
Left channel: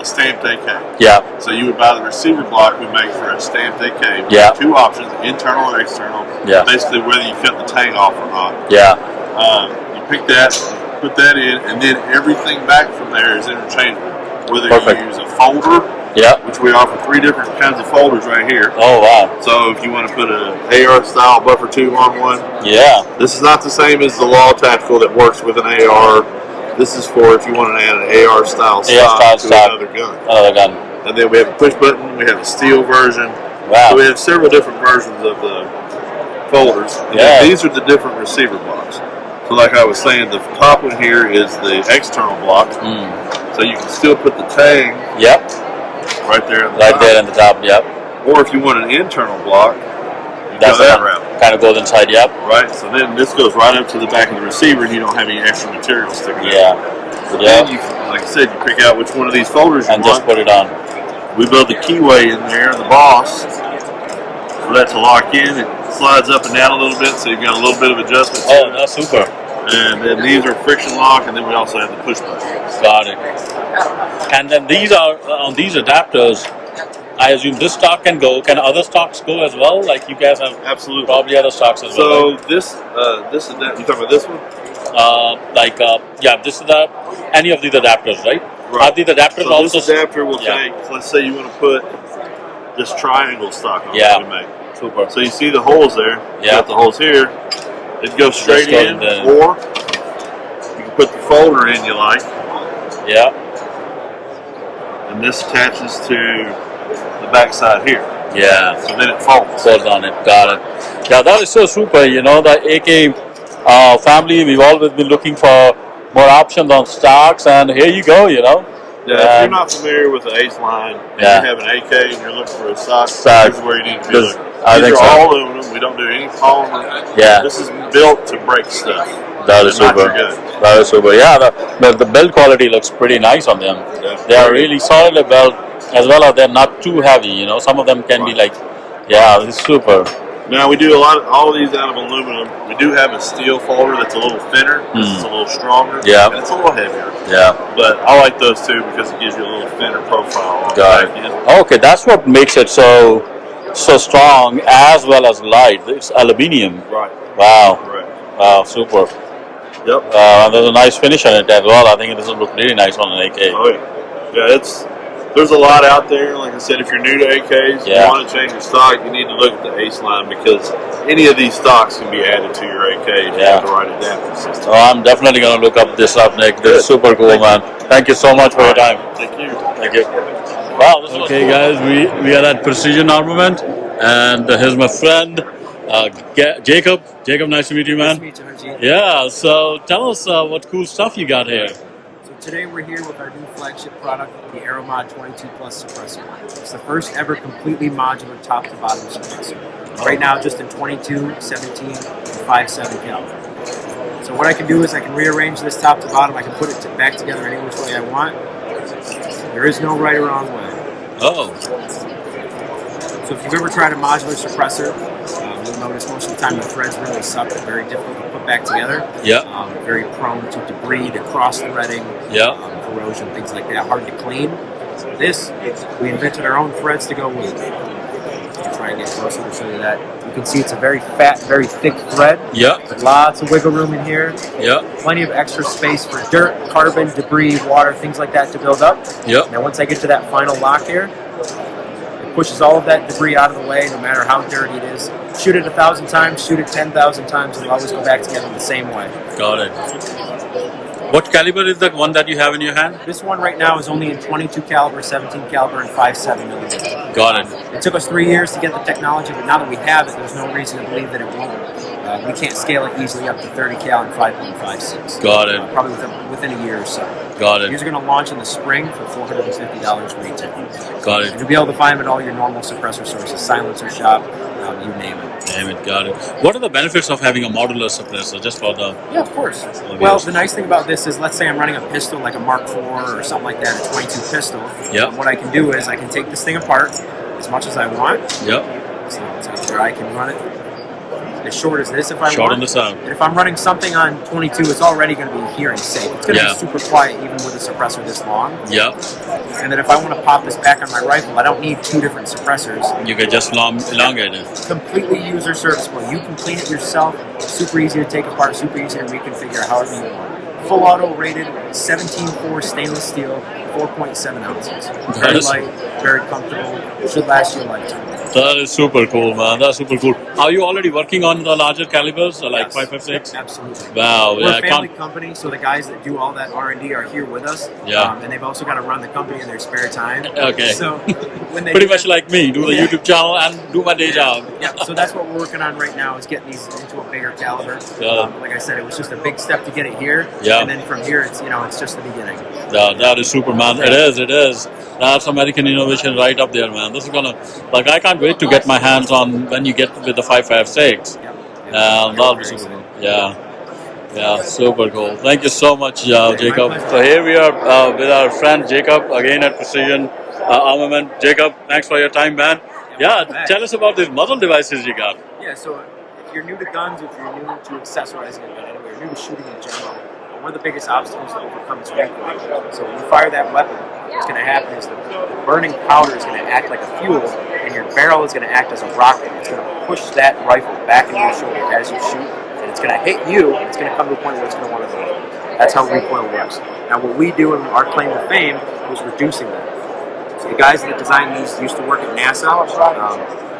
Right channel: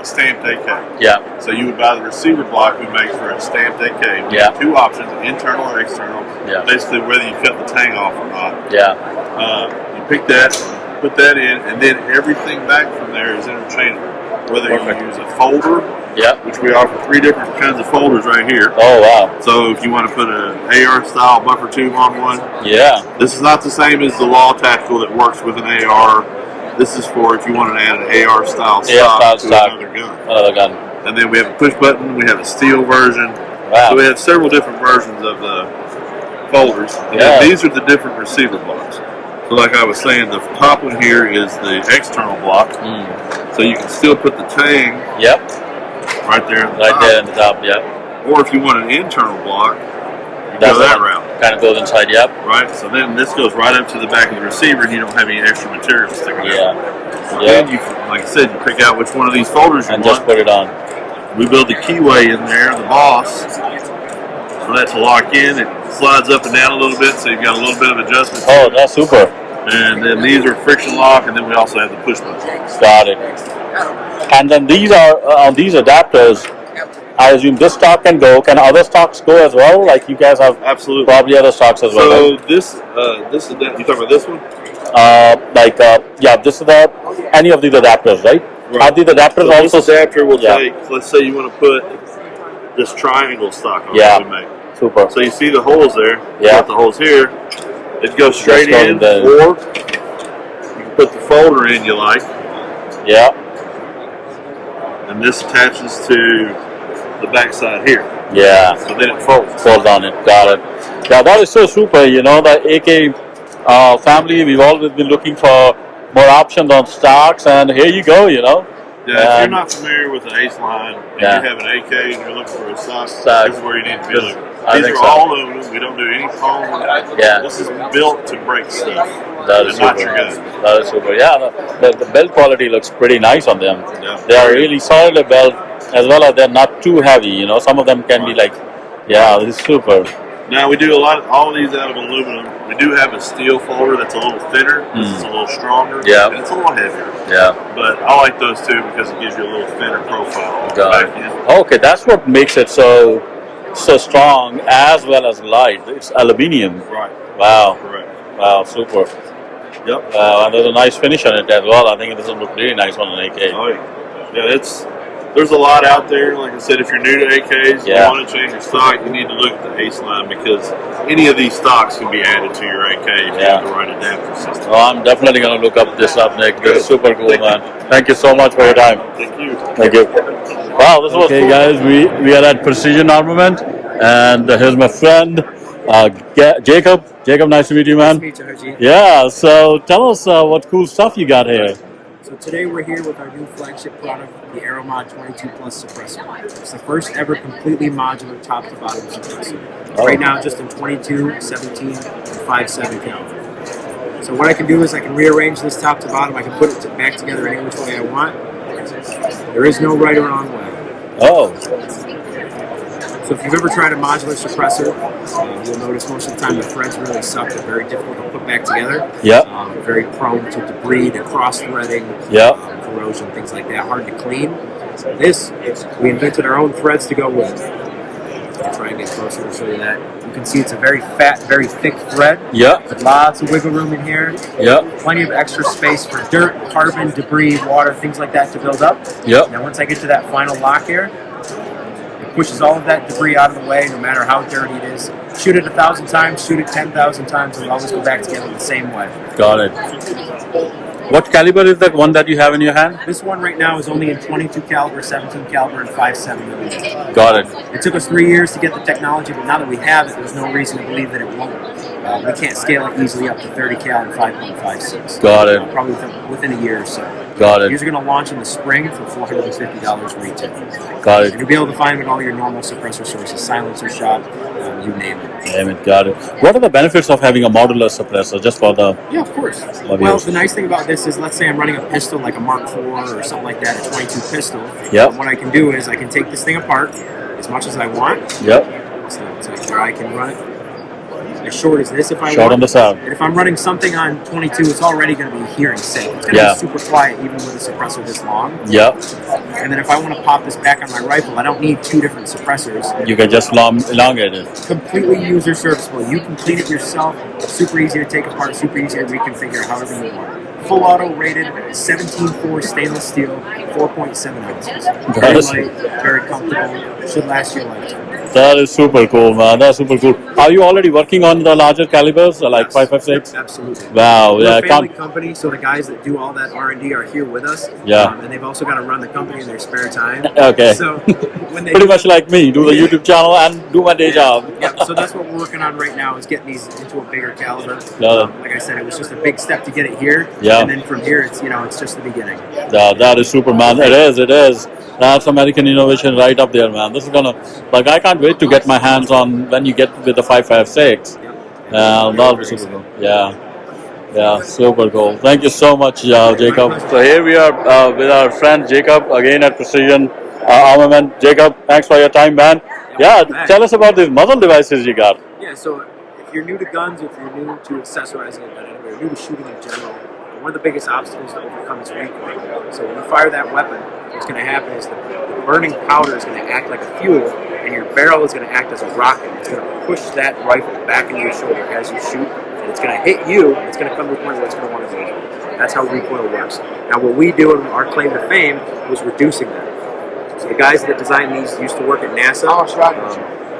stamped AK. Yeah. So you would buy the receiver block we make for a stamped AK. We have two options: internal or external. Yeah. Basically, whether you cut the tang off or not. Yeah. You pick that, put that in, and then everything back from there is interchangeable. Whether you use a folder, which we offer 3 different kinds of folders right here. Oh, wow. So if you want to put an AR style buffer tube on one, this is not the same as the Law Tactical that works with an AR. This is for if you want to add an AR style stock to another gun. And then we have a push button, we have a steel version. Wow. So we have several different versions of the folders. And these are the different receiver blocks. So like I was saying, the top one here is the external block. So you can still put the tang right there in the top. There in the top, Or if you want an internal block, you go that route. Kind of goes inside, Right, so then this goes right up to the back of the receiver and you don't have any extra material sticking out. So then you, like I said, you pick out which one of these folders you want. And just put it on. We build the keyway in there, the boss, for that to lock in. It slides up and down a little bit, so you've got a little bit of adjustment. Oh, that's super. And then these are friction lock, and then we also have the push button. Got it. And then these are on these adapters. I assume this stock can go. Can other stocks go as well? Like you guys have Absolutely. probably other stocks as well. So Right? this is you talking about this one? This is any of these adapters, right? Right. Are these adapters So also? this adapter will take. Let's say you want to put this triangle stock on Yeah. that we make. Super. So you see the holes there. You Yeah. got the holes here. It goes straight Just go in, in or you can put the folder in you like, Yeah. and this attaches to the back side here. Yeah. So then it folds. Folds on it. Got it. Yeah, that is so super. You know, the AK family, we've always been looking for more options on stocks, and here you go. You know. Yeah, if you're not familiar with the Ace line and Yeah. you have an AK and you're looking for a stock, Stock. this is where you need to be This- looking. I These think are so. all aluminum. We don't do any polymer. Yeah. This is built to break stuff. That is and not super. your gun. That is super. Yeah, the build quality looks pretty nice on them. Yeah. They are really solidly built, as well as they're not too heavy. You know, some of them can be like, yeah, this is super. Now we do all of these out of aluminum. We do have a steel folder that's a little thinner. This is a little stronger. Yeah. And it's a little heavier. Yeah. But I like those too because it gives you a little thinner profile on the Got back it. end. Okay, that's what makes it so strong as well as light. It's aluminium. Right. Wow. Correct. Wow, super. Yep. And there's a nice finish on it as well. I think this will look really nice on an AK. Oh yeah. Yeah, there's a lot out there. Like I said, if you're new to AKs, Yeah. you want to change your stock, you need to look at the Ace line because any of these stocks can be added to your AK if you have the right adapter system. Oh, I'm definitely going to look up this up, Nick. This Good. is super cool, Thank man. Thank you so much for your time. Thank you. Thank you. Wow, this was cool. Guys, we are at Precision Armament, and here's my friend, Jacob. Jacob, nice to meet you, man. Nice to meet you, Harjeet. Yeah, so tell us what cool stuff you got here. So today we're here with our new flagship product, the AeroMod 22 Plus suppressor. It's the first ever completely modular top to bottom suppressor. Oh. Right now just in 22, 17, and 5.7 caliber. So what I can do is I can rearrange this top to bottom. I can put it back together any which way I want. There is no right or wrong way. Oh. So if you've ever tried a modular suppressor, you'll notice most of the time the threads really suck. They're very difficult to put back together. Yeah. Very prone to debris, to cross-threading, Yeah. corrosion, things like that. Hard to clean. This, we invented our own threads to go with. I'll try and get closer to show you that. You can see it's a very fat, very thick thread. Yeah. With lots of wiggle room in here. Yeah. Plenty of extra space for dirt, carbon, debris, water, things like that to build up. Yeah. Now once I get to that final lock here, it pushes all of that debris out of the way, no matter how dirty it is. Shoot it 1,000 times, shoot it 10,000 times, and it'll always go back together the same way. Got it. What caliber is the one that you have in your hand? This one right now is only in 22 caliber, 17 caliber, and 5.7 millimeter. Got it. It took us 3 years to get the technology, but now that we have it, there's no reason to believe that it won't. We can't scale it easily up to 30 cal and 5.56. Got it. Probably within a year or so. Got it. These are going to launch in the spring for $450 retail. Got it. And you'll be able to find them at all your normal suppressor sources, silencer shop, you name it. Damn it, got it. What are the benefits of having a modular suppressor just for the... Yeah, of course. Love Well, yours. the nice thing about this is, let's say I'm running a pistol like a Mark IV or something like that, a 22 pistol. Yep. What I can do is I can take this thing apart as much as I want. Yep. So here I can run it as short as this if I want. Short on the sound. And if I'm running something on 22, it's already going to be hearing safe. It's going to Yeah. be super quiet even with a suppressor this long. Yep. And then if I want to pop this back on my rifle, I don't need two different suppressors. You can just elongate it. Completely user serviceable. You can clean it yourself. Super easy to take apart, super easy to reconfigure however you want. Full auto rated, 17.4 stainless steel, 4.7 ounces. Very Nice. light, very comfortable. Should last you a lifetime. That is super cool, man. That's super cool. Are you already working on the larger calibers, like 5.56? Absolutely. Wow. We're Yeah, a family company, so the guys that do all that R&D are here with us. Yeah. And they've also got to run the company in their spare time. Okay. So when they Pretty much like me, do the YouTube channel and do my day job. Yeah, so that's what we're working on right now is getting these into a bigger caliber. Got it. Like I said, it was just a big step to get it here. Yeah. And then from here, it's it's just the beginning. That is super, man. It is. That's American innovation right up there, man. This is gonna, I can't wait to get my hands on when you get with the 5.56. Yep. That'll be super cool. Yeah, super cool. Thank you so much, Jacob. pleasure. So here we are with our friend Jacob again at Precision Armament. Jacob, thanks for your time, man. Yeah, welcome back. tell us about these muzzle devices you got. Yeah, so if you're new to guns, if you're new to accessorizing a gun anyway, or new to shooting in general, But one of the biggest obstacles to overcome is recoil. So when you fire that weapon, what's going to happen is the burning powder is going to act like a fuel, and your barrel is going to act as a rocket. It's going to push that rifle back into your shoulder as you shoot, and it's going to hit you, and it's going to come to a point where it's going to want to go. That's how recoil works. Now, what we do, and our claim to fame, was reducing that. So the guys that designed these used to work at NASA,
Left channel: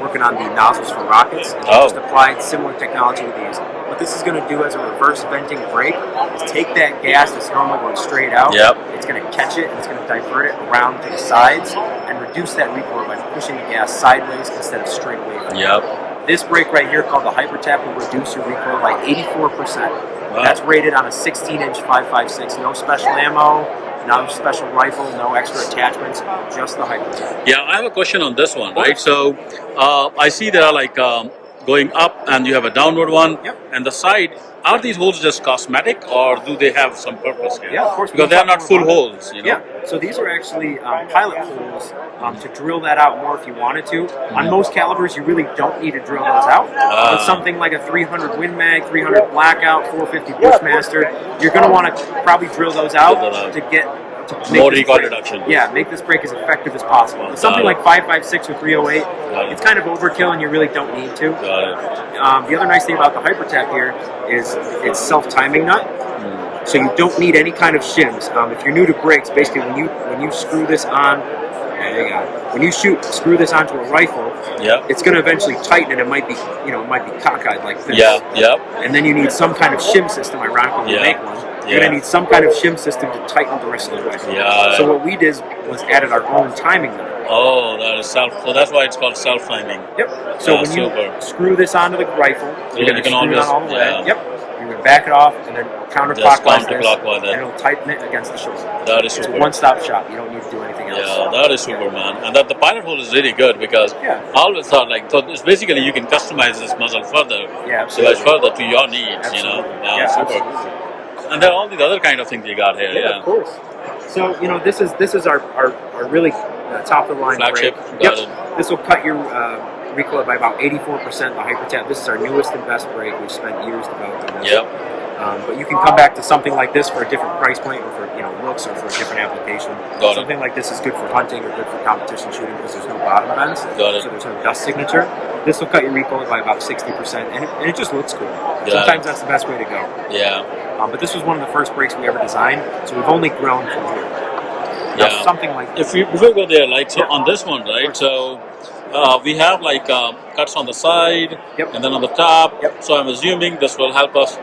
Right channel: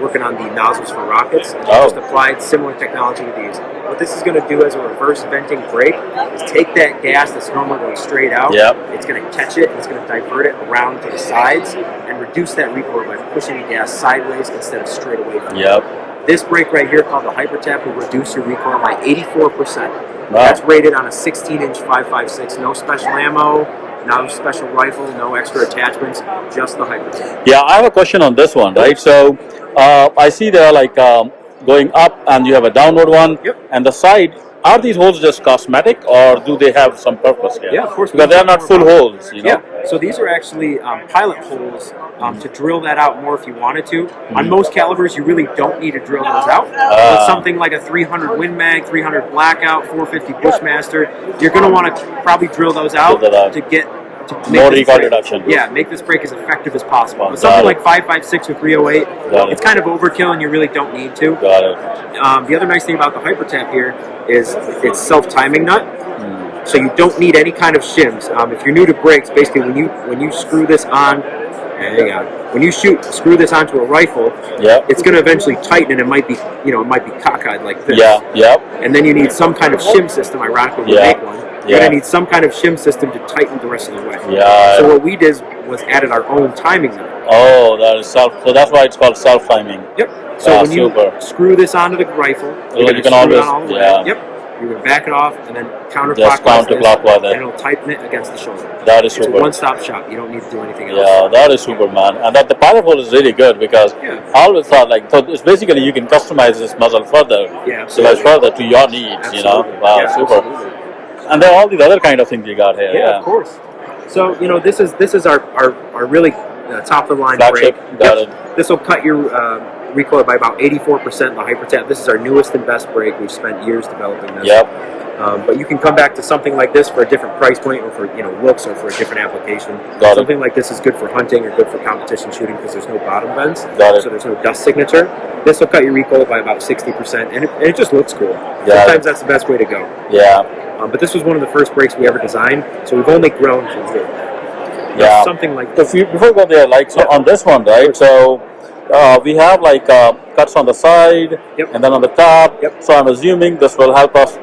working on the nozzles for rockets, and they just applied similar technology to these. What this is going to do as a reverse venting brake is take that gas that's normally going straight out, it's going to catch it, and it's going to divert it around to the sides and reduce that recoil by pushing the gas sideways instead of straight away from you. This brake right here, called the Hyper Tap, will reduce your recoil by 84%. Wow. That's rated on a 16-inch 5.56, no special ammo, no special rifle, no extra attachments, just the Hyper Tap. Yeah, I have a question on this one, right? So I see they're like going up, and you have a downward one, and the side. Are these holes just cosmetic, or do they have some purpose here? Yeah, of course. Because they are not full holes, you know? Yeah, so these are actually pilot holes to drill that out more if you wanted to. On most calibers, you really don't need to drill those out. With something like a 300 Win Mag, 300 Blackout, 450 Bushmaster, you're going to want to probably drill those out to get more recoil reduction. Yeah, make this brake as effective as possible. But something like 5.56 or 308, it's kind of overkill, and you really don't need to. Got it. The other nice thing about the Hyper Tap here is it's self-timing nut, so you don't need any kind of shims. If you're new to brakes, basically when you screw this on, when you screw this onto a rifle, it's going to eventually tighten, and it might be cockeyed like this. And then you need some kind of shim system. Ironically, we make one. You're going to need some kind of shim system to tighten the rest of the way. So what we did was added our own timing nut. Oh, that is so that's why it's called self-timing. So when you screw this onto the rifle, you're going to screw it on all the way. You're going to back it off and then counterclockwise, and it'll tighten it against the shoulder. That is super. It's a one-stop shop. You don't need to do anything else. Yeah, that is super, man. And that the pilot hole is really good because I always thought so it's basically you can customize this muzzle further, device further to your needs. You know, wow, super. Absolutely. And there are all these other kind of things you got here. Yeah, of course. So this is our really top of the line flagship. Brake. This will cut your recoil by about 84%. The Hyper Tap. This is our newest and best brake. We've spent years developing this. But you can come back to something like this for a different price point, or for looks, or for a different application. Something like this is good for hunting or good for competition shooting because there's no bottom vents, so there's no dust signature. This will cut your recoil by about 60%, and it just looks cool. Sometimes that's the best way to go. But this was one of the first brakes we ever designed, so we've only grown from here. Now, something like this. Before we go there, on this one, right? So we have cuts on the side and then on the top. So I'm assuming this will help us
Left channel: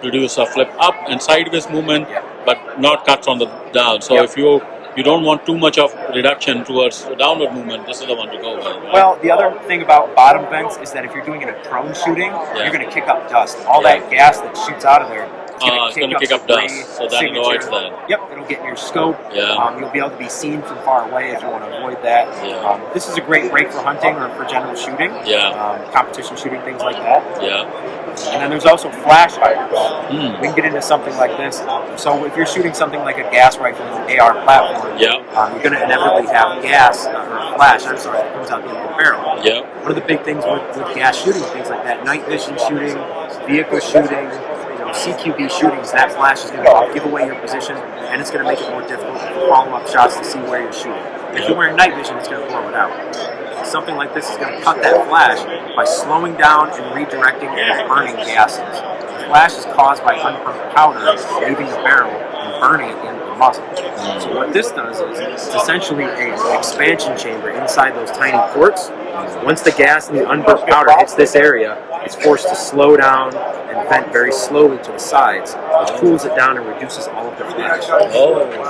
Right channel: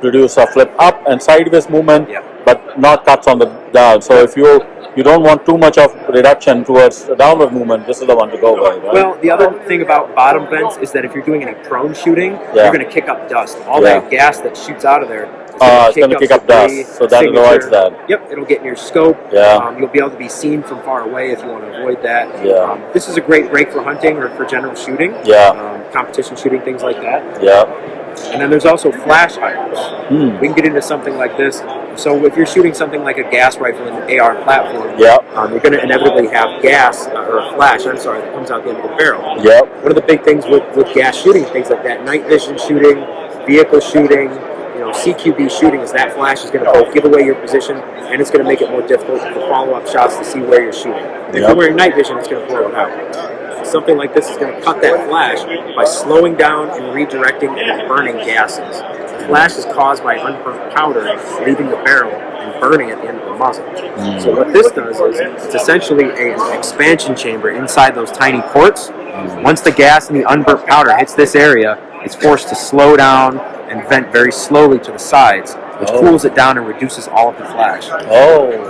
produce a flip up and sideways movement, but not cuts on the down. So if you don't want too much of reduction towards a downward movement, this is the one to go with, right? Well, the other thing about bottom vents is that if you're doing it in prone shooting, you're going to kick up dust. All that gas that shoots out of there, it's going to kick up dust, so that avoids that. It'll get in your scope. You'll be able to be seen from far away if you want to avoid that. This is a great brake for hunting or for general shooting. Competition shooting, things like that. And then there's also flash hiders. We can get into something like this. So if you're shooting something like a gas rifle in the AR platform, you're going to inevitably have gas, or a flash, that comes out the end of the barrel. One of the big things with gas shooting, things like that, night vision shooting, vehicle shooting, CQB shooting, is that flash is going to both give away your position, and it's going to make it more difficult for follow-up shots to see where you're shooting. If you're wearing night vision, it's going to blow it out. Something like this is going to cut that flash by slowing down and redirecting and burning gases. The flash is caused by unburnt powder leaving the barrel and burning at the end of the muzzle. So what this does is it's essentially an expansion chamber inside those tiny ports. Once the gas and the unburnt powder hits this area, it's forced to slow down and vent very slowly to the sides, which cools it down and reduces all of the flash.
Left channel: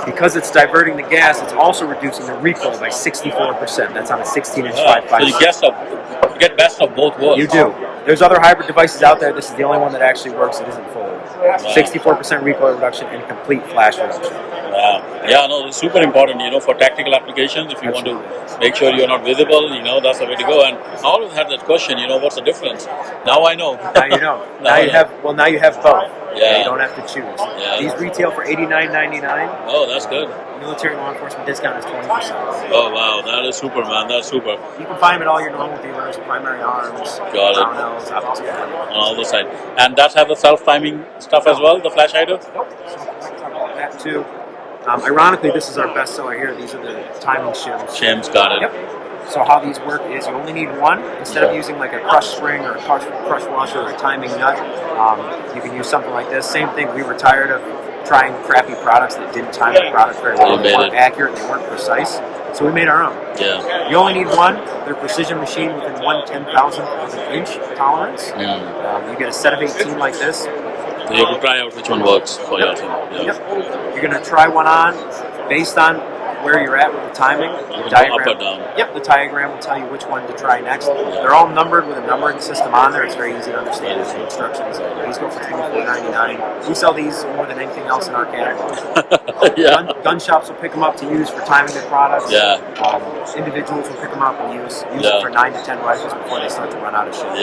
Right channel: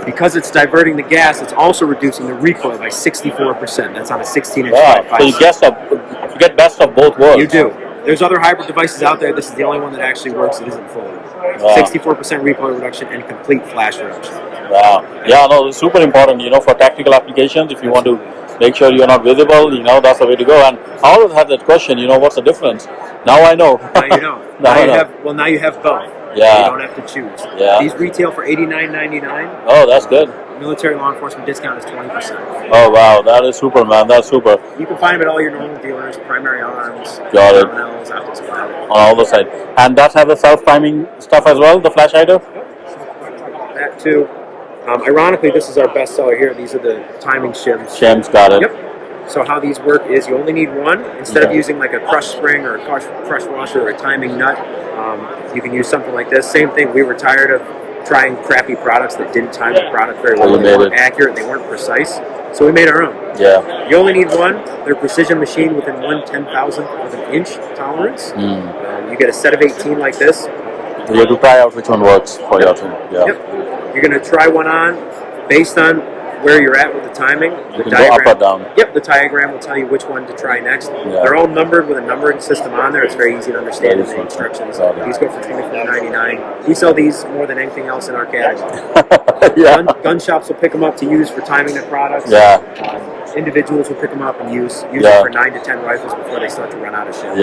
Because it's diverting the gas, it's also reducing the recoil by 64%. That's on a 16-inch 5.56. So you get best of both worlds. You do. There's other hybrid devices out there. This is the only one that actually works. It isn't fully. 64% recoil reduction and complete flash reduction. Wow. Yeah, no, it's super important, for tactical applications. If you want to make sure you're not visible, that's the way to go. And I always have that question, what's the difference? Now I know. Now you know. Now you have both. You don't have to choose. These retail for $89.99. Oh, that's good. Military law enforcement discount is 20%. Oh wow, that is super, man. That's super. You can find them at all your normal dealers, Primary Arms, Got it. Brownells, Optics Planet. On all the side. And that have the self-timing stuff as well, the flash hider? That too. Ironically, this is our best seller here. These are the timing shims. Shims, got it. Yep. So how these work is you only need one. Instead of using like a crush spring or a crush washer or a timing nut, you can use something like this. Same thing. We were tired of trying crappy products that didn't time the product very well. They weren't accurate. They weren't precise. So we made our own. Yeah. You only need one. They're precision machined within 1/10,000th of an inch tolerance. You get a set of 18 like this. So you have to try out which one works for your team. Yeah. Yep. You're going to try one on based on where you're at with the timing. You can go up or down. Yep, the diagram will tell you which one to try next. They're all numbered with a numbering system on there. It's very easy to understand in the instructions. These go for $24.99. We sell these more than anything else in our catalog. Gun shops will pick them up to use for timing their products. Individuals will pick them up and use it for 9 to 10 rifles before they start to run out of shit.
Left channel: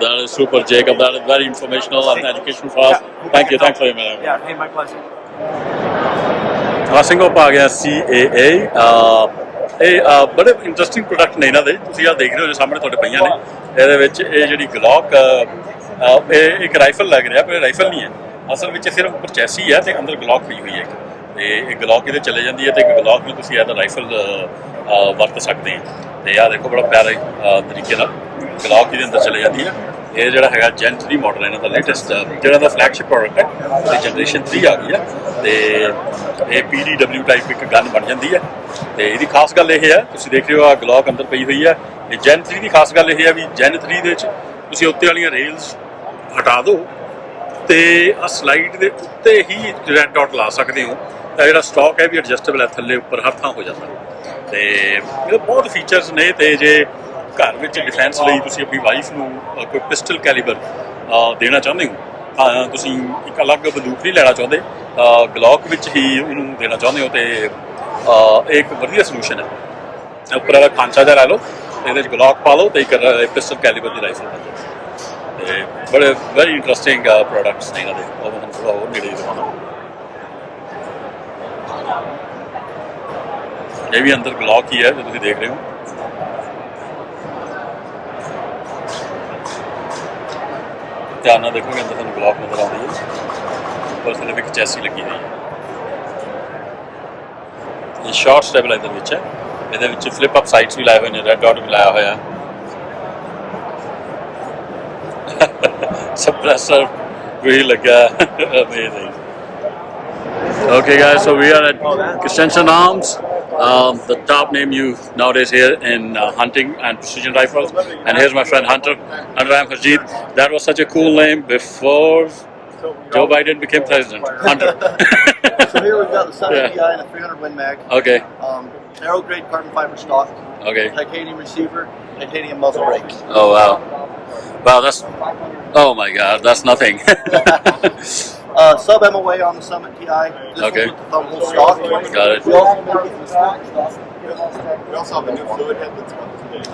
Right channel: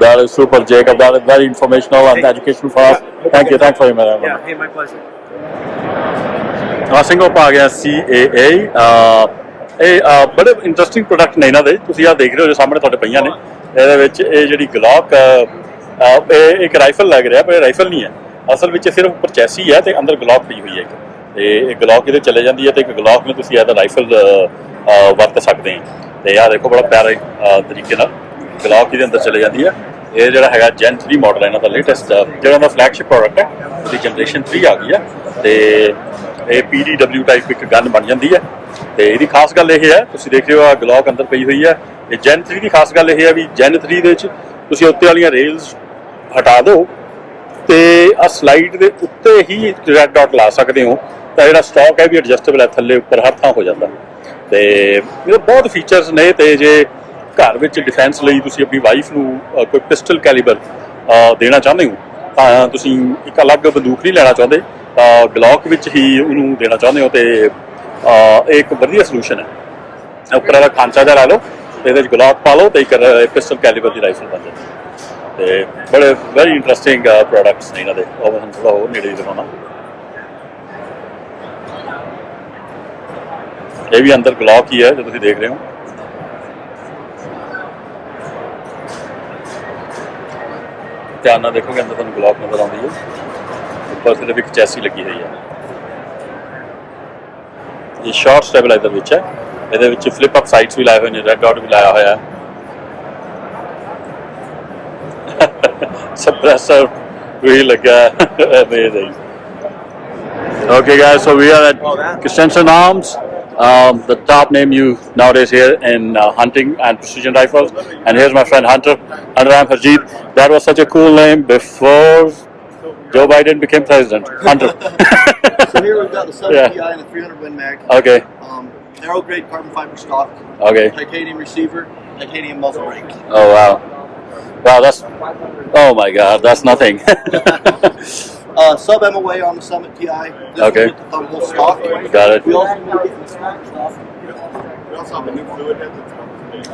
That is super, Jacob. That is very informational and educational for us. Thank you. Thanks for your minute. Yeah, hey, my pleasure. ਸਿੰਘੋ ਪਾ ਗਿਆ CAA ਇਹ ਬੜੇ interesting product ਨੇ ਇਹਨਾਂ ਦੇ ਤੁਸੀਂ ਆਹ ਦੇਖ ਰਹੇ ਹੋ ਜੋ ਸਾਹਮਣੇ ਤੁਹਾਡੇ ਪਈਆਂ ਨੇ ਇਹਦੇ ਵਿੱਚ ਇਹ ਜਿਹੜੀ ਗਲੌਕ ਇਹ ਇੱਕ ਰਾਈਫਲ ਲੱਗ ਰਿਹਾ ਪਰ ਇਹ ਰਾਈਫਲ ਨਹੀਂ ਹੈ ਅਸਲ ਵਿੱਚ ਸਿਰਫ ਉੱਪਰ ਚੈਸੀ ਹੈ ਤੇ ਅੰਦਰ ਗਲੌਕ ਪਈ ਹੋਈ ਹੈ ਇੱਕ ਤੇ ਇਹ ਗਲੌਕ ਇਹਦੇ ਚਲੇ ਜਾਂਦੀ ਹੈ ਤੇ ਇੱਕ ਗਲੌਕ ਨੂੰ ਤੁਸੀਂ ਇਹਦਾ ਰਾਈਫਲ ਵਰਤ ਸਕਦੇ ਹੋ ਤੇ ਆਹ ਦੇਖੋ ਬੜਾ ਪਿਆਰੇ ਤਰੀਕੇ ਨਾਲ ਗਲੌਕ ਇਹਦੇ ਅੰਦਰ ਚਲੇ ਜਾਂਦੀ ਹੈ ਇਹ ਜਿਹੜਾ ਹੈਗਾ Gen 3 ਮਾਡਲ ਇਹਨਾਂ ਦਾ ਲੇਟੈਸਟ ਜਿਹੜਾ ਦਾ ਫਲੈਗਸ਼ਿਪ ਪ੍ਰੋਡਕਟ ਹੈ ਉਹਦੀ ਜਨਰੇਸ਼ਨ 3 ਆ ਗਈ ਹੈ ਤੇ ਇਹ PDW ਟਾਈਪ ਇੱਕ ਗਨ ਬਣ ਜਾਂਦੀ ਹੈ ਤੇ ਇਹਦੀ ਖਾਸ ਗੱਲ ਇਹ ਹੈ ਤੁਸੀਂ ਦੇਖ ਰਹੇ ਹੋ ਆ ਗਲੌਕ ਅੰਦਰ ਪਈ ਹੋਈ ਹੈ ਇਹ Gen 3 ਦੀ ਖਾਸ ਗੱਲ ਇਹ ਹੈ ਵੀ Gen 3 ਦੇ ਵਿੱਚ ਤੁਸੀਂ ਉੱਤੇ ਵਾਲੀਆਂ ਰੇਲਸ ਹਟਾ ਦਿਓ ਤੇ ਆ ਸਲਾਈਡ ਦੇ ਉੱਤੇ ਹੀ ਰੈੱਡ ਡਾਟ ਲਾ ਸਕਦੇ ਹੋ ਤਾਂ ਜਿਹੜਾ ਸਟਾਕ ਹੈ ਵੀ ਐਡਜਸਟੇਬਲ ਹੈ ਥੱਲੇ ਉੱਪਰ ਹਰ ਥਾਂ ਹੋ ਜਾਂਦਾ ਤੇ ਇਹਦੇ ਬਹੁਤ ਫੀਚਰਸ ਨੇ ਤੇ ਜੇ ਘਰ ਵਿੱਚ ਡਿਫੈਂਸ ਲਈ ਤੁਸੀਂ ਆਪਣੀ ਵਾਈਫ ਨੂੰ ਕੋਈ ਪਿਸਟਲ ਕੈਲੀਬਰ ਦੇਣਾ ਚਾਹੁੰਦੇ ਹੋ ਤਾਂ ਤੁਸੀਂ ਇੱਕ ਅਲੱਗ ਬੰਦੂਕ ਨਹੀਂ ਲੈਣਾ ਚਾਹੁੰਦੇ ਤਾਂ ਗਲੌਕ ਵਿੱਚ ਹੀ ਉਹਨੂੰ ਦੇਣਾ ਚਾਹੁੰਦੇ ਹੋ ਤੇ ਇਹ ਇੱਕ ਵਧੀਆ ਸੋਲੂਸ਼ਨ ਹੈ ਉੱਪਰ ਵਾਲਾ ਖਾਂਚਾ ਜਿਹਾ ਲਾ ਲਓ ਤੇ ਇਹਦੇ 'ਚ ਗਲੌਕ ਪਾ ਲਓ ਤੇ ਇੱਕ ਪਿਸਟਲ ਕੈਲੀਬਰ ਦੀ ਰਾਈਫਲ ਬਣ ਜਾਂਦੀ ਤੇ ਬੜੇ ਵੈਰੀ ਇੰਟਰਸਟਿੰਗ ਪ੍ਰੋਡਕਟਸ ਨੇ ਇਹਨਾਂ ਦੇ ਉਹ ਮੈਂ ਥੋੜਾ ਹੋਰ ਨੇੜੇ ਦਿਖਾਉਣਾ ਇਹ ਵੀ ਅੰਦਰ ਗਲੌਕ ਹੀ ਹੈ ਜੋ ਤੁਸੀਂ ਦੇਖ ਰਹੇ ਹੋ ਧਿਆਨ ਨਾਲ ਦੇਖੋਗੇ ਅੰਦਰ ਤੁਹਾਨੂੰ ਗਲੌਕ ਨਜ਼ਰ ਆਉਂਦੀ ਹੈ ਉੱਪਰ ਸਿਰਫ ਇੱਕ ਚੈਸੀ ਲੱਗੀ ਹੋਈ ਹੈ ਇਹ ਸ਼ਾਰਟ ਸਟੈਬਲਾਈਜ਼ਰ ਵਿੱਚ ਹੈ ਇਹਦੇ ਵਿੱਚ ਫਲਿਪ ਅਪ ਸਾਈਡਸ ਵੀ ਲਾਏ ਹੋਏ ਨੇ ਰੈੱਡ ਡਾਟ ਵੀ ਲਾਇਆ ਹੋਇਆ ਹੈ suppressor really ਲੱਗਾ amazing okay guys so we are at Christensen Arms the top name you nowadays hear in hunting and precision rifles and here's my friend Hunter I'm Harjeet that was such a cool name before Joe Biden became president Hunter so here we've got the 7 PI and a 300 Win Mag okay aero grade carbon fiber stock okay titanium receiver titanium muzzle brake oh wow that's oh my god that's nothing sub MOA on the Summit TI this okay with the thumb hole stock got it we also make it in the stock stuff We also have a new fluid head that's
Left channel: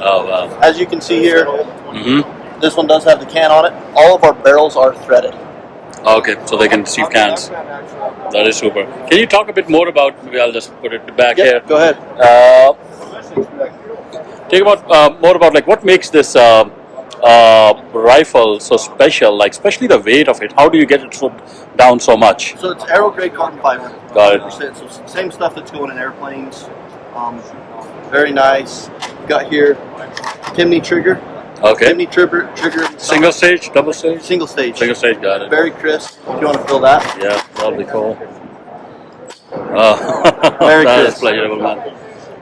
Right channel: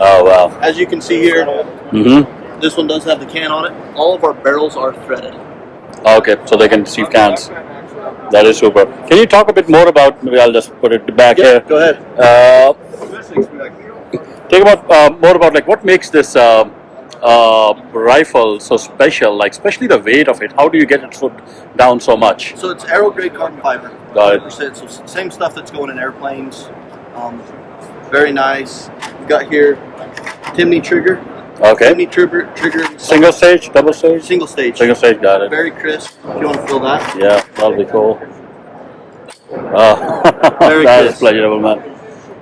oh wow as you can see here this one does have the can on it all of our barrels are threaded okay so they can receive cans that is super can you talk a bit more about maybe I'll just put it back here go ahead take about more about like what makes this rifle so special like especially the weight of it how do you get it down so much so it's aero grade carbon fiber got it 100% so same stuff that's going in airplanes very nice you got here Timney trigger okay Timney trigger single stage double stage single stage got it very crisp if you want to feel that yeah that'll be cool that is pleasurable man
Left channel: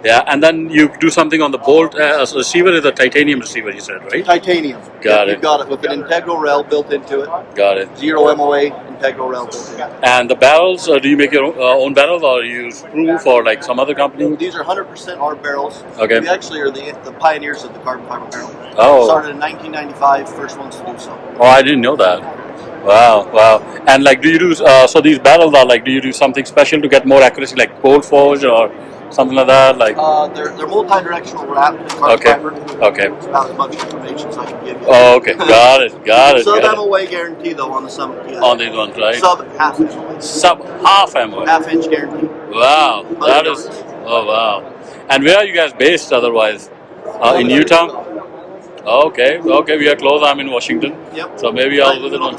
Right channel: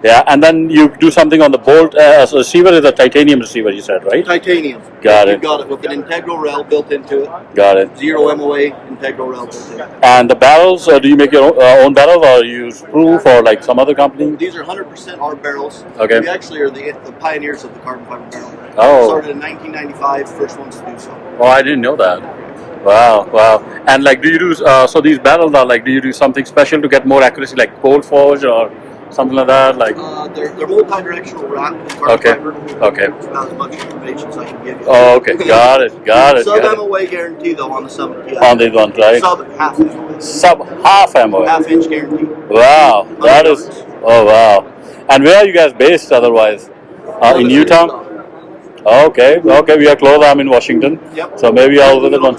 yeah and then you do something on the bolt so receiver is a titanium receiver you said right titanium got it you got it with an integral rail built into it got it 0 MOA integral rail built in and the barrels do you make your own barrels or you use proof or like some other company these are 100% our barrels okay we actually are the pioneers of the carbon fiber barrel started in 1995 first ones to do so oh I didn't know that wow and like do you do so these barrels are like do you do something special to get more accuracy like cold forge or something like that? Like they're multi-directional wrap. okay, okay. It's about as much information as I can give you. Oh, okay, got it. Sub MOA guarantee though on the sub. On these ones, right? Sub half MOA. Sub half MOA. Half-inch guarantee. Wow, that is. Oh wow. And where are you guys based otherwise? In Utah. Okay, we are close. I'm in Washington. Yep. So maybe I'll visit one.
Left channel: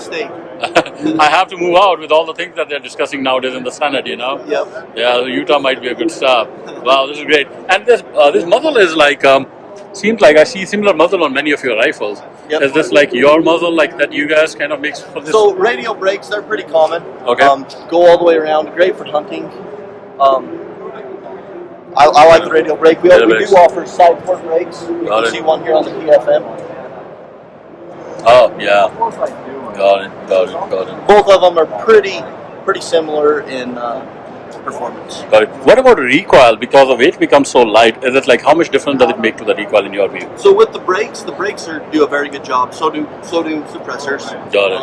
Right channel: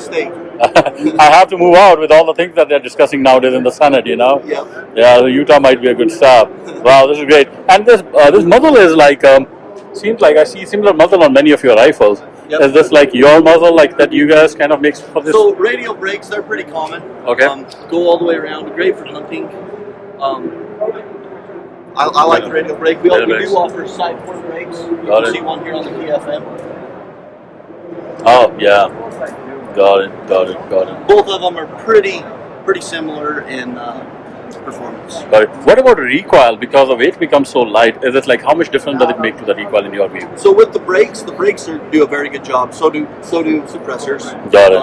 I have to move out with all the things that they're discussing nowadays in the Senate, you know? Yep. Yeah, so Utah might be a good stop. Wow, this is great. And this muzzle is like, seems like I see similar muzzle on many of your rifles. Yep. Is this like your muzzle, like that you guys kind of mix for this? So radial brakes, they're pretty common. Okay. Go all the way around, great for hunting. I like the radial brake. We do offer side port brakes. You can see one here on the PFM. Oh, yeah. Got it. Both of them are pretty similar in performance. Got it. What about recoil? Because the weight becomes so light, is it like how much difference does it make to the recoil in your view? So with the brakes do a very good job. So do suppressors. Got it.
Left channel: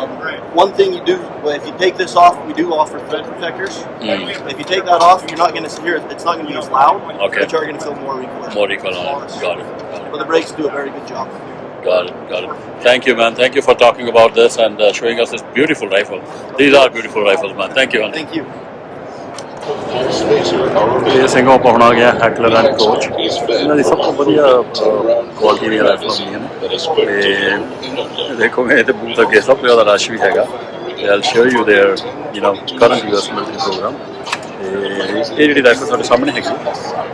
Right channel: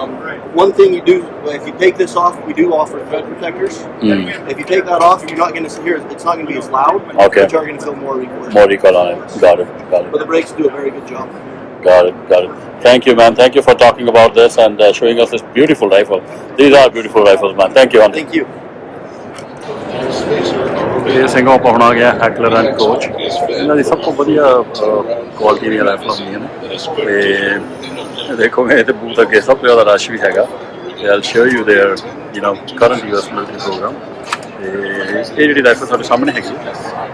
One thing you do, if you take this off, we do offer thread protectors. If you take that off, you're not going to hear it's not going to be as loud. Okay. But you're going to feel more recoil. More recoil on it. Got it. But the brakes do a very good job. Got it. Thank you, man. Thank you for talking about this and showing us this beautiful rifle. These are beautiful rifles, man. Thank you, man. Thank you. ਇਹ ਸਿੰਘੋਂ ਪਹੁੰਚਾ ਗਿਆ ਹੈਕਲਰ and coach ਇਹਨਾਂ ਦੀ ਸਭ ਤੋਂ ਵਧੀਆ quality ਦੀਆਂ ਰਾਈਫਲਾਂ ਹੁੰਦੀਆਂ ਨੇ ਤੇ ਦੇਖੋਗੇ ਇਹਦੇ ਬੂਥ ਅੱਗੇ ਸਭ ਤੋਂ ਜ਼ਿਆਦਾ ਰਸ਼ ਵੀ ਹੈਗਾ ਤੇ I'll show you there current US military program ਤੇ ਇਹ ਜਿਹੜੀ ਰਾਈਫਲ ਤੁਹਾਡੇ ਸਾਹਮਣੇ ਹੈਗੀ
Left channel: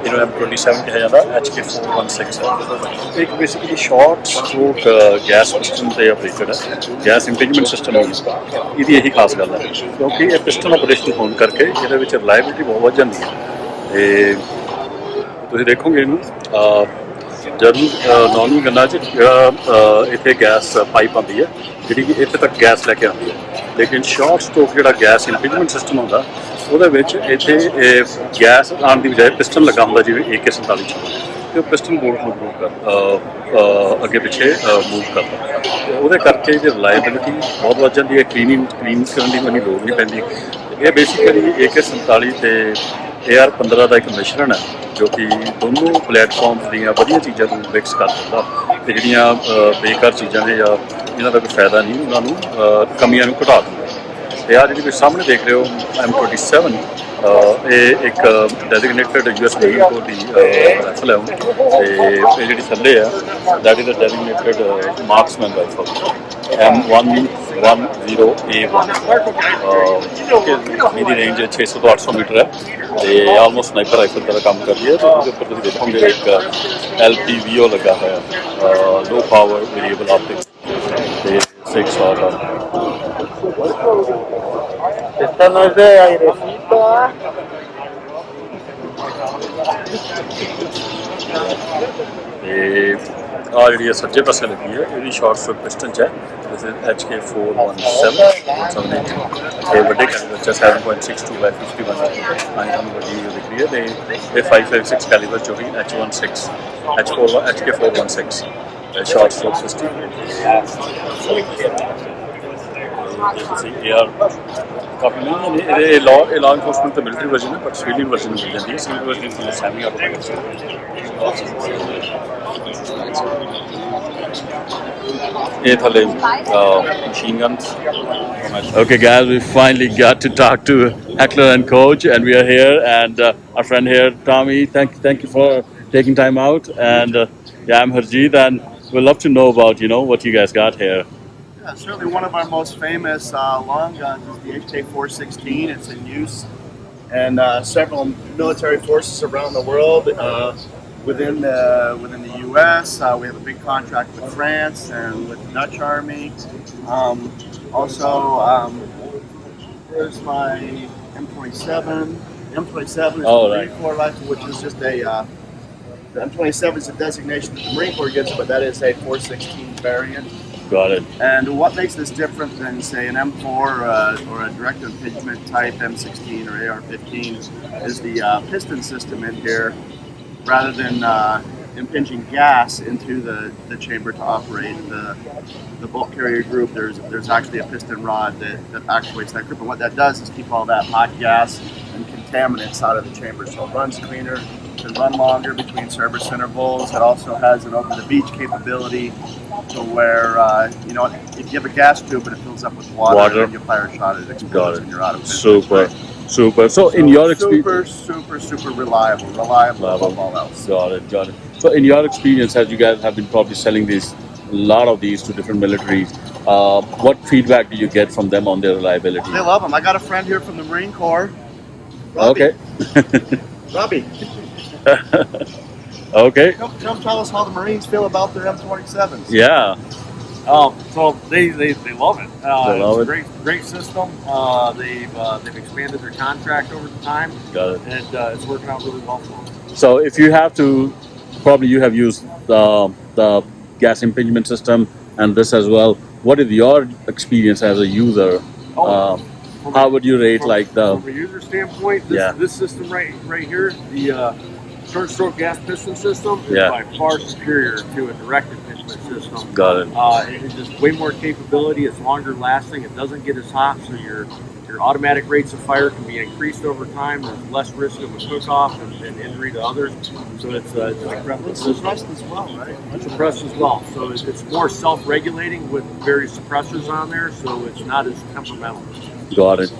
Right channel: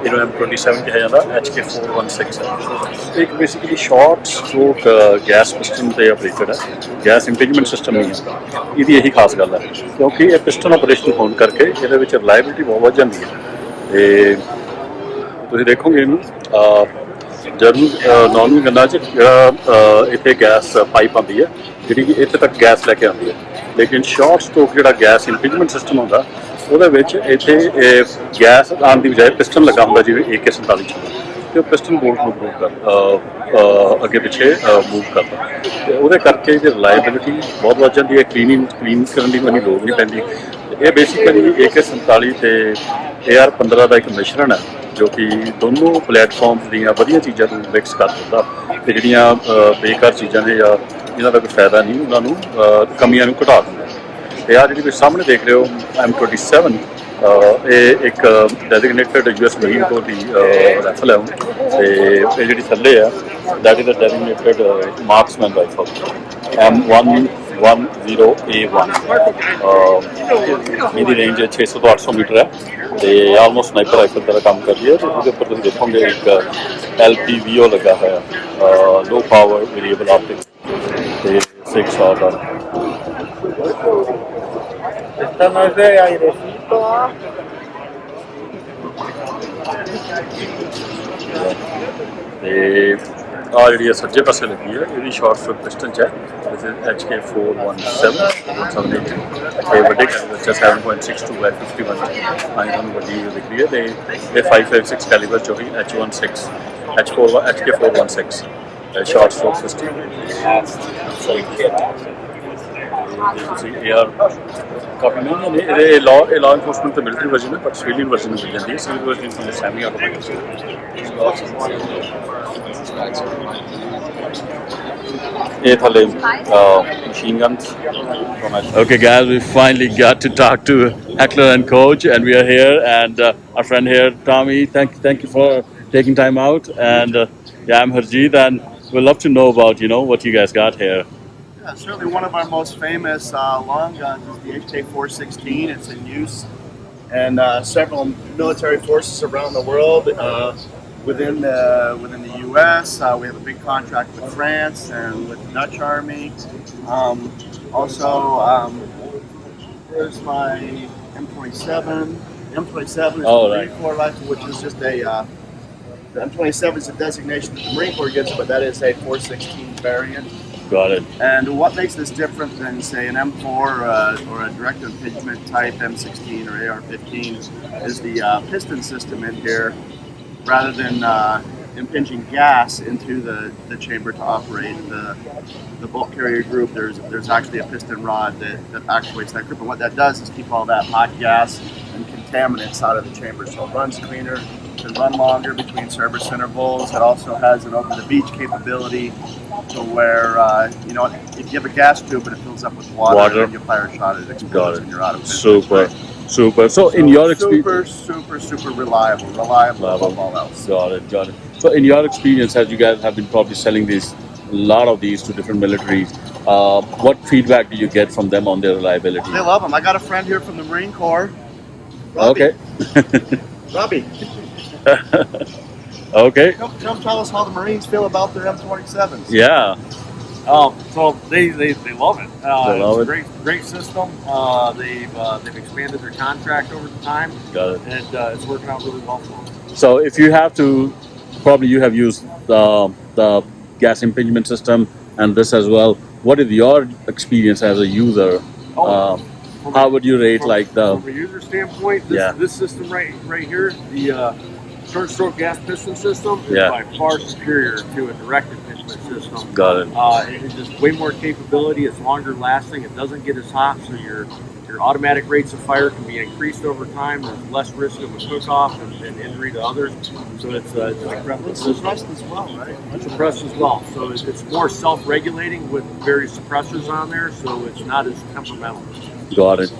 ਇਹਨੂੰ M27 ਕਿਹਾ ਜਾਂਦਾ HK416 ਹੈ ਇੱਕ basically short stroke gas piston ਤੇ ਆਪਰੇਟਡ ਹੈ ਗੈਸ ਇੰਪਿੰਜਮੈਂਟ ਸਿਸਟਮ ਨਹੀਂ ਹੈ ਇਹਦੀ ਇਹੀ ਖਾਸ ਗੱਲ ਹੈ ਕਿਉਂਕਿ ਇਹ ਪਿਸਟਨ ਆਪਰੇਸ਼ਨ ਹੋਣ ਕਰਕੇ ਇਹਦੇ ਵਿੱਚ ਰਿਲਾਇਬਿਲਿਟੀ ਬਹੁਤ ਵੱਧ ਜਾਂਦੀ ਹੈ ਤੇ ਤੁਸੀਂ ਦੇਖੋਗੇ ਇਹਨੂੰ ਜ਼ਰੂਰ ਨੌਰਮਲ ਗੰਨਾਂ 'ਚ ਇੱਥੇ ਗੈਸ ਪਾਈਪ ਆਉਂਦੀ ਹੈ ਜਿਹੜੀ ਕਿ ਇੱਥੇ ਤੱਕ ਗੈਸ ਲੈ ਕੇ ਆਉਂਦੀ ਹੈ ਲੇਕਿਨ ਸ਼ਾਰਟ ਸਟ੍ਰੋਕ ਜਿਹੜਾ ਗੈਸ ਇੰਪਿੰਜਮੈਂਟ ਸਿਸਟਮ ਹੁੰਦਾ ਉਹਦੇ ਵਿੱਚ ਇੱਥੇ ਗੈਸ ਆਉਣ ਦੀ ਬਜਾਏ ਪਿਸਟਨ ਲੱਗਾ ਹੁੰਦਾ ਜਿਵੇਂ AK-47 'ਚ ਤੇ ਉਹ ਪਿਸਟਨ ਬੋਲਟ ਨੂੰ ਅੱਗੇ ਪਿੱਛੇ ਮੂਵ ਕਰਦਾ ਤੇ ਉਹਦੇ ਕਰਕੇ ਇਹਦੀ ਰਿਲਾਇਬਿਲਿਟੀ ਬਹੁਤ ਵੱਧ ਜਾਂਦੀ ਹੈ ਕਲੀਨ ਕਰਨ ਦੀ ਕੋਈ ਲੋੜ ਨਹੀਂ ਪੈਂਦੀ ਇਹ ਬੇਸਿਕਲੀ AK-47 ਤੇ AR-15 ਦਾ ਇੱਕ ਮਿਸ਼ਰਣ ਹੈ ਜੋ ਕਿ ਦੋਨੋਂ ਪਲੇਟਫਾਰਮਸ ਦੀਆਂ ਵਧੀਆ ਚੀਜ਼ਾਂ ਨੂੰ ਮਿਕਸ ਕਰ ਦਿੰਦਾ ਤੇ ਜਿਹੜੀਆਂ ਬੇਕਾਰ ਚੀਜ਼ਾਂ ਨੇ ਜਾਂ ਜਿਹਨਾਂ ਦਾ ਕੋਈ ਫਾਇਦਾ ਨਹੀਂ ਉਹਨਾਂ ਨੂੰ ਕਮੀਆਂ ਨੂੰ ਘਟਾ ਦਿੰਦਾ ਤੇ ਆਹ ਜਿਹੜੀ ਤੁਸੀਂ ਸਾਹਮਣੇ ਦੇਖ ਰਹੇ ਹੋ M27 ਇਹ ਇੱਕ ਡੈਜ਼ਿਗਨੇਟਡ US ਮਰੀਨ ਕੋਰ ਦੀ ਰਾਈਫਲ ਹੈ ਤੇ ਇਹ ਜਿਹੜੀ ਥੱਲੇ ਆ that is a designated marksman rifle M110A1 ਇਹਦੀ ਰੇਂਜ 600 ਤੋਂ 800 ਮੀਟਰ ਹੈ ਤੇ ਆਲਮੋਸਟ ਸਨਾਈਪਰ ਰਾਈਫਲ ਦਾ ਕੰਮ ਕਰਦੀ ਹੈ ਤੇ ਉਹਦੇ ਉੱਪਰ ਤੁਸੀਂ ਦੇਖੋਗੇ ਇੱਕ LPVO ਲੱਗਾ ਹੋਇਆ ਲੋ ਪਾਵਰ ਵੇਰੀਏਬਲ ਆਪਟਿਕਸ ਤੇ 6 ਸ਼ਾਟ ਆ Esta no es de airecito. ਤੇ ਆ ਜਿਹੜੀ ਸੱਜੇ ਪਾਸੇ ਲੱਗੀ ਹੈ ਇਹਦੀ ਸ਼ਾਰਟ ਸਟ੍ਰੋਕ ਪਿਸਟਨ 'ਚ ਹੈ ਦਿਸ ਇਜ਼ HK417 ਤੇ ਵੱਡੇ ਕੈਲੀਬਰ 'ਚ 7.62 by 51 ਆਈ ਤੁਹਾਨੂੰ ਵੱਡੀ ਦਿਖ ਰਹੀ ਹੈ ਤੇ ਇਹ 5.56 ਕੈਲੀਬਰ 'ਚੋਂ ਹੀ HK416 ਸ਼ਾਰਟ ਸਟ੍ਰੋਕ ਪਿਸਟਨ ਤੁਸੀਂ AR ਕਾਫੀ ਮਹਿੰਗੇ ਨੇ ਇਹਦੇ ਲਾ ਇਨਫੋਰਸਮੈਂਟ ਤੇ ਮਿਲਟਰੀ ਵਰਜ਼ਨ ਹੈ ਬਟ ਸਿਵਿਲੀਅਨ ਵਰਜ਼ਨ ਮਿਲ ਜਾਂਦੀ ਹੈ ਸਿਵਿਲ ਵਰਜ਼ਨ ਤੁਹਾਨੂੰ ਸੈਮੀ ਆਟੋਮੈਟਿਕ ਇਹ ਥੱਲੇ machine guns. Okay, guys, we finally got to talk to Heckler and Coach, and we are here, and our friend here, Tommy. Thank you for taking time out, and yeah, I'm Harjeet, and we'd love to know about what you guys got here. Certainly one of our most famous long guns is the HK416. It's in use in several military forces around the world. Within the U.S., we have a big contract with France and with the Dutch Army. Also, there's my M27. M27 is a Marine Corps rifle, which is just a. The M27 is a designation that the Marine Corps gives, but that is a 416 variant. Got it. And what makes this different than, say, an M4 or a direct impingement type M16 or AR-15 is the piston system in here. Rather than impinging gas into the chamber to operate the bolt carrier group, there's actually a piston rod that actuates that group. And what that does is keep all that hot gas and contaminants out of the chamber, so it runs cleaner, can run longer between service intervals. It also has an over-the-beach capability to where, if you have a gas tube and it fills up with water and you fire a shot, it explodes and you're out of business. Super. So in your experience, super reliable above all else. Got it. So in your experience, as you guys have been probably selling a lot of these to different militaries, what feedback do you get from them on their reliability? They love them. I got a friend here from the Marine Corps. Robbie. Okay. Robbie. Okay. Come tell us how the Marines feel about their M27s. Yeah. So they love it. Love it's a great system. They've expanded their contract over the time. Got it. And it's working out really well for them. So if you have to, probably you have used the gas impingement system and this as well. What is your experience as a user? How would you rate from a user standpoint? This system right here, the short stroke gas piston system, is by far superior to a direct impingement system. Got it. It's just way more capability. It's longer lasting. It doesn't get as hot, so your automatic rates of fire can be increased over time. There's less risk of a cook-off and injury to others. So it's an incredible system. Suppressed as well, right? It's suppressed as well. So it's more self-regulating with various suppressors on there, so it's not as temperamental. Got it.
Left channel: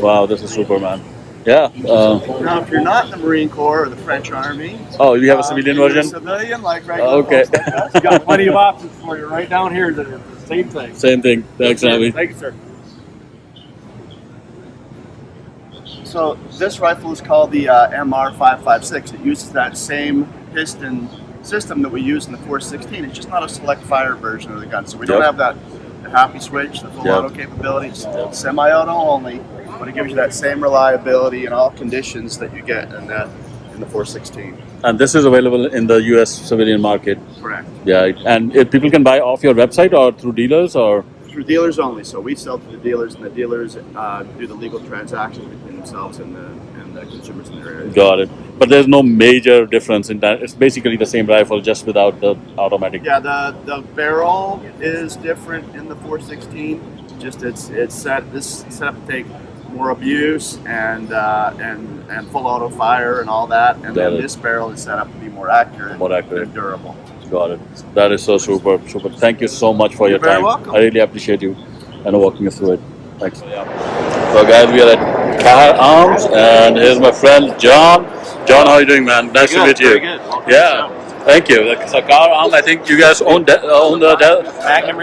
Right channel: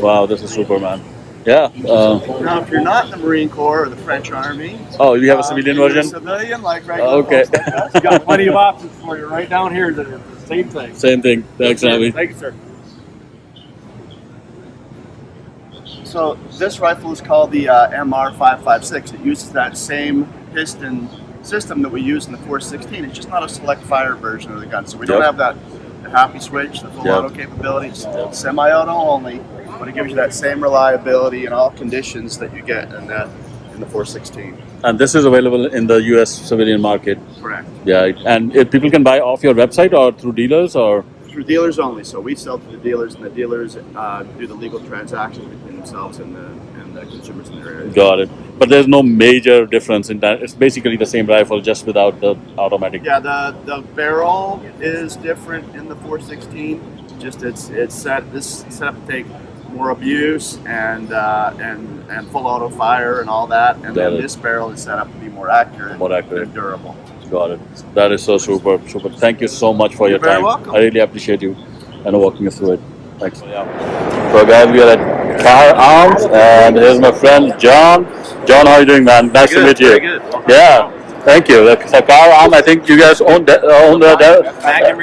Wow, this is super, man. Yeah. Now, if you're not in the Marine Corps or the French Army, you have a civilian version? Civilian, like regular Okay. folks like us. We've got plenty of options for you right down here that are the same thing. Same thing. Thanks, Abby. Thank you, sir. So this rifle is called the MR556. It uses that same piston system that we use in the 416. It's just not a select fire version of the gun. So we don't have the happy switch, the full auto capability. It's semi-auto only, but it gives you that same reliability in all conditions that you get in the 416. And this is available in the U.S. civilian market. Correct. Yeah, and if people can buy off your website or through dealers or? Through dealers only. So we sell to the dealers, and the dealers do the legal transactions between themselves and the consumers in their area. Got it. But there's no major difference in that. It's basically the same rifle, just without the automatic. Yeah, the barrel is different in the 416. Just it's set up to take more abuse and full auto fire and all that. And then this barrel is set up to be more accurate and durable. Got it. That is so super. Thank you so much for your time. You're very welcome. I really appreciate you and walking us through it. Thanks. So guys, we are at Car Arms, and here's my friend John. John, how are you doing, man? Nice to meet you. Very good. Welcome. Yeah. Thank you. So Car Arms, I think you guys own the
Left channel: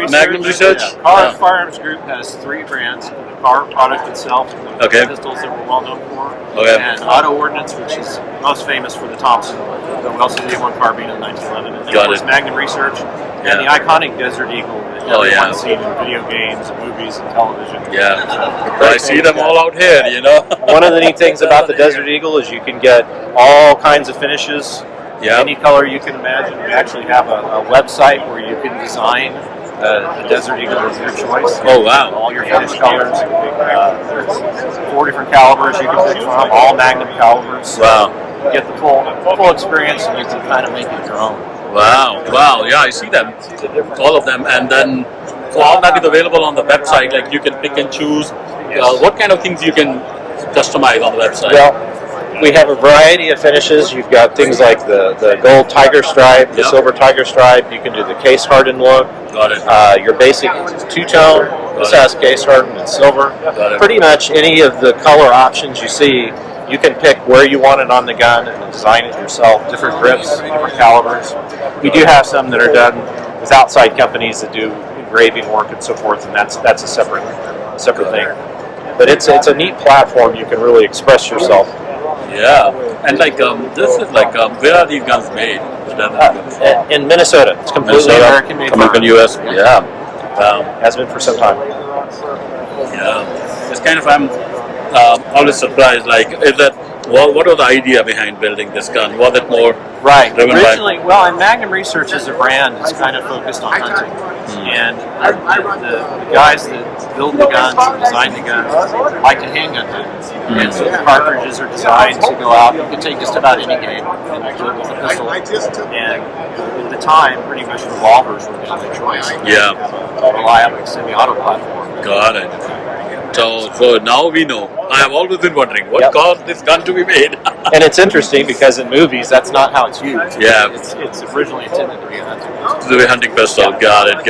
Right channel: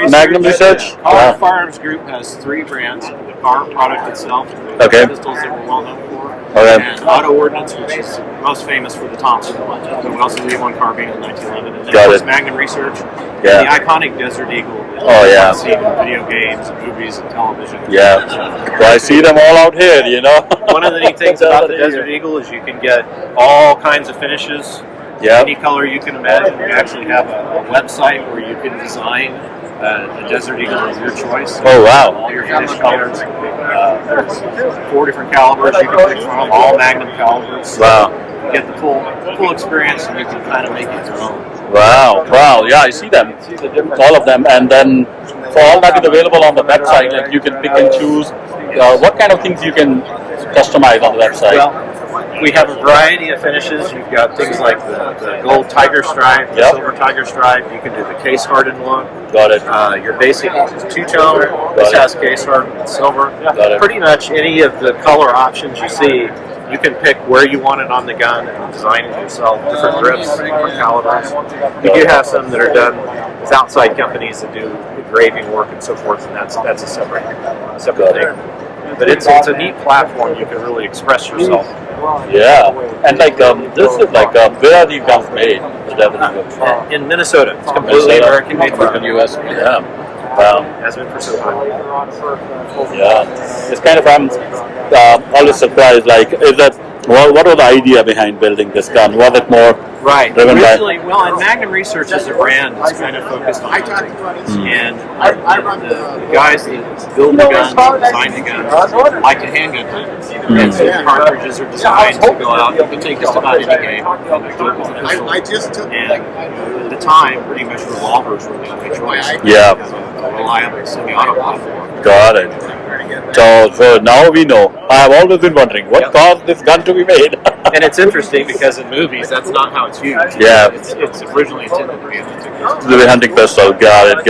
Magnum Research. Research. Car Firearms Group has 3 brands: the car product itself, the pistols that we're well known for, and Auto Ordnance, which is most famous for the Thompson. And we also do the M1 carbine in 1911, and then of course Magnum Research, and the iconic Desert Eagle that you've seen in video games, and movies, and television. So I see them all out here, you know. One of the neat things about the Desert Eagle is you can get all kinds of finishes. Any color you can imagine. We actually have a website where you can design a Desert Eagle of your choice. Oh, wow. All your finished colors. There's 4 different calibers you can pick from, all Magnum calibers. Wow. You get the full experience, and you can kind of make it your own. Wow. Yeah, I see them. All of them. And then, so all that is available on the website. Like you can pick and choose. What kind of things you can customize on the website? Well, we have a variety of finishes. You've got things like the gold tiger stripe, the silver tiger stripe. You can do the case hardened look. Got it. Your basic two-tone. This has case hardened and silver. Got it. Pretty much any of the color options you see, you can pick where you want it on the gun and design it yourself. Different grips, different calibers. We do have some that are done with outside companies that do engraving work and so forth, and that's a separate thing. But it's a neat platform. You can really express yourself. Yeah, and like this is like where are these guns made? The Desert Eagles? In Minnesota. It's completely American made. American US. Yeah. Wow. Has been for some time. Yeah. It's kind of I'm always surprised. Like, is that what was the idea behind building this gun? Was it more driven Originally, and Magnum Research as a brand is kind of focused on hunting. And the guys that build the guns and design the guns like to handgun hunt. And so the cartridges are designed to go out. You can take just about any game and do it with a pistol. And at the time, pretty much revolvers were the only choice. Yeah. A reliable semi-auto platform. Got it. So now we know. I have always been wondering what caused this gun to be made. And it's interesting because in movies, that's not how it's used. Yeah. It's originally intended to be a hunting pistol. To be hunting pistol. Got it.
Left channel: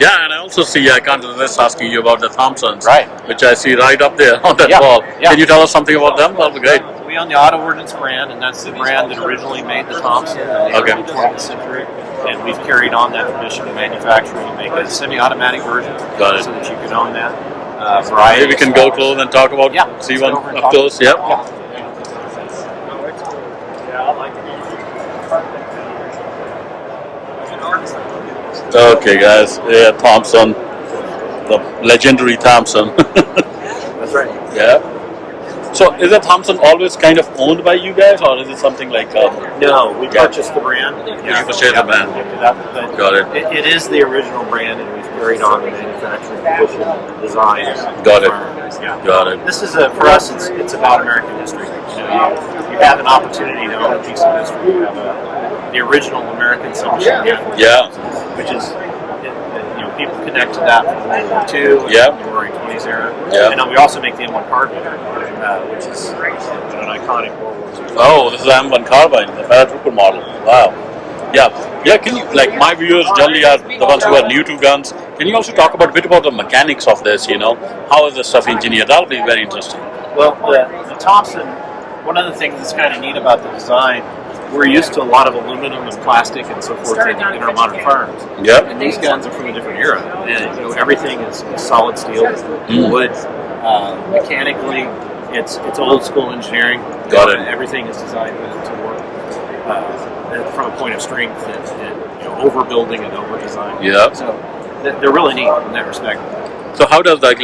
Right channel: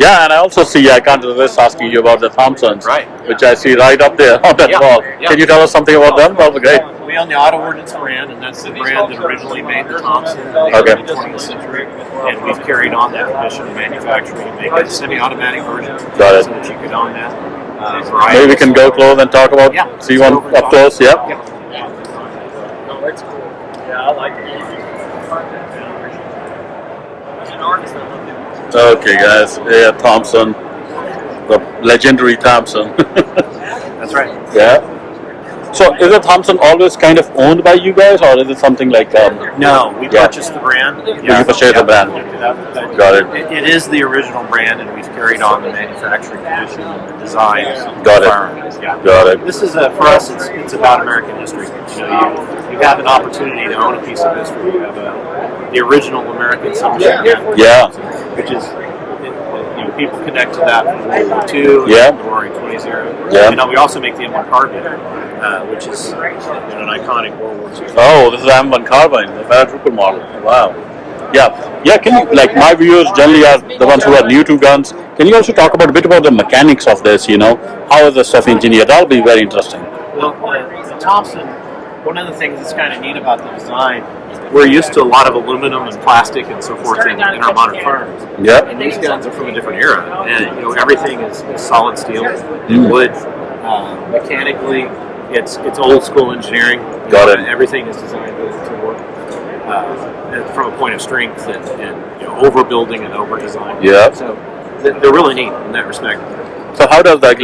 Yeah, and I also see, I can't resist asking you about the Thompsons, right, which I see right up there on that wall. Yeah. Can you tell us something about them? That would be great. We own the Auto Ordnance brand, and that's the brand that originally made the Thompson in the early 20th century. And we've carried on that tradition of manufacturing, make a semi-automatic version, Got it. so that you can own that. Maybe we can go close and talk about, see one up close. Yep. Okay, guys. Yeah, Thompson, the legendary Thompson. That's right. Yeah. So, is the Thompson always kind of owned by you guys, or is it something like? No, we purchased the brand. You purchased the brand. Picked it up, Got it. It is the original brand, and we've carried on the manufacturing tradition and the design. Got it. Yeah. Got it. This is for us. It's about American history. You have an opportunity to own a piece of history. You have the original American submachine gun. Yeah. Which is. People connect to that from World War II, the Roaring 20s era. Yeah. And we also make the M1 carbine, which is an iconic World War II. Oh, this is the M1 carbine, the paratrooper model. Wow. Yeah. Can you, like my viewers generally are the ones who are new to guns, can you also talk about a bit about the mechanics of this, How is the stuff engineered? That would be very interesting. Well, the Thompson, one of the things that's kind of neat about the design, we're used to a lot of aluminum and plastic and so forth in our modern firearms. Yep. And these guns are from a different era. And, everything is solid steel, wood. Mechanically, it's old school engineering. Got it. Everything is designed to work from a point of strength and overbuilding and over-design. Yeah. So they're really neat in that respect. So how does that,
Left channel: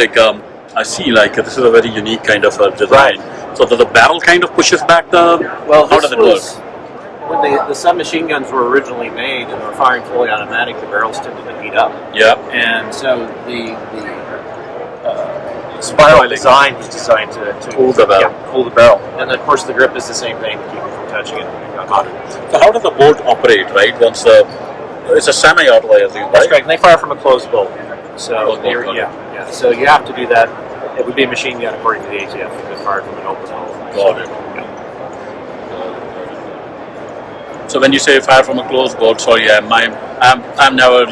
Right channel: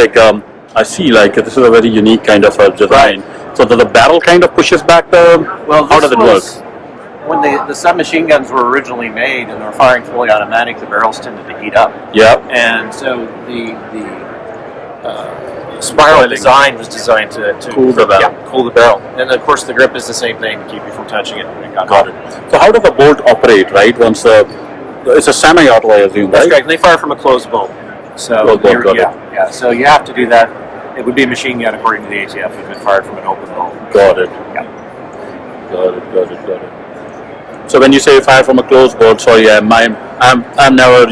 I see, this is a very unique kind of design. So the barrel kind of pushes back how does it work? When the submachine guns were originally made and they were firing fully automatic, the barrels tended to heat up. Yeah. And so the spiral design was designed to cool the barrel. Cool the barrel. And of course the grip is the same thing to keep you from touching it. Got it. So how does the bolt operate, right? Once it's a semi-auto, I assume, That's right? correct. They fire from a closed bolt. So Closed bolt, got it. yeah. So you have to do that. It would be a machine gun according to the ATF if it fired from an open bolt. Got it. Yeah. Got it. So when you say fire from a closed bolt, so yeah, I'm never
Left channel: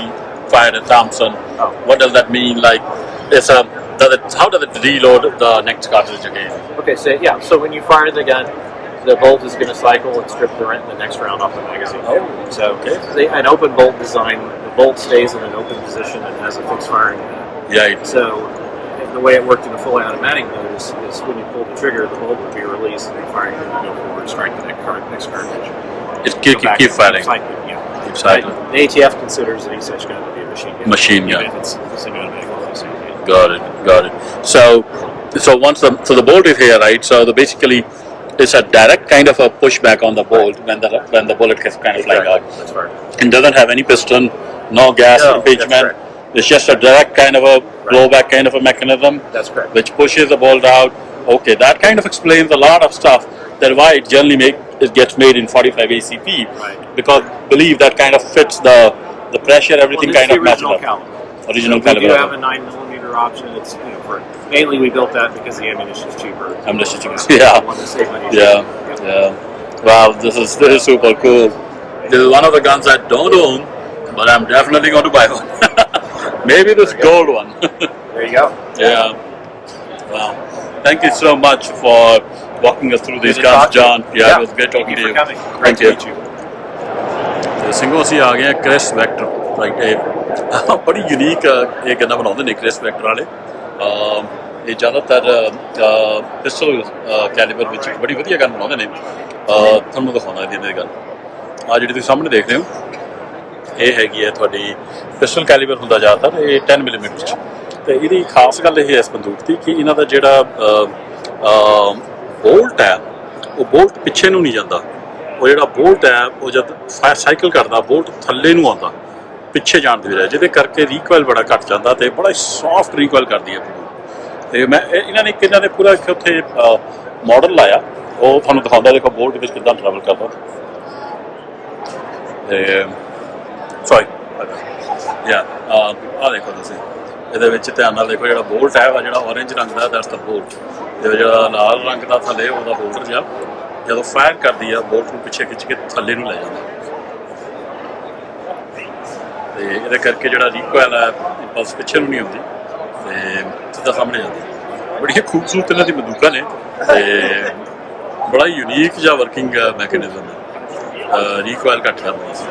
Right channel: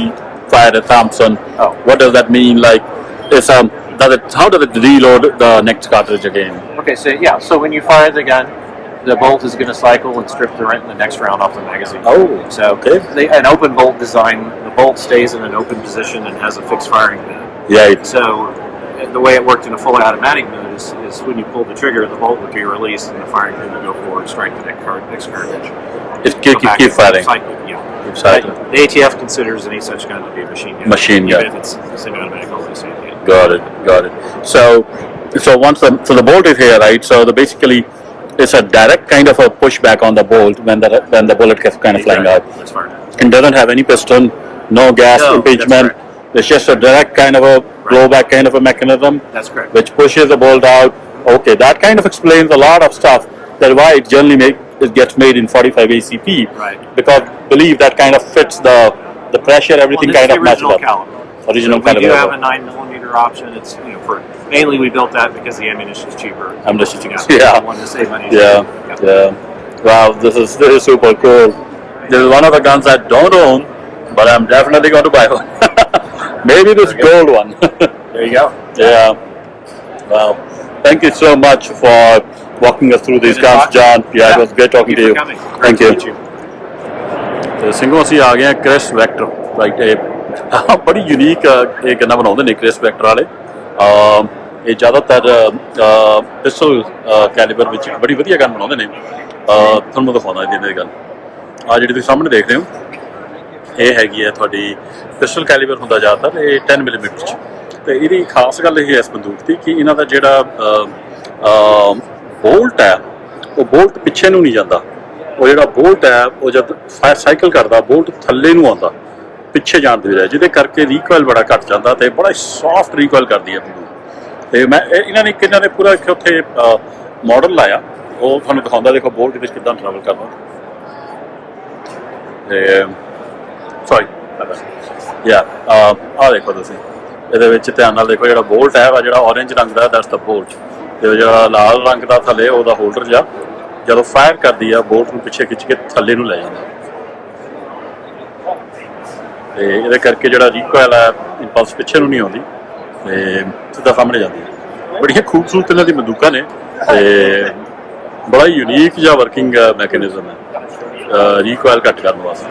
fired a Thompson. Oh. What does that mean? How does it reload the next cartridge again? Okay, so when you fire the gun, the bolt is going to cycle and strip the next round off the magazine. Oh, so an open bolt design, the bolt stays in an open position and has a fixed firing pin. Yeah. So the way it worked in a fully automatic mode is when you pull the trigger, the bolt would be released and the firing pin would go forward, strike the next cartridge. It keep firing. Keep cycling. The ATF considers any such gun to be a machine gun. Machine gun. Even if it's semi-automatic only. Got it. So once the bolt is here, right? So basically, it's a direct kind of a pushback on the bolt when the bullet gets kind of flying out. That's right. It doesn't have any piston, no gas impingement. It's just a direct kind of a blowback kind of a mechanism. That's correct. Which pushes the bolt out. Okay, that kind of explains a lot of stuff. That's why it generally gets made in 45 ACP. Right. Because believe that kind of fits the pressure, everything kind of matches up. Original caliber. We do have a 9mm option. It's mainly we built that because the ammunition is cheaper. Ammunition is cheaper. Yeah. Want to save money. Yeah. Wow, this is super cool. This is one of the guns I don't own, but I'm definitely going to buy one. Maybe this gold one. There you go. Yeah. Wow. Thank you so much for walking us through these guns, John. Yeah, it was great talking to you. Great to meet you. ਤੇ ਸਿੰਘੋਂ ਅਸੀਂ ਆ ਗਏ ਆ Chris vector right ਬੜੀ unique ਇਹ ਗੰਨਾਂ ਬਣਾਉਂਦੇ ਨੇ Chris vector ਵਾਲੇ ਇਹ ਜ਼ਿਆਦਾਤਰ ਪਿਸਟਲ ਕੈਲੀਬਰ ਵਿੱਚ ਬੜੀ ਵਧੀਆ ਗਨ ਬਣਾਉਂਦੇ ਨੇ ਤੁਹਾਨੂੰ ਦਿਖਾਉਣਾ ਇਹਦੀ ਗਨ ਆ ਜਿਹੜੀ ਤੁਸੀਂ ਸਾਹਮਣੇ ਦੇਖ ਰਹੇ ਹੋ ਇਹ ਹੈਗੀ ਹੈ ਤੁਹਾਡੀ ਪਿਸਟਲ ਕੈਲੀਬਰ ਹੁੰਦਾ ਜ਼ਿਆਦਾਤਰ ਇਹ 10 ਮਿਲੀਮੀਟਰ 'ਚ ਤੇ ਇਹਦੀ ਖਾਸ ਗੱਲ ਇਹ ਹੈ ਇਸ ਬੰਦੂਕ ਦੀ ਕਿ ਇਹਨਾਂ ਦਾ ਜਿਹੜਾ ਬੋਲਟ ਹੈ ਉਹ ਬੋਲਟ ਪਿੱਛੇ ਨੂੰ ਨਹੀਂ ਜਾਂਦਾ ਉਹ ਜਿਹੜਾ ਬੋਲਟ ਹੈ ਉਹ ਜਦ ਸਾਈਕਲ ਕਰਦਾ ਬੋਲਟ ਥੱਲੇ ਨੂੰ ਆਉਂਦਾ ਪਿੱਛੇ ਜਾਣ ਦੀ ਬਜਾਏ ਜਿਹਦੇ ਕਰਕੇ ਰੀਕੋਇਲ ਬੜਾ ਘੱਟ ਜਾਂਦਾ ਤੇ ਬੜਾ ਸੌਫਟ ਰੀਕੋਇਲ ਕਰਦੀ ਹੈ ਬੰਦੂਕ ਤੇ ਮੈਂ ਇਹਨਾਂ ਨੇ ਪੂਰਾ ਇੱਕ ਉੱਥੇ ਮਾਡਲ ਲਾਇਆ ਉਹ ਤੁਹਾਨੂੰ ਦਿਖਾਉਂਦਾ ਦੇਖੋ ਬੋਲਟ ਵਿੱਚ ਕਿੱਦਾਂ ਟਰੈਵਲ ਕਰਦਾ ਤੇ ਸੌਰੀ ਆ ਦੇਖੋ ਤੁਸੀਂ ਇਹਦੇ ਵਿੱਚ ਧਿਆਨ ਨਾਲ ਦੇਖੋ, ਜਿਹੜਾ ਬੋਲਟ ਹੈ ਜਿਹੜਾ ਔਰੇਂਜ ਰੰਗ ਦਾ ਦੈਟਸ ਦਾ ਬੋਲਟ, ਤੇ ਜਿਹੜਾ ਲਾਲ ਰੰਗ ਦਾ ਥੱਲੇ ਉਹਦਾ ਹੋਲਡਰ ਜਿਹਾ ਜਦੋਂ ਫਾਇਰ ਕਰਦੀ ਆ ਬੋਲਟ ਨੂੰ ਪਿੱਛੇ ਖਿੱਚ ਕੇ ਥੱਲੇ ਨੂੰ ਲੈ ਜਾਂਦਾ, ਤੇ ਇਹਦੇ ਕਰਕੇ ਜਿਹੜਾ ਰੀਕੋਇਲ ਹੈ ਇੰਪਲਸ ਪਿੱਛੇ ਨੂੰ ਨਹੀਂ ਆਉਂਦੀ ਤੇ ਸਿੱਧਾ ਸਾਹਮਣੇ ਜਾਂਦੀ। ਬੜੀਆਂ ਖੂਬਸੂਰਤ ਇਹਨਾਂ ਦੀ ਬੰਦੂਕਾਂ ਨੇ ਤੇ ਬੜਾ ਹੀ ਯੂਨੀਕ ਜਿਹਾ ਵਰਕਿੰਗ ਮੈਕੈਨਿਜ਼ਮ ਹੈ ਰੀਕੋਇਲ ਘੱਟ ਕਰਨ ਵਾਸਤੇ।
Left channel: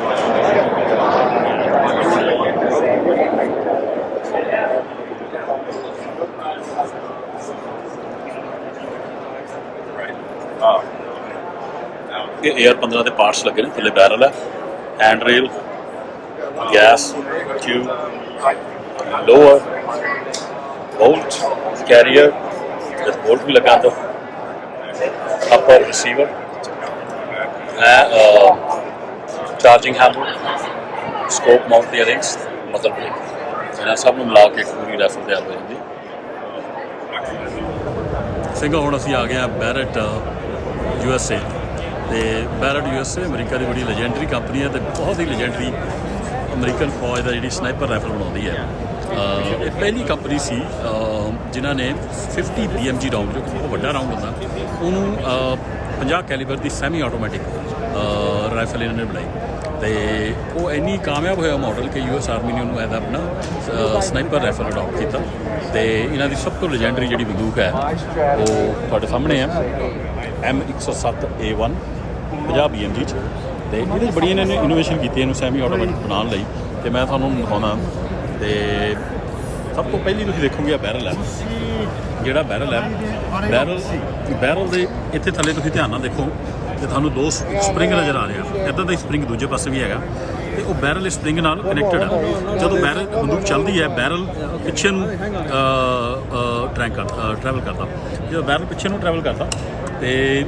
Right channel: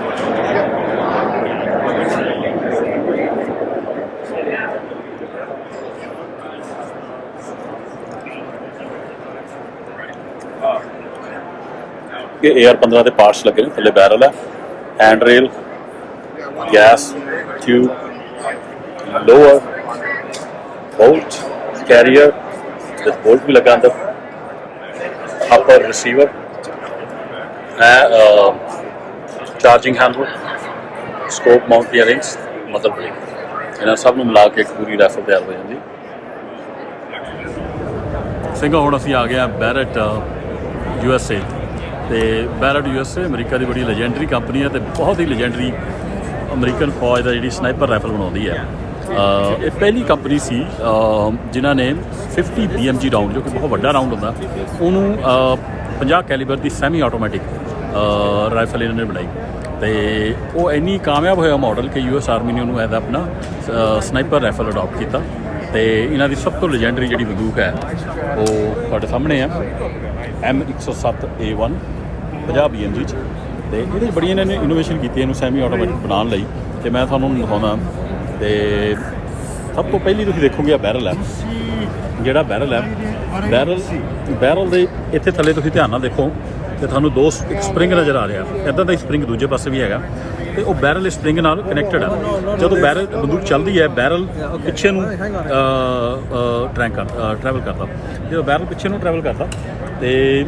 ਇਹ AR-15 ਦੇ ਪਾਰਟਸ ਲੱਗੇ ਨੇ, ਥੱਲੇ ਬੈਰਲ ਹੈ, hand rail, gas tube, lower bolt carrier with bolt भी लगा अंदर, upper receiver, charging handle, scope mount ਦੀਆਂ ਰਿੰਗਸ, ਮਦਰ ਬ੍ਰੇਕ, ਇਹਨਾਂ ਸਭ ਨੂੰ ਮਿਲਾ ਕੇ ਇੱਕ ਪੂਰੀ ਰਾਈਫਲ ਤਿਆਰ ਹੋ ਜਾਂਦੀ। ਸਿੰਘਾ ਹੁਣ ਅਸੀਂ ਆ ਗਏ ਹਾਂ ਬੈਰਟ USA, ਤੇ ਬੈਰਟ USA ਅਮਰੀਕਾ ਦੀ ਬੜੀ ਲੈਜੈਂਡਰੀ ਕੰਪਨੀ ਹੈ ਤੇ ਬਹੁਤ ਹੀ ਲੈਜੈਂਡਰੀ ਅਮਰੀਕਨ ਫੌਜ ਦਾ ਜਿਹੜੀ ਸਨਾਈਪਰ ਰਾਈਫਲ ਬਣਾਉਂਦੀ ਹੈ। ਇਹ ਪਹਿਲੀ ਕੰਪਨੀ ਸੀ ਜਿਨ੍ਹਾਂ ਨੇ 50 BMG ਰਾਊਂਡ, ਜੋ ਕਿ ਬਹੁਤ ਵੱਡਾ ਰਾਊਂਡ ਹੁੰਦਾ, ਉਹਨੂੰ 50 ਕੈਲੀਬਰ ਦੀ ਸੈਮੀ ਆਟੋਮੈਟਿਕ ਰਾਈਫਲ ਇਹਨਾਂ ਨੇ ਬਣਾਈ, ਤੇ ਉਹ ਇੰਨੀ ਕਾਮਯਾਬ ਹੋਇਆ ਮਾਡਲ ਕਿ US ਆਰਮੀ ਨੇ ਉਹਨੂੰ ਐਜ਼ ਆਪਣਾ ਸਨਾਈਪਰ ਰਾਈਫਲ ਅਡੋਪਟ ਕੀਤਾ। ਤੇ ਇਹਨਾਂ ਦੀ ਸਭ ਤੋਂ ਲੈਜੈਂਡਰੀ ਜਿਹੜੀ ਬੰਦੂਕ ਹੈ ਉਹ ਤੁਹਾਡੇ ਸਾਹਮਣੇ ਆ, M107A1 50 BMG 'ਚ, ਤੇ ਇਹਦੇ 'ਚ ਬੜੀ ਇਹਨਾਂ ਨੇ ਇਨੋਵੇਸ਼ਨ ਕੀਤੀ ਇਹਨੂੰ ਸੈਮੀ ਆਟੋਮੈਟਿਕ ਬਣਾਉਣ ਲਈ, ਤੇ ਮੈਂ ਤੁਹਾਨੂੰ ਦਿਖਾਉਣਾ। ਤੇ ਸਭ ਤੋਂ ਪਹਿਲੀ ਤੁਸੀਂ ਦੇਖੋਗੇ ਆ ਬੈਰਲ ਹੈ, ਜਿਹੜਾ ਬੈਰਲ ਹੈ, ਬੈਰਲ ਦੇ ਇੱਥੇ ਥੱਲੇ ਤੁਸੀਂ ਧਿਆਨ ਨਾਲ ਦੇਖੋ ਤੇ ਤੁਹਾਨੂੰ ਦੋ ਸਪਰਿੰਗ ਨਜ਼ਰ ਆ ਰਿਹਾ, ਇੱਦਾਂ ਦਾ ਹੀ ਸਪਰਿੰਗ ਦੂਜੇ ਪਾਸੇ ਵੀ ਹੈਗਾ, ਤੇ ਉਹ ਬੈਰਲ ਸਪਰਿੰਗ ਨਾਲ ਕਨੈਕਟਡ ਹੈ। ਜਦੋਂ ਬੈਰਲ ਬੰਦੂਕ ਚੱਲਦੀ ਹੈ ਬੈਰਲ ਪਿੱਛੇ ਨੂੰ ਟਰੈਵਲ ਕਰਦਾ, ਜਦੋਂ ਬੈਰਲ ਪਿੱਛੇ ਨੂੰ ਟਰੈਵਲ ਕਰਦਾ ਤੇ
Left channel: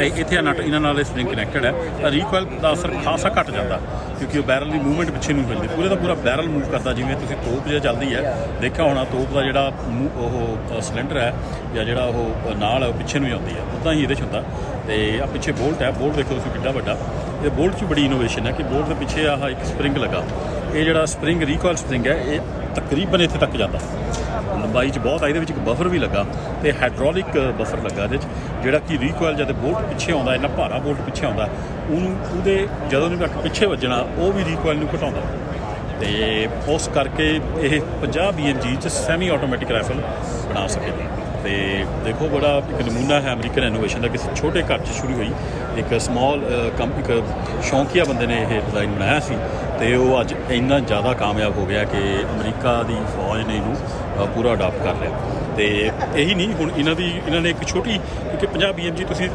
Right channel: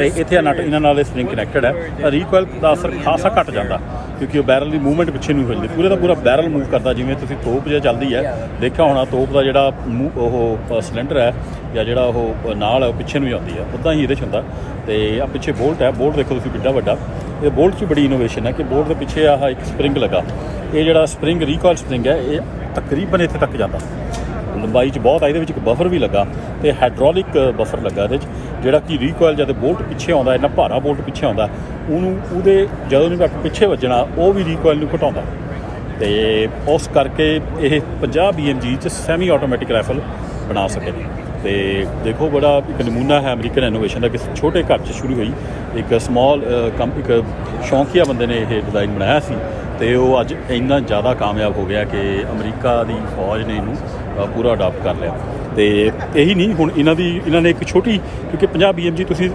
ਇੱਥੇ ਨਟ ਇਹਨਾਂ ਨਾਲ ਸਪਰਿੰਗ ਕਨੈਕਟਡ ਹੈ, ਤਾਂ ਰੀਕੋਇਲ ਦਾ ਅਸਰ ਖਾਸਾ ਘੱਟ ਜਾਂਦਾ ਕਿਉਂਕਿ ਉਹ ਬੈਰਲ ਦੀ ਮੂਵਮੈਂਟ ਪਿੱਛੇ ਨੂੰ ਹੋ ਜਾਂਦੀ, ਪੂਰੇ ਦਾ ਪੂਰਾ ਬੈਰਲ ਮੂਵ ਕਰਦਾ। ਜਿਵੇਂ ਤੁਸੀਂ ਤੋਪ ਜੇ ਚੱਲਦੀ ਹੈ ਦੇਖਿਆ ਹੋਣਾ, ਤੋਪ ਦਾ ਜਿਹੜਾ ਉਹ ਸਿਲੰਡਰ ਹੈ ਜਾਂ ਜਿਹੜਾ ਉਹ ਨਾਲ ਹੈ ਉਹ ਪਿੱਛੇ ਨੂੰ ਜਾਂਦੀ ਹੈ, ਉੱਦਾਂ ਹੀ ਇਹਦੇ 'ਚ ਹੁੰਦਾ। ਤੇ ਆ ਪਿੱਛੇ ਬੋਲਟ ਹੈ, ਬੋਲਟ ਦੇਖੋ ਤੁਸੀਂ ਕਿੱਡਾ ਵੱਡਾ, ਇਹ ਬੋਲਟ 'ਚ ਬੜੀ ਇਨੋਵੇਸ਼ਨ ਹੈ ਕਿ ਬੋਲਟ ਦੇ ਪਿੱਛੇ ਆਹ ਇੱਕ ਸਪਰਿੰਗ ਲੱਗਾ, ਇਹ ਜਿਹੜਾ ਸਪਰਿੰਗ ਰੀਕੋਇਲ ਸਪਰਿੰਗ ਹੈ ਇਹ ਤਕਰੀਬਨ ਇੱਥੇ ਤੱਕ ਜਾਂਦਾ, ਲੰਬਾਈ 'ਚ ਬਹੁਤ ਆ। ਇਹਦੇ ਵਿੱਚ ਇੱਕ ਬਫਰ ਵੀ ਲੱਗਾ ਤੇ ਹਾਈਡ੍ਰੋਲਿਕ ਬਫਰ ਲੱਗਾ ਇਹਦੇ 'ਚ, ਜਿਹੜਾ ਕਿ ਰੀਕੋਇਲ ਜਦ ਬੋਲਟ ਪਿੱਛੇ ਆਉਂਦਾ, ਇੰਨਾ ਭਾਰਾ ਬੋਲਟ ਪਿੱਛੇ ਆਉਂਦਾ, ਉਹਦੇ ਜਦੋਂ ਉਹਨੂੰ ਤੱਕ ਪਿੱਛੇ ਵੱਜਣਾ ਉਹ ਵੀ ਰੀਕੋਇਲ ਨੂੰ ਘਟਾਉਂਦਾ, ਤੇ ਉਸ ਕਰਕੇ ਇਹ 50 BMG 'ਚ ਸੈਮੀ ਆਟੋਮੈਟਿਕ ਰਾਈਫਲ ਬਣਾ ਸਕੇ। ਤੇ ਦੇਖੋ ਬੜਾ ਇੱਕ ਨਮੂਨਾ ਹੈ ਅਮਰੀਕਨ ਇਨੋਵੇਸ਼ਨ ਦਾ, ਕਿਸੇ ਛੋਟੇ ਘਰ 'ਚ ਸ਼ੁਰੂ ਹੋਈ ਇੱਕ ਇੱਕ ਸ਼ੌਂਕੀਆ ਬੰਦੇ ਨੇ ਇਹ ਡਿਜ਼ਾਈਨ ਬਣਾਇਆ ਸੀ, ਤੇ ਉਹ ਅੱਜ ਇੰਨਾ ਜ਼ਿਆਦਾ ਕਾਮਯਾਬ ਹੋ ਗਿਆ ਕਿ ਅਮਰੀਕਾ ਦੀ ਫੌਜ ਨੇ ਇਹਨੂੰ ਪੂਰਾ ਅਡਾਪਟ ਕਰ ਲਿਆ। ਤੇ ਇਹੀ ਨਹੀਂ, ਹੁਣ ਇਹਨਾਂ ਨੇ ਇੱਕ ਛੋਟੀ, ਕਿਉਂਕਿ 50 BMG ਤੁਸੀਂ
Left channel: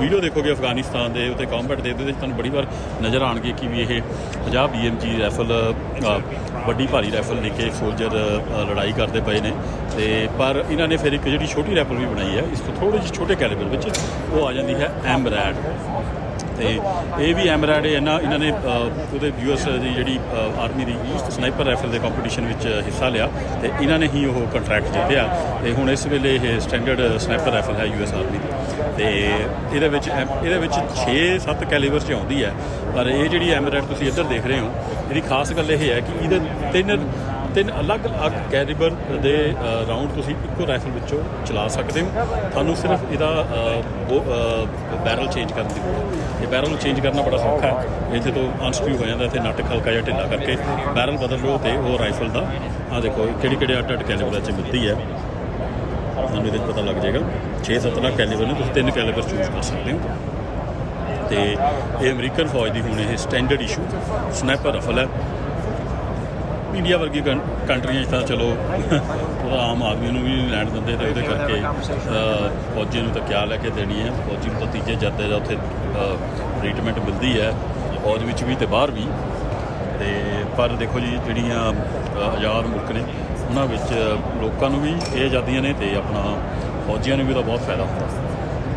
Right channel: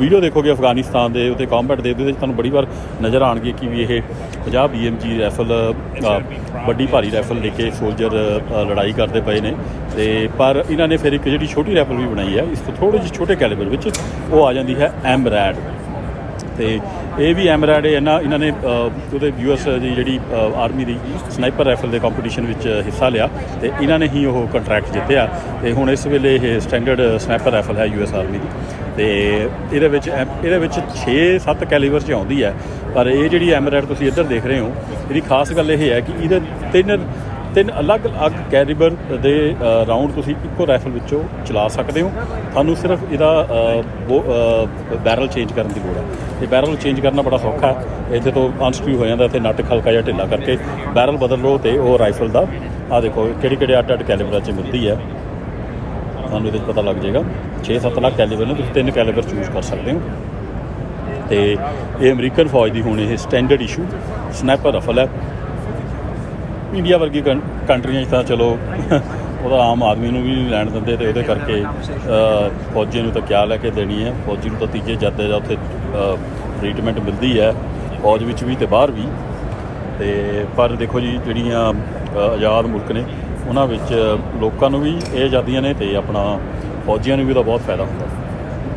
ਵੀਡੀਓ ਦੇਖੋਗੇ ਅਫਗਾਨਿਸਤਾਨ ਦੇ ਉੱਤੇ ਕੰਬੈਟ ਦੇ, ਉਹਦੇ ਵਿੱਚ ਤੁਹਾਨੂੰ ਬੜੀ ਵਾਰ ਨਜ਼ਰ ਆਉਣਗੇ ਕਿ ਵੀ ਇਹ 50 BMG ਰਾਈਫਲ ਵੱਡੀ ਭਾਰੀ ਰਾਈਫਲ ਲੈ ਕੇ ਸੋਲਜਰ ਲੜਾਈ ਕਰਦੇ ਪਏ ਨੇ, ਤੇ ਪਰ ਇਹਨਾਂ ਨੇ ਫਿਰ ਇੱਕ ਜਿਹੜੀ ਛੋਟੀ ਰਾਈਫਲ ਵੀ ਬਣਾਈ ਹੈ ਇਸ ਤੋਂ ਥੋੜ੍ਹੇ ਜਿਹੇ ਛੋਟੇ ਕੈਲੀਬਰ ਵਿੱਚ, ਉਹ ਆ ਜਾਂਦੀ ਹੈ ਐਮਰੈਡ, ਤੇ ਇਹ ਵੀ ਐਮਰੈਡ ਇਹਨਾਂ ਨੇ ਉਹਦੇ US ਦੀ ਜਿਹੜੀ ਆਰਮੀ ਦੀ ਸਨਾਈਪਰ ਰਾਈਫਲ ਦੇ ਕੰਪੀਟੀਸ਼ਨ ਵਿੱਚ ਹਿੱਸਾ ਲਿਆ, ਤੇ ਇਹਨਾਂ ਨੇ ਹੀ ਉਹ ਕੰਟਰੈਕਟ ਜਿੱਤਿਆ, ਤੇ ਹੁਣ ਇਸ ਵੇਲੇ ਇਹ ਸਟੈਂਡਰਡ ਸਨਾਈਪਰ ਰਾਈਫਲ ਹੈ US ਆਰਮੀ ਦੀ, ਤੇ ਇਹਦੇ ਵਿੱਚ 6-7 ਕੈਲੀਬਰ 'ਚ ਆਉਂਦੀ ਹੈ। ਪਰ ਇਹ ਜਿਹੜੀ ਐਮਰੈਡ ਤੁਸੀਂ ਇੱਧਰ ਦੇਖ ਰਹੇ ਹੋ, ਇਹਦੀ ਖਾਸ ਗੱਲ ਇਹ ਹੈ ਕਿ ਇਹਦੇ ਤਿੰਨ ਅਲੱਗ-ਅਲੱਗ ਕੈਲੀਬਰ ਦੇ ਰਾਊਂਡ ਤੁਸੀਂ ਇੱਕੋ ਰਾਈਫਲ ਵਿੱਚੋਂ ਚਲਾ ਸਕਦੇ ਹੋ। ਤੁਹਾਨੂੰ ਸਿਰਫ ਇਹਦਾ ਬੈਰਲ ਚੇਂਜ ਕਰਨ ਦੀ ਲੋੜ ਹੈ। ਇਹ ਬੈਰਲ ਚੇਂਜ ਕਰਨਾ ਬੜਾ ਸੌਖਾ ਹੈ, ਇਹਦੇ ਤੋਂ ਅਨਸਕਰੂ ਹੋ ਜਾਂਦਾ, ਇੱਥੇ ਨੱਟ ਹਲਕਾ ਜਿਹਾ ਢਿੱਲਾ ਕਰਕੇ ਬੈਰਲ ਬਦਲ ਲਓ ਤੇ ਉਹ ਰਾਈਫਲ ਦਾ ਆਹ ਦੇਖੋ ਕਿਹੜੇ ਅੱਡ ਕੈਲੀਬਰਾਂ 'ਚ ਮਿਲਦੀ ਹੈ, ਤੁਹਾਨੂੰ ਇਹਦੇ 'ਚ ਪਤਾ ਲੱਗ ਜਾਏਗਾ। 6-7 ਲੱਖ ਕੈਲੀਬਰ ਨੇ, ਤੁਸੀਂ 3 ਕੈਲੀਬਰ ਚੂਜ਼ ਕਰ ਸਕਦੇ ਹੋ। ਤੇ ਇਹ ਅਮਰੀਕਨ ਫੌਜ ਦੀ ਹੁਣ ਇਹ ਸਟੈਂਡਰਡ ਇਸ਼ੂ ਸਨਾਈਪਰ ਰਾਈਫਲ ਹੈ। ਇੰਡੀਆ ਵਰਗੀ ਕੰਟਰੀਆਂ 'ਚ ਤਾਂ ਚਲੋ ਉਹਦਾ ਆਮ ਆਦਮੀ ਨੂੰ ਵੀ ਨਹੀਂ ਲੈਣ ਦਿੰਦੇ, ਤੇ ਉਹਦੇ ਕਰਕੇ ਫੌਜੀ ਨੂੰ ਤਾਂ ਕਿਆ ਲੈ ਕੇ ਦੇਣੀ ਹੈ, ਫੌਜੀ ਨੂੰ ਤਾਂ ਤੀਜੇ ਜੱਦੇ ਦਾ ਉੱਥੇ ਟਰੀਟਮੈਂਟ ਮਿਲਦੀ ਹੈ, ਫੌਜ ਵਿੱਚ ਵੀ ਤੇ ਬਾਹਰ ਵੀ। ਤੇ ਪਰ ਦੇਖੋ ਜੀ, ਜਿਹੜੀਆਂ ਆਜ਼ਾਦ ਮੁਲਕ ਨੇ ਉਹਨਾਂ ਵਿੱਚ ਲੋਕਾਂ ਨੂੰ ਵੀ ਇਹ ਆਜ਼ਾਦੀਆਂ ਨੇ ਤੇ ਆਪਣਾ ਫੌਜੀਆਂ ਨੂੰ ਵੀ ਉਹਦਾ ਬਹੁਤ ਫਾਇਦਾ ਹੁੰਦਾ,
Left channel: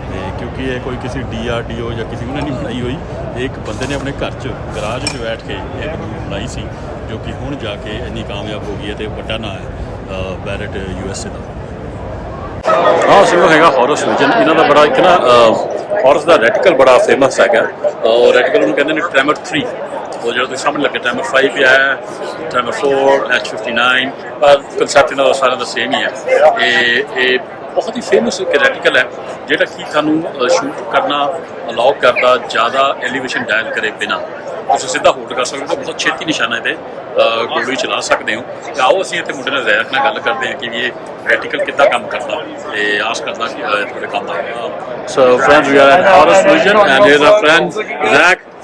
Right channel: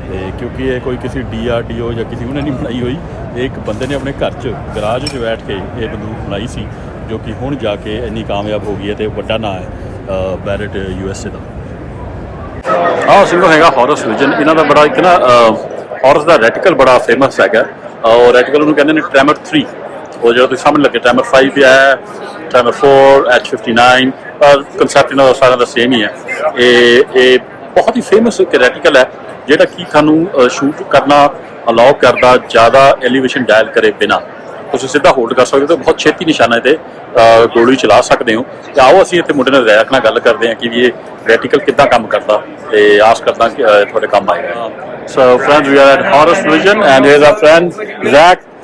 ਤੇ ਕਿਉਂਕਿ ਇਹ ਕੋਈ ਕਿਸੇ DRDO ਜਾਂ ਕਿਸੇ ਉਹਨੇ ਨਹੀਂ ਬਣਾਈ ਹੋਈ, ਇਹ ਇੱਕ ਬੰਦੇ ਨੇ ਆਪਣੇ ਘਰ 'ਚ ਗਰਾਜ 'ਚ ਬੈਠ ਕੇ ਇਹ ਬੰਦੂਕ ਬਣਾਈ ਸੀ, ਜੋ ਕਿ ਹੁਣ ਜਾ ਕੇ ਇੰਨੀ ਕਾਮਯਾਬ ਹੋ ਗਈ ਹੈ, ਤੇ ਵੱਡਾ ਨਾਂ ਹੈ ਬੈਰਟ USA ਦਾ। ਆਹ ਸਿੰਗਲ ਹੈਗਾ ਹੌਰਸ ਵਿਜ਼ਨ, ਇਹਨਾਂ ਦਾ ਬੜਾ ਇੱਕ ਨਾ ਹੌਰਸ ਦਾ ਰੈਟੀਕਲ ਬੜਾ ਫੇਮਸ ਹੈਗਾ, ਔਰ ਰੈਟੀਕਲ ਉਹਨੂੰ ਕਹਿੰਦੇ ਨੇ ਟ੍ਰੈਮਰ 3, ਉਹ ਜਿਹੜਾ ਤੁਸੀਂ ਸਾਹਮਣੇ ਲੱਗੇ ਟ੍ਰੈਮਰ 5 ਵੀ ਆਇਆ, ਟ੍ਰੈਮਰ 4, H59, ਪਰ ਕਨਸੈਪਟ ਇਹਨਾਂ ਦਾ ਸਾਰਿਆਂ ਦਾ ਸੇਮ ਹੀ ਹੈ। ਇਹ ਬਹੁਤ ਹੀ ਫੇਮਸ ਰੈਟੀਕਲ ਹੈ ਜਿਹੜਾ ਕਿ ਤੁਹਾਨੂੰ ਸ਼ੂਟ ਕਰਨਾ ਅਲਾਉ ਕਰਦਾ ਜ਼ਿਆਦਾ ਐਲੀਵੇਸ਼ਨ ਡਾਇਲ ਕਰੇ ਬਿਨਾਂ। ਤੁਸੀਂ ਸਿੱਧਾ ਹੋਲਡ ਕਰ ਸਕਦੇ ਹੋ, ਬਹੁਤ ਛੇਤੀ ਨਿਸ਼ਾਨੇ ਤੇ ਗੋਲੀ ਚਲਾ ਸਕਦੇ ਹੋ। ਤੇ ਆਓ ਅਸੀਂ ਇੱਥੇ ਮੁੰਡੇ ਨਾਲ ਰੈਕ ਨਾਲ ਗੱਲ ਕਰਦੇ ਹਾਂ ਕਿ ਵੀ ਇਹ ਰੈਟੀਕਲ ਕਿੱਦਾਂ ਕੰਮ ਕਰਦਾ ਤੇ ਆਸ ਕਰਦਾ ਕਿ ਤੁਹਾਡੇ ਕੰਮ ਆਏਗਾ। So friends, we are at Horus Vision and here's our friend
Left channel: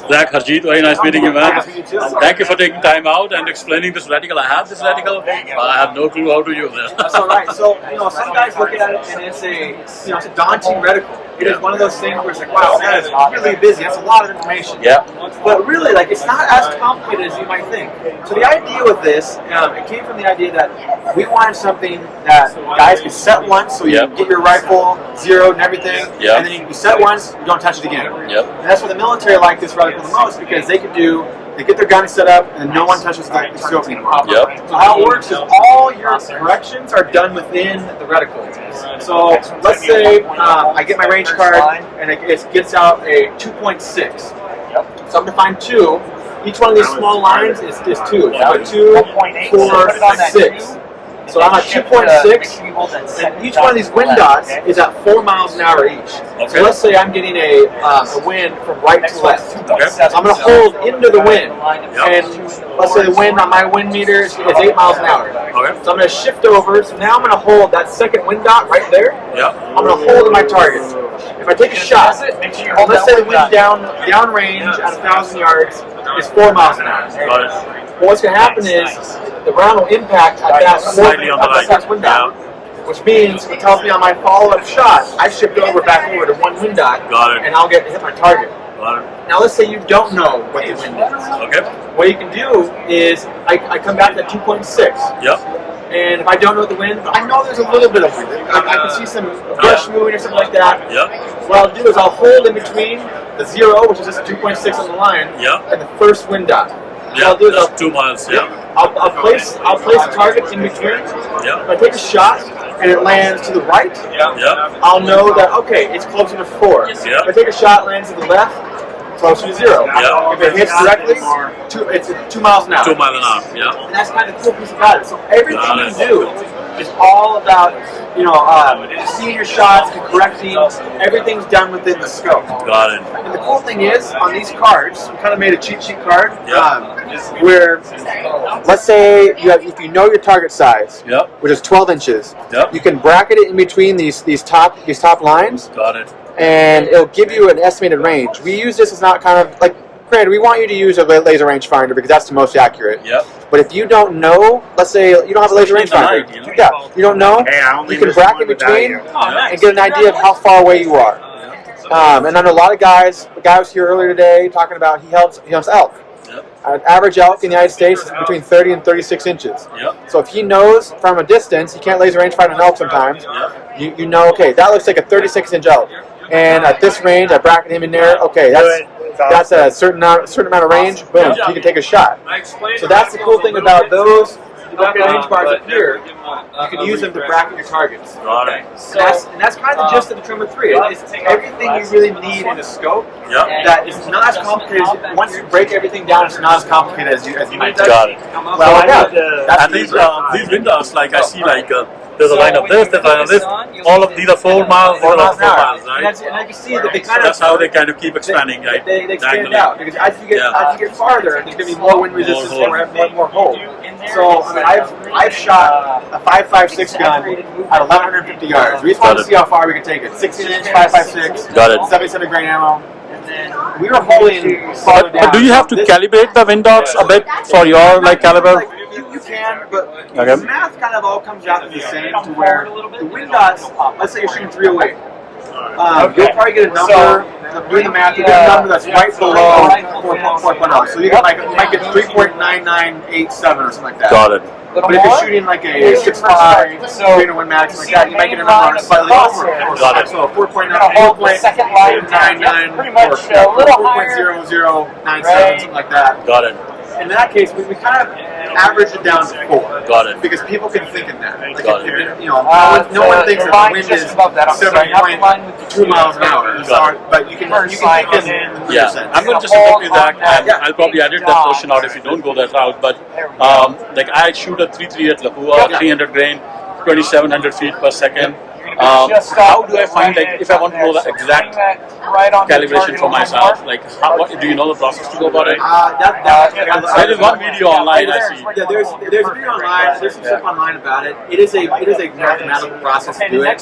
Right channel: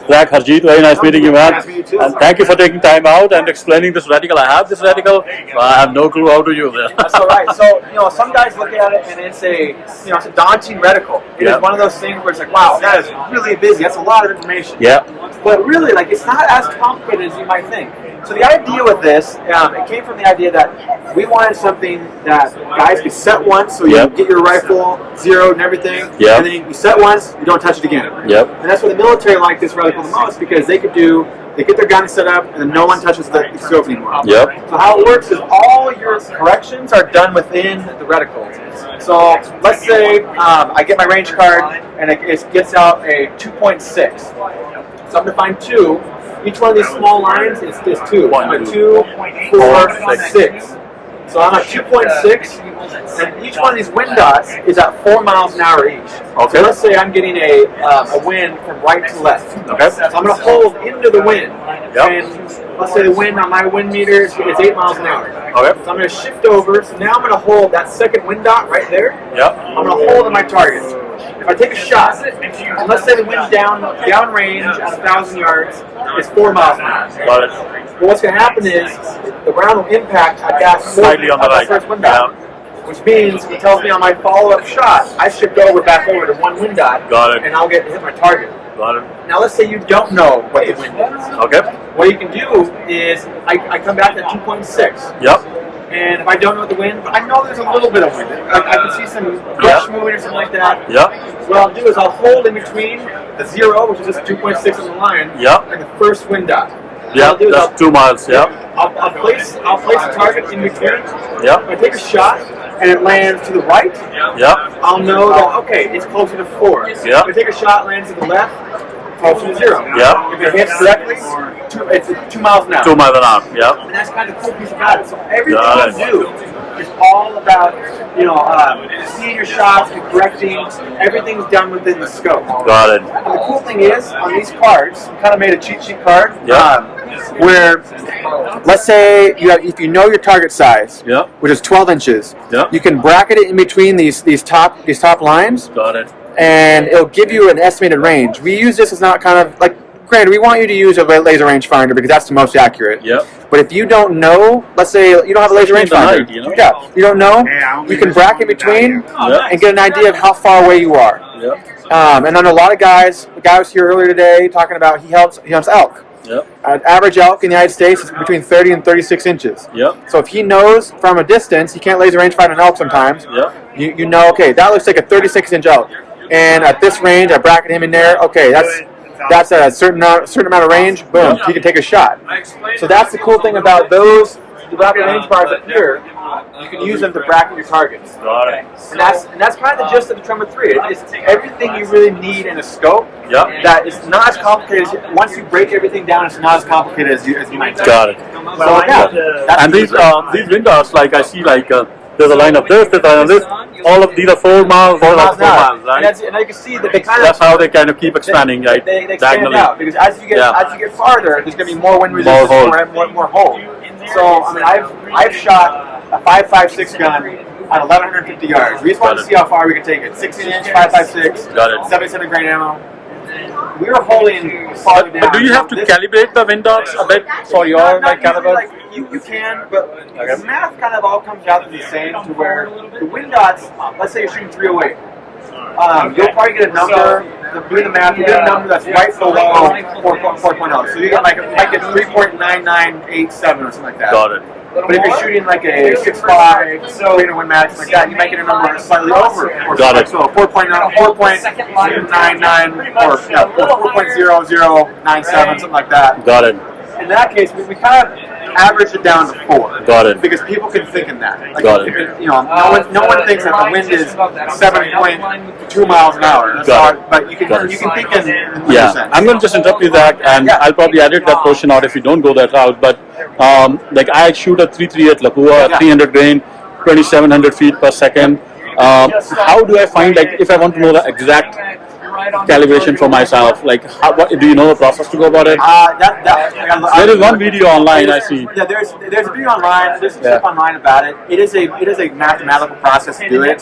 Zach Harjeet, very nice meeting you, man. Nice to meet you too. And thank you for taking time out and explaining this reticle. I have this reticle, but I have no clue how to use it. That's all right. So, some guys look at it and it's it's a daunting reticle. It's one of those things where it's like, wow, that is really busy. That's a lot of information. Yeah. But really, it's not as complicated as you might think. So the idea with this, it came from the idea that we wanted something that guys could set once, so you get your rifle zeroed and everything, and then you set once, you don't touch it again. Yep. And that's why the military like this reticle the most, because they get their gun set up and then no one touches the scope anymore. Yep. So how it works is all your corrections are done within the reticle. So let's say I get my range card and it gets out a 2.6. So I'm going to find 2. Each one of these small lines is 2. So 2, 4, 6. So I'm at 2.6, and each one of these wind dots is at 4 miles an hour each. Okay. So let's say I'm getting a wind from right to left. Okay. So I'm going to hold into the wind, and let's say the wind on my wind meter is 8 miles an hour. Okay. So I'm going to shift over. So now I'm going to hold that second wind dot right there. Yep. I'm going to hold in my target. If I take a shot, and let's say the wind downrange at 1,000 yards is 4 miles an hour. Got it. Well, what's going to happen is the round will impact at that Slightly on the right. first wind dot, which means it tells me on my follow-up shot, I shift back over to one wind dot, Got it. and I'll hit my target. Got it. Now, let's say you don't know what the wind is. Okay. What you can do is I come back at 2.6. Yep. And if I don't know the wind, but I know there's a little bit of wind. I can see some brush moving or something like that. Yep. What I'll do is I'll hold in between the 0, which is just 2.6 on the line, and the first wind dot. Yeah, that's 2 miles. Yeah. I'll place the target in between. Yeah. If I take a shot and it lands to the right, I'll know that it's closer to 4. Yeah. If I take a shot, lands to the left, closer to 0. Yeah. If it hits directly, it's 2 miles an hour. 2 miles an hour. Yeah. And that's kind of the cool piece about it. So everything you do is all about seeing your shots and correcting. Everything's done within the scope. Got it. And the cool thing is, on these cards, we kind of made a cheat sheet card where, let's say if you know your target size, which is 12 inches, you can bracket it in between these top lines. Got it. And it'll give you an estimated range. We use this as not kind of like, granted, we want you to use a laser rangefinder because that's the most accurate. Yep. But if you don't know, let's say you don't have a laser rangefinder, you don't know, you can bracket between and get an idea of how far away you are. Yep. And I know a lot of guys. The guy was here earlier today talking about he hunts elk. Yep. An average elk in the United States is between 30 and 36 inches. Yep. So if he knows from a distance, he can't laser rangefind an elk sometimes. Yep. You know, okay, that looks like a 36-inch elk. And at this range, I bracket him in there. Okay, that's a certain amount of range. Boom, you can take a shot. So that's the cool thing about those. The rapid range bars up here, you can use them to bracket your targets. Got it. And that's kind of the gist of the Tremor 3. It's everything you really need in a scope. Yep. That is not as complicated. Once you break everything down, it's not as complicated as you might think. Got it. So that's and these windows, like I see, there's a line of this, there's a line of this. All of these are 4 miles, all of 4 miles, right? And you can see that they that's how they kind of keep expanding, right? They expand out because as you get farther, there's going to be more wind resistance, more hold. So I mean, I've shot a 5.56 gun at 1,150 yards. We just wanted to see how far we could take it. 16-inch 5.56. Got it. 77 grain ammo. We were holding farther down. But do you have to calibrate the wind dots a bit for your caliber? You can, but the math kind of all comes out to the same, to where the wind dots, let's say you're shooting 308, you'll probably get a number, doing the math, you get a number that's right below 4.0. So you might get 3.9987 or something like that. Got it. But if you're shooting like a 6.5, 300 Win Max, like that, you might get a number slightly over. So 4.0, 4.99, or 4.0097, something like that. Got it. In that case, we kind of average it down to 4. Got it. Because people can think in that. Like Got if it, no one thinks that the wind is 7.2 miles an hour. But you can think in percent. I'm going to just interrupt you that, and I'll probably edit that portion out if you don't go that route. But like I shoot a 338 Lapua, 300 grain, 2,700 feet per second. How do I find, like, if I want to know the exact calibration for myself, like, do you know a process to go about it? There is one video online I see. Yeah, there's a video online. There's some stuff online about it. It is a mathematical process to do it.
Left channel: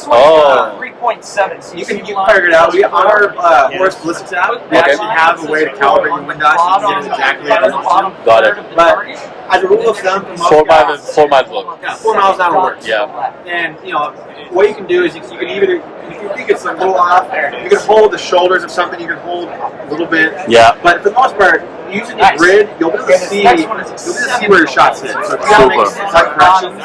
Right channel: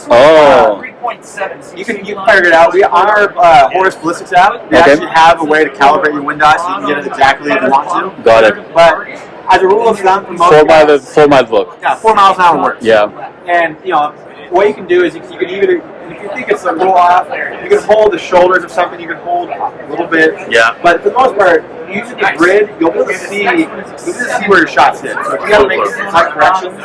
You can figure it out. We on our Horus Ballistics app, we actually have a way to calibrate your wind die so you can get it exactly as you want to. Got it. But as a rule of thumb, for most guys, 4 miles work. Yeah, 4 miles an hour works. Yeah. And what you can do is you can either, if you think it's a little off, you can hold the shoulders of something, you can hold a little bit. Yeah. But for the most part, using the grid, you'll be able to see where your shots hit. So if you gotta make slight corrections,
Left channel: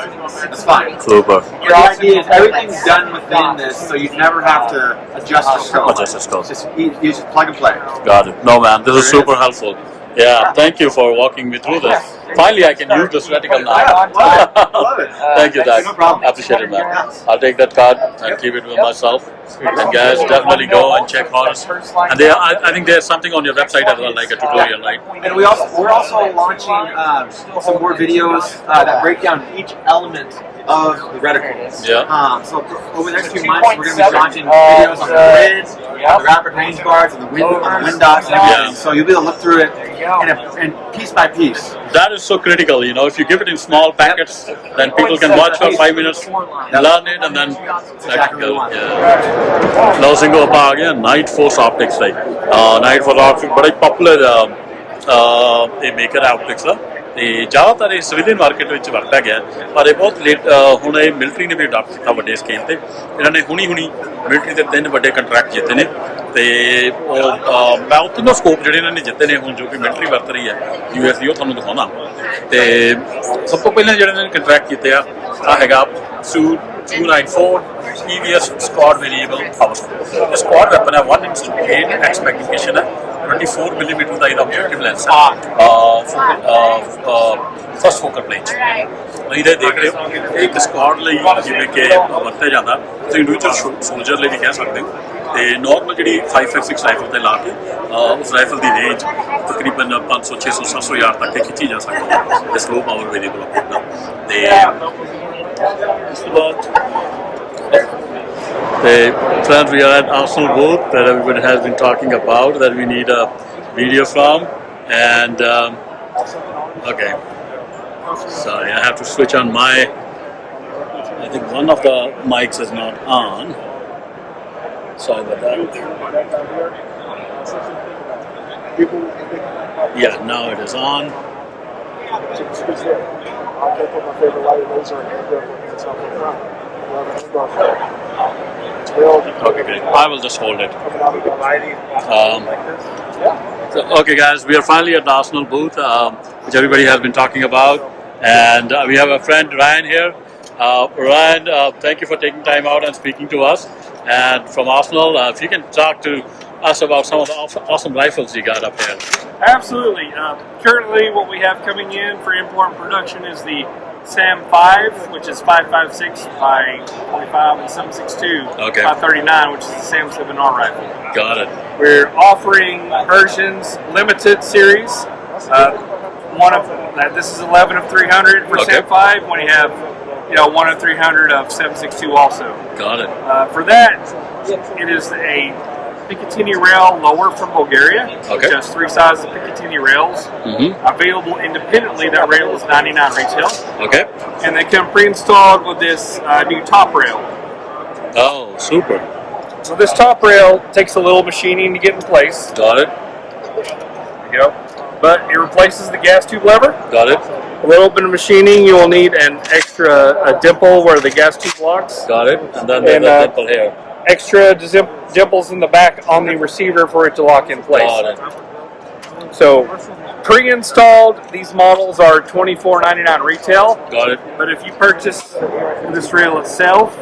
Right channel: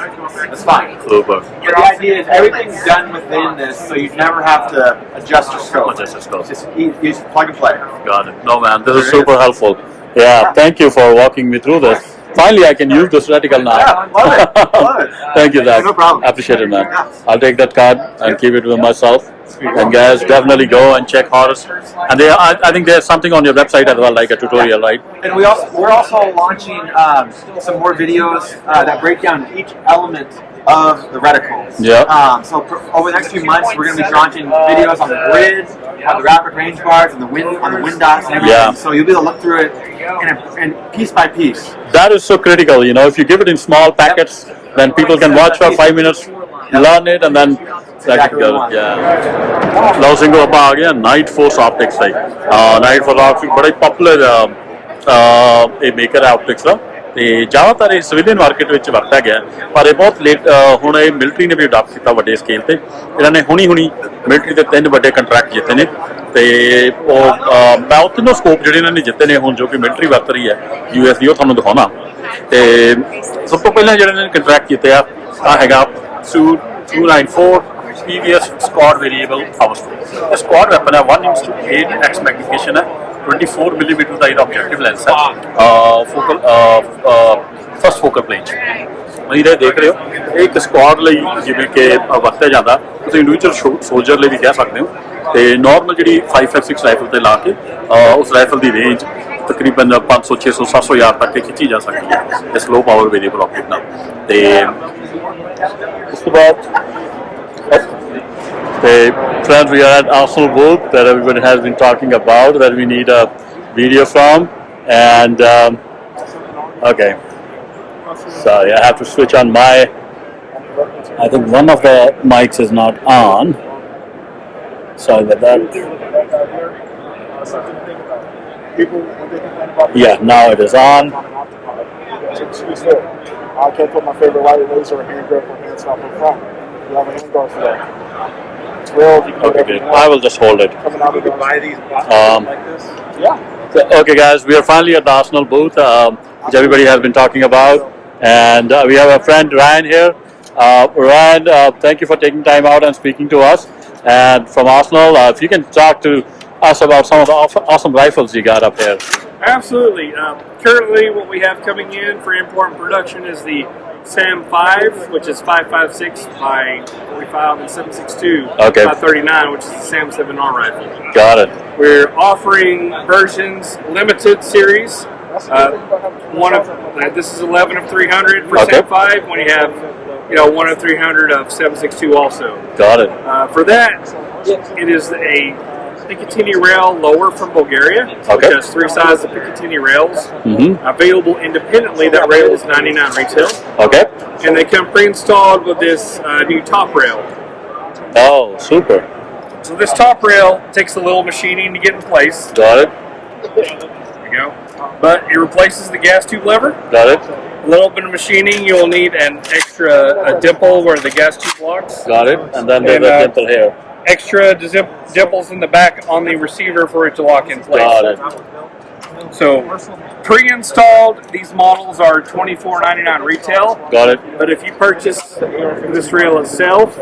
that's fine. Super. But the idea is everything's done within this, so you never have to adjust your scope. Adjust the scope. You just plug and play. Got it. No, man, this is super helpful. Yeah, thank you for walking me through this. Finally, I can use this reticle now. Yeah, love it. Love it. Thank you, Dad. No problem. Appreciate it, man. I'll take that card and keep it with myself. And guys, definitely go and check Horus. And I think there's something on your website as well, like a tutorial, right? And we're also launching some more videos that break down each element of the reticles. Yeah. So over the next few months, we're going to be launching videos on the grid, on the rapid range bars, and the wind dots, and everything. Yeah. So you'll be able to look through it and piece by piece. That is so critical, if you give it in small packets, then people can watch for 5 minutes, learn it, and then exactly go. Yeah. Love Singo ਆਪਾਂ ਆ ਗਏ Night Force Optics ਲਈ Night Force Optics ਬੜਾ poplar ਇਹ maker ਹੈ optics ਦਾ ਤੇ ਜ਼ਿਆਦਾਤਰ ਇਹ ਸਿਵਿਲੀਅਨ ਮਾਰਕੀਟ ਵਿੱਚ ਵਰਤਿਆ ਗਿਆ ਪਰ ਇਹ ਬਹੁਤ ਲੇਟ ਹੁਣ ਇਹ ਮਿਲਟਰੀ ਨੇ ਵੀ ਅਡਾਪਟ ਕੀਤਾ ਵੱਡੇ ਸਕੇਲ ਤੇ ਇਹਨਾਂ ਨੇ ਹੁਣੀ ਮਿਲਟਰੀ ਦੇ 3 ਵੱਡੇ ਕੰਟਰੈਕਟ ਜਿੱਤੇ ਨੇ ਤੇ ਉਹ ਮੈਂ ਉਹ ਤਿੰਨੋਂ ਸਕੋਪ ਜਿਹੜੇ ਇਹਨਾਂ ਨੇ ਜਿੱਤੇ ਨੇ ਹੁਣ ਜੋ ਕਿ ਮਿਲਟਰੀ ਵਰਤ ਰਹੀ ਹੈ US ਦੀ ਉਹ ਤੁਹਾਨੂੰ ਦਿਖਾਉਣਾ ਤੇ ਸਭ ਤੋਂ ਪਹਿਲਾਂ ਜਿਹੜੇ ਨੇ ਕੰਟਰੈਕਟ ਕੀਤੇ ਆ ਹੈਗਾ Su 294 PVS squad variable power scope. The squad weapon है 1:8x magnification है 24 mm ਦਾ ਇਹਦਾ objective lens ਹੈ focal first focal plane ਇਹਦੇ ਦੇਖ ਰਹੇ ਹੋ ਇਹ ਇੱਕ squad ਲਈ ਜਿਵੇਂ ਕਿ ਵਰਤਿਆ ਜਾਂਦਾ ਤੁਸੀਂ ਇੰਡੀਵਿਜੂਅਲ ਸੋਲਜਰ ਲਈ ਵੀ ਕਹਿ ਸਕਦੇ ਹੋ ਤੇ ਨਾਰਮਲ ਜਿਹੜੀ 556 ਰਾਈਫਲ ਤੇ ਲਾ ਕੇ ਉਸ ਰਾਈਫਲ ਦੀ ਰੇਂਜ ਤਕਰੀਬਨ 500 600 700 ਯਾਰਡ ਤੱਕ ਖਿੱਚੀ ਜਾ ਸਕਦੀ ਹੈ ਇਸ ਲੋ ਪਾਵਰ ਵੇਰੀਏਬਲ ਆਪਟਿਕ ਨਾਲ ਤੇ ਉਸ ਤੋਂ ਬਾਅਦ friends, we are at Arsenal booth that everybody has been talking about that we need a video from and okay, sorry, I have to switch on I think one of the mics is not on, sorry about that. Yeah, now it is on. I can't put my favorite light laser and hand grip and stuff in front. Okay, great. I will just hold it. So, okay, guys, we are finally at the Arsenal booth, which everybody has been talking about, and we have a friend Ryan here. Ryan, thank you for taking time out and speaking to us. And from Arsenal, if you can talk to us about some of the awesome rifles you got up here. Absolutely. Currently, what we have coming in for import production is the SAM 5, which is 5.56 by 45 and 7.62 Okay. by 39, which is the SAM 7R rifle. Got it. We're offering versions limited series. This is 11 of 300 for SAM 5. When you have, 1 of 300 of 7.62 also. Got it. For that, it is a Picatinny rail lower from Bulgaria. Okay. It has 3 sizes of Picatinny rails. Available independently. That rail is $99 retail. Okay. And they come pre-installed with this new top rail. Oh, super. So this top rail takes a little machining to get in place. Got it. There you go. But it replaces the gas tube lever. Got it. A little bit of machining. You'll need an extra dimple where the gas tube locks. Got it. And then there's a dimple here. Extra dimples in the back on the receiver for it to lock in place. Got it. So, pre-installed, these models are $24.99 retail. Got it. But if you purchase this rail itself,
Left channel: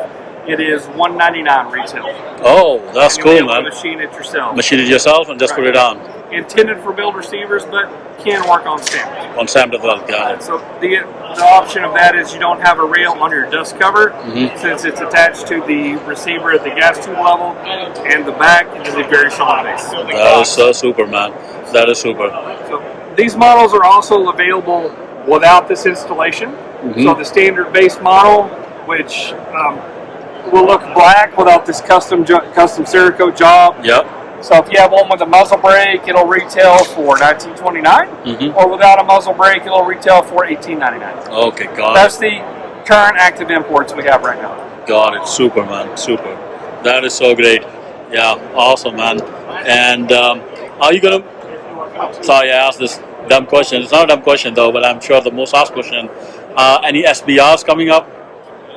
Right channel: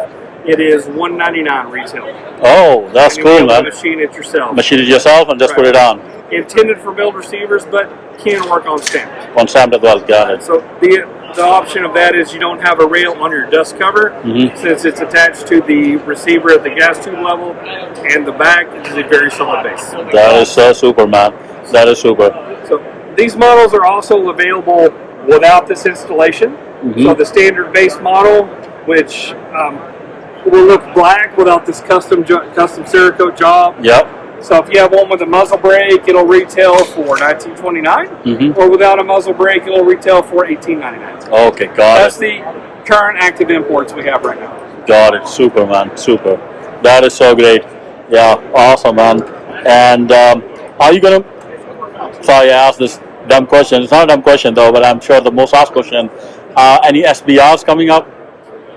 it is $199 retail. Oh, that's cool, man. Machine it yourself. Machine it yourself and just put it on. Intended for build receivers, but can work on stamped. On stamped as well, got it. So the option of that is you don't have a rail on your dust cover since it's attached to the receiver at the gas tube level, and the back is a very solid base. That is so super, man. That is super. So these models are also available without this installation. So the standard base model, which will look black without this custom Cerakote job. Yep. So if you have one with a muzzle brake, it'll retail for $19.29, or without a muzzle brake, it'll retail for $18.99. Okay, got That's the current active imports we have right now. Got it. Super, man. Super. That is so great. Yeah, awesome, man. And are you gonna? Sorry, I asked this dumb question. It's not a dumb question though, but I'm sure the most asked question. Any SBRs coming up?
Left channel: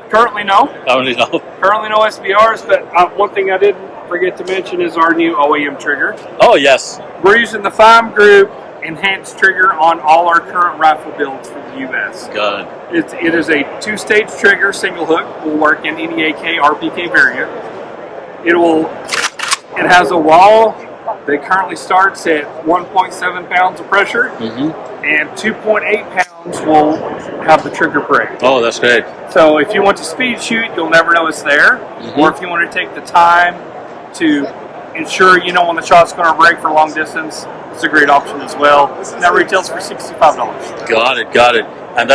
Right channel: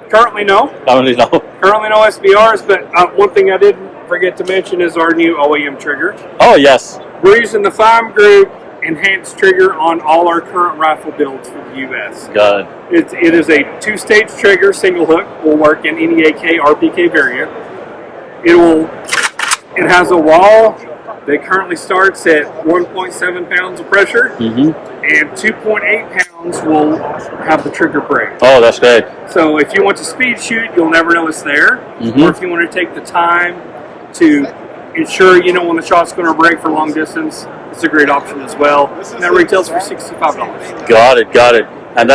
Currently, no. Currently, no. Currently, no SBRs. But one thing I didn't forget to mention is our new OEM trigger. Oh yes. We're using the FIME Group enhanced trigger on all our current rifle builds for the U.S. Got it. It is a two-stage trigger, single hook. Will work in any AK, RPK variant. It has a wall that currently starts at 1.7 pounds of pressure, and 2.8 pounds will have the trigger break. Oh, that's great. So if you want to speed shoot, you'll never know it's there. Or if you want to take the time to ensure you know when the shot's going to break for long distance, it's a great option as well. And that retails for $65. Got it. Got it. And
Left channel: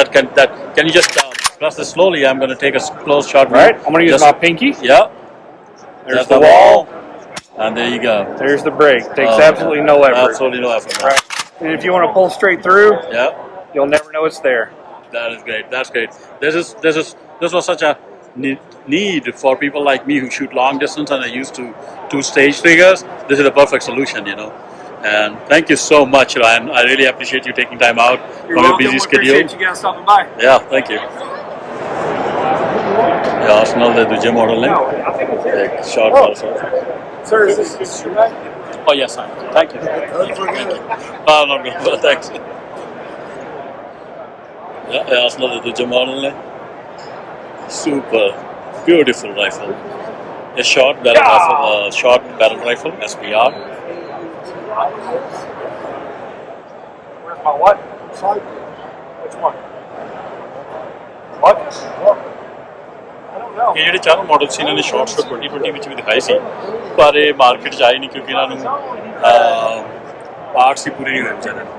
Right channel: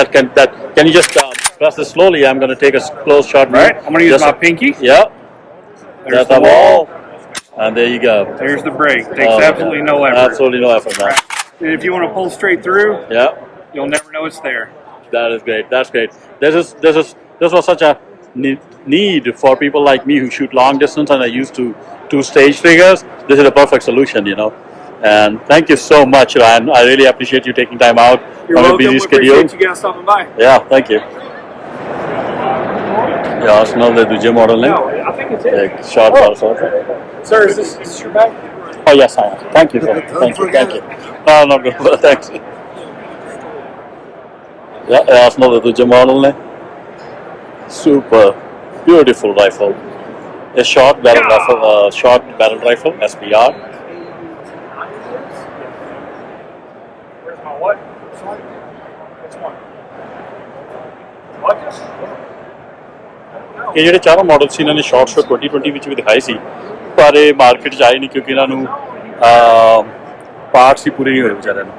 can you just press this slowly? I'm going to take a close shot. Right. I'm going to use my pinky. Yeah. There's the wall. And there you go. There's the brake. Takes absolutely no effort. Absolutely no effort, man. Right. And if you want to pull straight through, you'll never know it's there. That is great. That's great. This was such a need for people like me who shoot long distance and are used to two-stage triggers. This is a perfect solution, you know. And thank you so much, Ryan. I really appreciate you taking time out You're from your welcome. busy We schedule. appreciate you guys stopping by. Yeah, thank you. Yeah, Arsenal ਦੇ ਦੂਜੇ model ਨੇ ਇੱਕ short bar Sir, is this your bag? Oh yes, I am. Thank you, sir. Thank you. Thank you. No, not good. Thanks. Yeah, Arsenal the dooje model ne. Super beautiful rifle. A short barrel rifle, SBR. Where's my what? Sorry. Which one? What? ਇਹ ਜਿਹੜੇ ਚਾਰੋਂ model ਸੀ ਇਹਨਾਂ ਨੇ short show 2020 ਵਿੱਚ ਵੀ ਦਿਖਾਏ ਸੀ, ਪਰ ਇਹ market 'ਚ ਆਏ ਨਹੀਂ ਕਿਉਂਕਿ ਇਹਨਾਂ ਨੂੰ ਪਾਰਟਸ ਹੀ ਪੂਰੇ ਨਹੀਂ ਹੋਏ ਵਿਚਾਰਿਆਂ ਨੂੰ,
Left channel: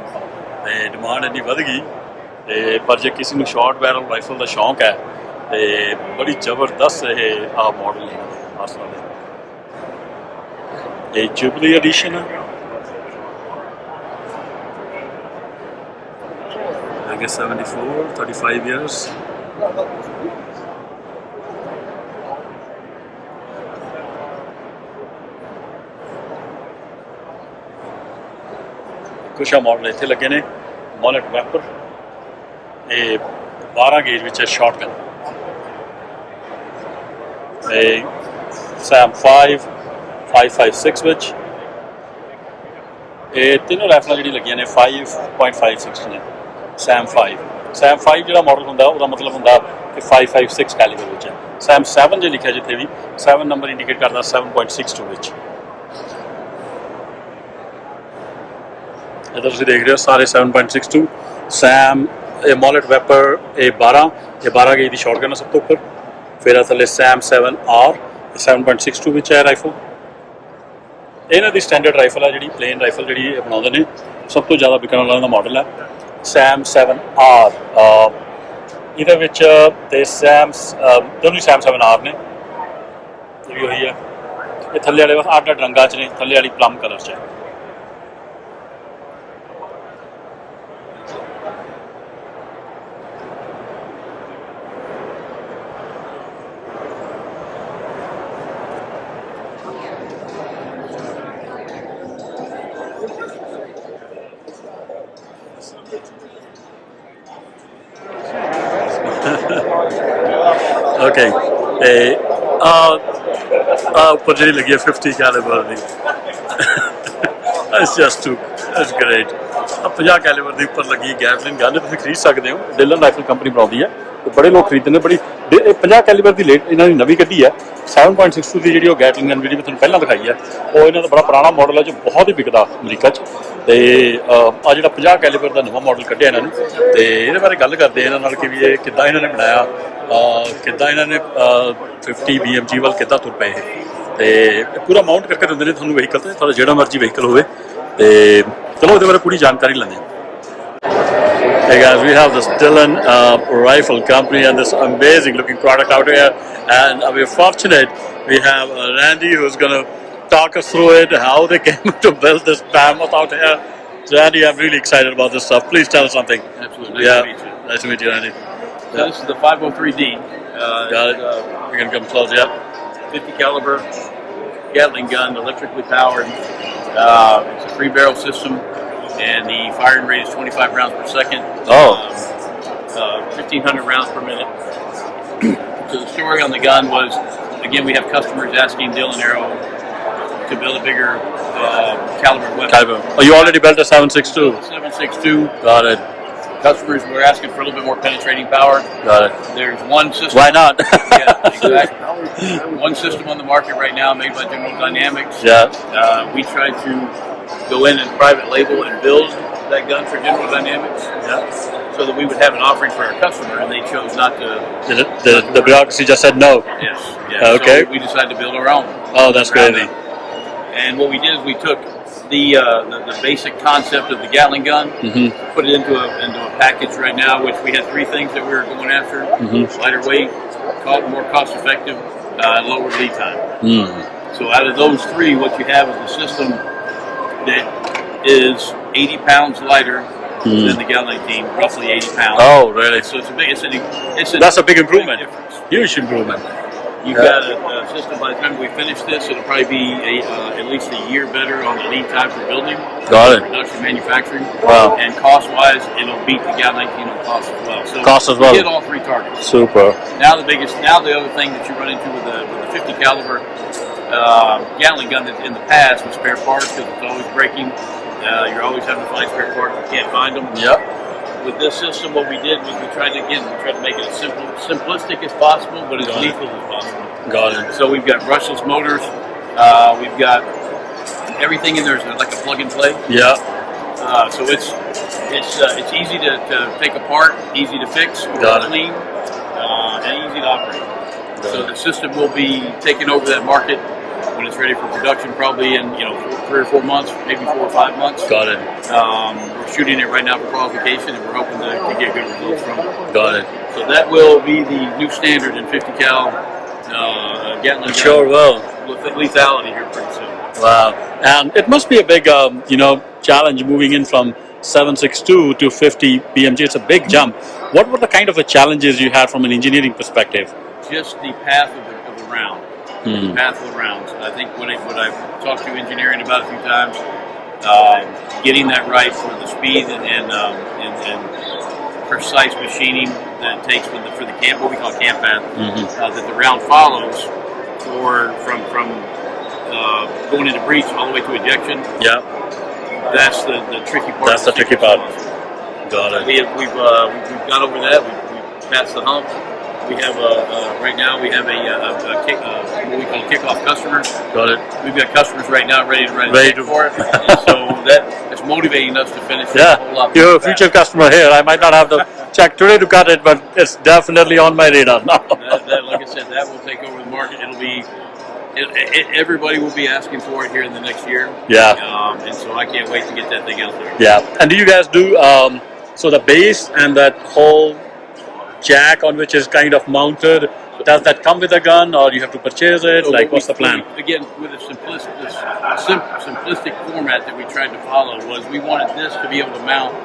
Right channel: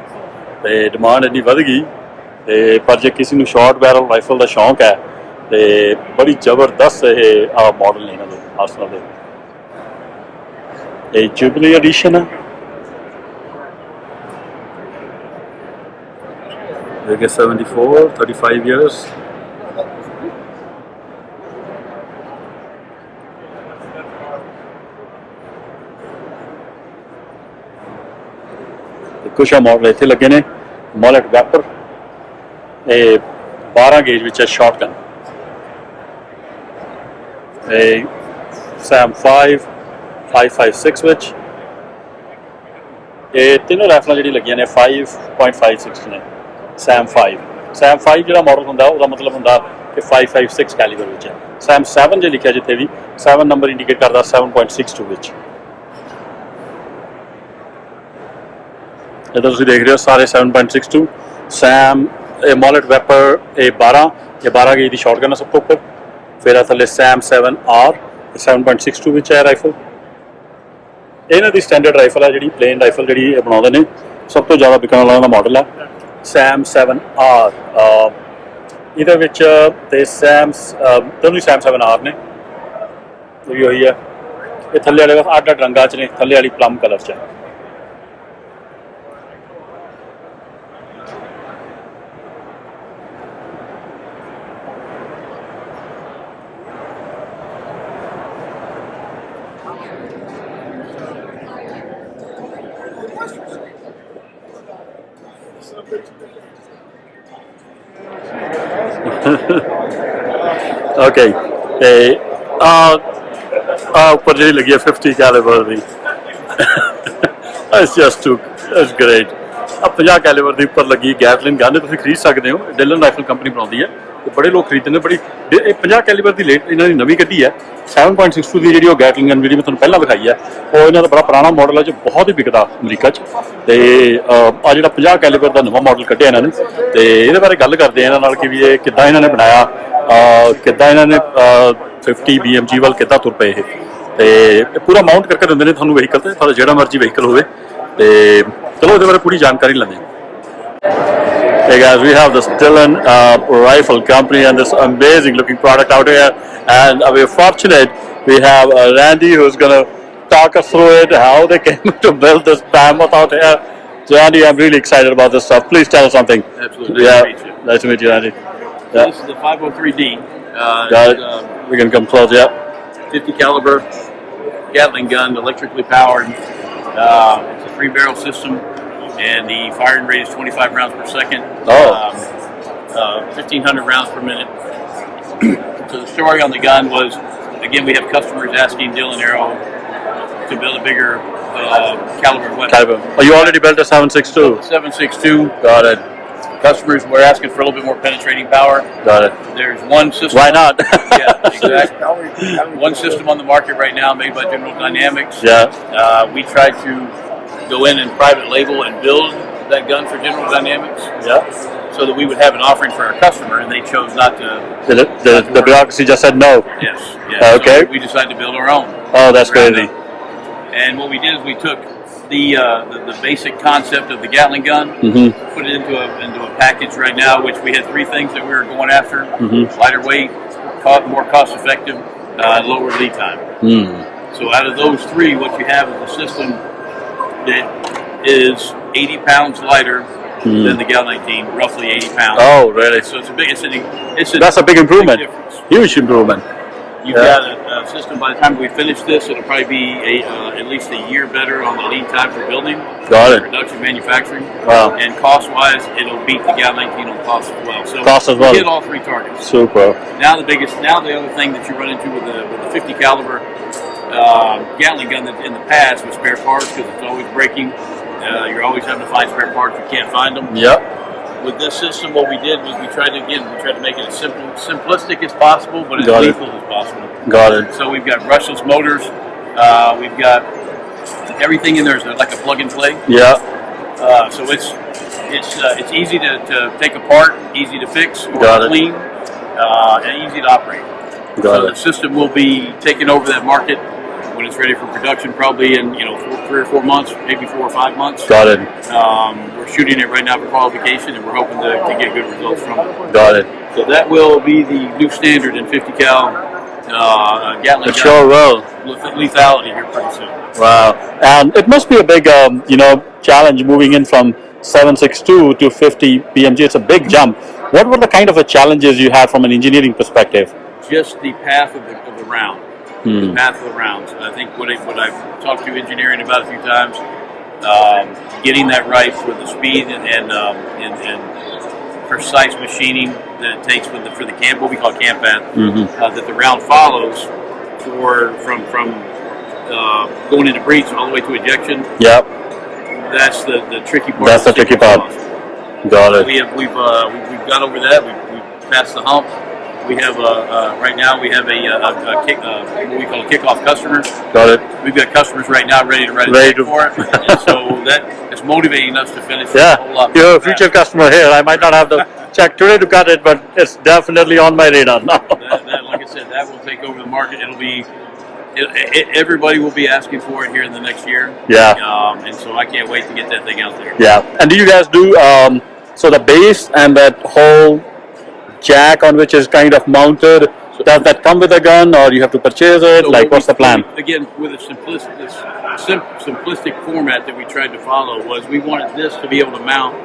ਅਤੇ ਡਿਮਾਂਡ ਇੰਨੀ ਵੱਧ ਗਈ। ਅਤੇ ਪਰ ਜੇ ਕਿਸੇ ਨੂੰ ਸ਼ਾਰਟ ਬੈਰਲ ਰਾਈਫਲ ਦਾ ਸ਼ੌਂਕ ਹੈ ਅਤੇ ਬੜੀ ਜ਼ਬਰਦਸਤ ਇਹ ਮਾਡਲ ਨੇ ਇਹਨਾਂ ਦੇ ਆਰਸਨਲ ਦੇ। ਇਹ ਜੁਬਲੀ ਐਡੀਸ਼ਨ ਹੈ। They get 74, 35 years. ਕੁਛ ਮਾਡਲ ਇੱਥੇ ਲੱਗੇ ਨੇ। ਮੋਲਟ ਵੈਪਰ, ਇਹ 12 ਗੇਜ ਵਿੱਚ ਹੈ ਸ਼ਾਟਗਨ। ਇਹ ਸੈਮ 5, 5.56 ਵਿੱਚ। ਇਹ ਤਿੰਨੋਂ ਰਾਈਫਲਾਂ ਜਿਹੜੀ ਲੱਗੀਆਂ ਨੇ 5.56 ਨੇ। ਸੈਮ 5 ਜਿਹੜਾ ਮਾਡਲ ਹੁੰਦਾ ਉਹਦਾ ਮਤਲਬ ਹੁੰਦਾ ਕਿ 5.56 ਕੈਲੀਬਰ ਵਿੱਚ ਹੈ। ਸੈਮ 7 ਜੇ ਲਿਖਿਆ ਜਿੱਥੇ ਵੀ 7 ਨੰਬਰ ਇੰਡੀਕੇਟ ਕਰਦਾ 7.62 ਵਿੱਚ। ਇੱਧਰ ਤੁਸੀਂ ਦੇਖ ਰਹੇ ਹੋ ਸਾਰੇ 7.62 ਸੈਮ। ਇਹ ਮੋਲਟ ਵੈਪਰ ਇਹ 12 ਗੇਜ ਦੀ ਸ਼ਾਟਗਨ ਹੈ ਸਭ ਤੋਂ ਉੱਪਰ। ਫਿਰ ਥੱਲੇ ਸੈਮ 7R 7.62 ਵਿੱਚ ਹੈ ਰਾਈਫਲ। ਇਹਨਾਂ ਦੀ ਸਟੈਂਡਰਡ ਰਾਈਫਲ ਹੈ ਜਿਹੜੀ ਪਲੇਨ ਰਾਈਫਲ ਜਿਹੜੀ ਇਹ ਬਣਾਉਂਦੇ ਨੇ। ਸਭ ਤੋਂ ਜ਼ਿਆਦਾ ਵਿਕਣ ਵਾਲਾ ਇਹਨਾਂ ਦਾ ਮਾਡਲ ਹੈ ਸੈਮ 7R। ਇਹਦੇ ਵਿੱਚ ਤੇ ਦੋਨੋਂ ਸੈਮ 7R ਨੇ। ਇਹ ਵੀ ਉਹੀ ਹੈ। ਇਹ ਥੱਲੇ ਵਾਲੇ ਬਸ ਅੱਡ ਰੰਗਾਂ 'ਚ ਨੇ। ਥੱਲੇ ਵਾਲੀ ਪਲਮ ਕਲਰ 'ਚ ਹੈ। Okay, ਉੱਪਰ ਜਿਹੜੀ ਲੱਗੀ ਹੈ 50 calibre the. That's great। 50 calibre ਦੀ ਉੱਪਰ ਲੱਗੀ ਗੈਟਲਿਨ ਗਨ ਤੁਸੀਂ ਖਰੀਦ ਸਕਦੇ ਹੋ। ਡਿਲਨ ਰਾਈਫਲ ਕੰਪਨੀ ਬਣਾਉਂਦੀ ਹੈ। बड़े लोग खरीदते हैं बड़ी 50 कैलीबर की लेट इन्होंने नवी कढ़ी है 7.62 की जी गैटलिंग गन जी मैं तुहानूं पहलां दिखाई है वो इन्हों का बड़ा पुराना मॉडल है जो बहुत ही बिकदा अमरीका तो आ जो 50 कैलीबर का नवा मॉडल कढ़िया इन्होंने तो ये बारे गल करते हैं इन्होंने कि भी ये किद्दां इन्होंने बनाया किद्दां इन्होंने 50 BMG वाल किद्दां तुर पे तो पूरा माउंट करके दिंदे ने तुहानूं व्हीकल ते तुहाडा जिहड़ा मर्जी व्हीकल होवे ते चलो इहदे बारे पूरी जानकारी लैंदे हैं। Hey guys, we have the Dillon Rifle Company and this amazing looking product out here, and we're fortunate we have Randy who's going to talk us through it, how they came to build this mammoth out here. So Randy, I'm really excited about this stuff. Please tell us something. Absolutely. Nice to meet you. Nice to meet you, Randy. So this is the 503D. Got it. We can come close, yeah. 50 caliber Gatling gun, electrically powered. It's a 3-barrel system. And the firing rate is 25 rounds per second. 1,500 rounds per minute. So the story on the gun was, again, we have customers asking Dillon Aero to build a bigger caliber weapon. Oh, you already built a 7.62? 7.62. Got it. Customers were asking for a little bit more penetrating power. Got it. There's one system. Why not? Yeah, exactly. One system on the market right now made by General Dynamics. Yeah. We tried to go in and private label and build that gun for General Dynamics. Yeah. So that we would have an offering for our customer, and they chose not to. The bureaucracy just said no. Yes. Yeah. Okay. So we decided to build our own. Oh, that's crazy. And what we did is we took the basic concept of the Gatling gun, put it into a package right now, which we had 3 things that we were going after: lighter weight, more cost effective, lower lead time. So out of those 3, what you have is a system that is 80 pounds lighter than the Gal 19, roughly 80 pounds. Oh, really? So that's a big improvement. Big difference. Huge improvement. You've got a system. By the time we finish this, it'll probably be at least a year better on the lead time for building, production, manufacturing. Wow. And cost-wise, it'll beat the Gal 19 on cost as well. So cost as well. We hit all 3 targets. Super. Now the other thing that you run into with the 50 caliber Gatling gun that in the past with spare parts, because it's always breaking. You're always having to find spare parts. You can't find them. Yep. With this system, what we did was we tried to make it as simplistic as possible, but as lethal as possible. Got it. So we've got brushless motors. We've got everything in there is like a plug and play. Yeah. So it's easy to take apart, easy to fix, or clean, and easy to operate. The system will be taking over that market when it's ready for production, probably in 3 or 4 months, maybe 4 or 5 months. Got it. We're shooting it right now for qualification, and we're hoping to get good results from it. Got it. So that will be the new standard in 50 cal Gatling. It sure will. Lethality here pretty soon. Wow. And it must be a big, challenge moving in from 7.62 to 50 BMG. It's a big jump. What were the kind of challenges you had from an engineering perspective? Just the path of the round. The path of the rounds. I think what I've talked to engineering about a few times, getting that right for the speed and precise machining that it takes for the camp, what we call camp path, that the round follows from going into breech all the way to ejection. Yep. That's the tricky part. That's the tricky part. Got it. We've got over that. We've passed the hump. We have right now we have what we call a kickoff customer. Got it. We've got customers right now ready to write a check for it, and so that's motivating us to finish a whole lot. You're a future customer here. I might not have the check today to cut it, but it's definitely on my radar now. Like I said, that will take over the market. It'll be. Everybody will be asking for it here in the next year. Yeah. And so I can't wait to get that thing out there. Yeah. And do you guys do so the base and that whole jack on which is kind of mounted, does that come with a gun or you have to purchase it? So what's the plan? Again, with a simplistic format that we tried to follow was we wanted this to be able to mount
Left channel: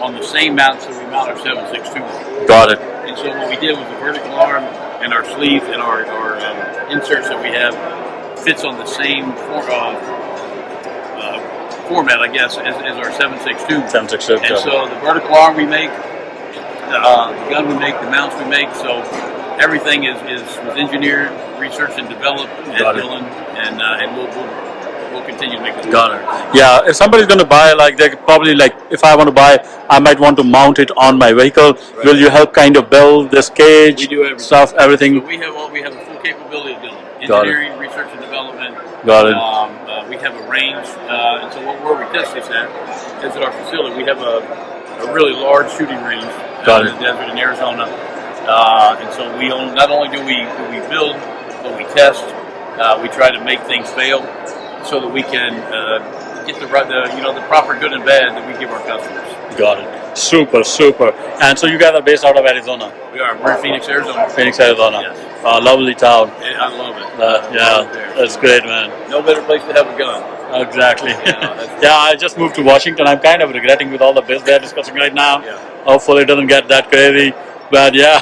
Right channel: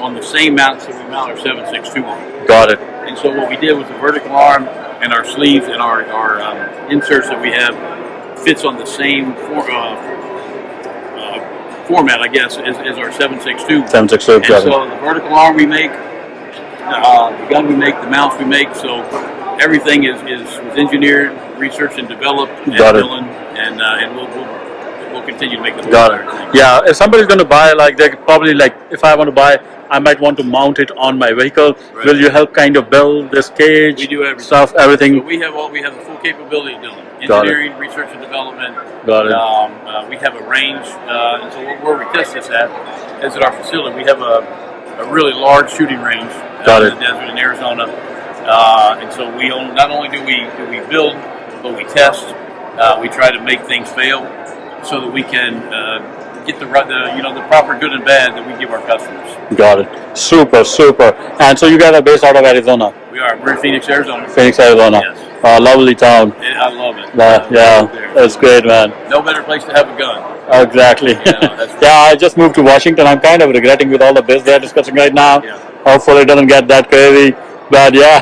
on the same mounts that we mount our 7.62 on. Got it. And so what we did was the vertical arm and our sleeves and our inserts that we have fits on the same format, I guess, as our 7.62. 7.62. And so the vertical arm we make, the gun we make, the mounts we make, so everything was engineered, researched, and developed at Dillon, and we'll we'll continue to make the got it. Yeah, if somebody's going to buy, like they probably like if I want to buy, I might want to mount it on my vehicle. Right. Will you help kind of build this cage? We do everything. Stuff, everything. So we have the full capability of doing engineering, research and development. Got it. We have a range, and so where we test this at is at our facility. We have a really large shooting range in the desert in Arizona, and so we not only do we build, but we test. We try to make things fail so that we can get the proper good and bad that we give our customers. Got it. Super. And so you guys are based out of Arizona? We are. We're in Phoenix, Arizona. Phoenix, Arizona. Yes. Lovely town. I love it. That's great, man. No better place to have a gun. Exactly. Yeah, I just moved to Washington. I'm kind of regretting with all the biz they're discussing right now. Yeah. Hopefully it doesn't get that crazy. But yeah,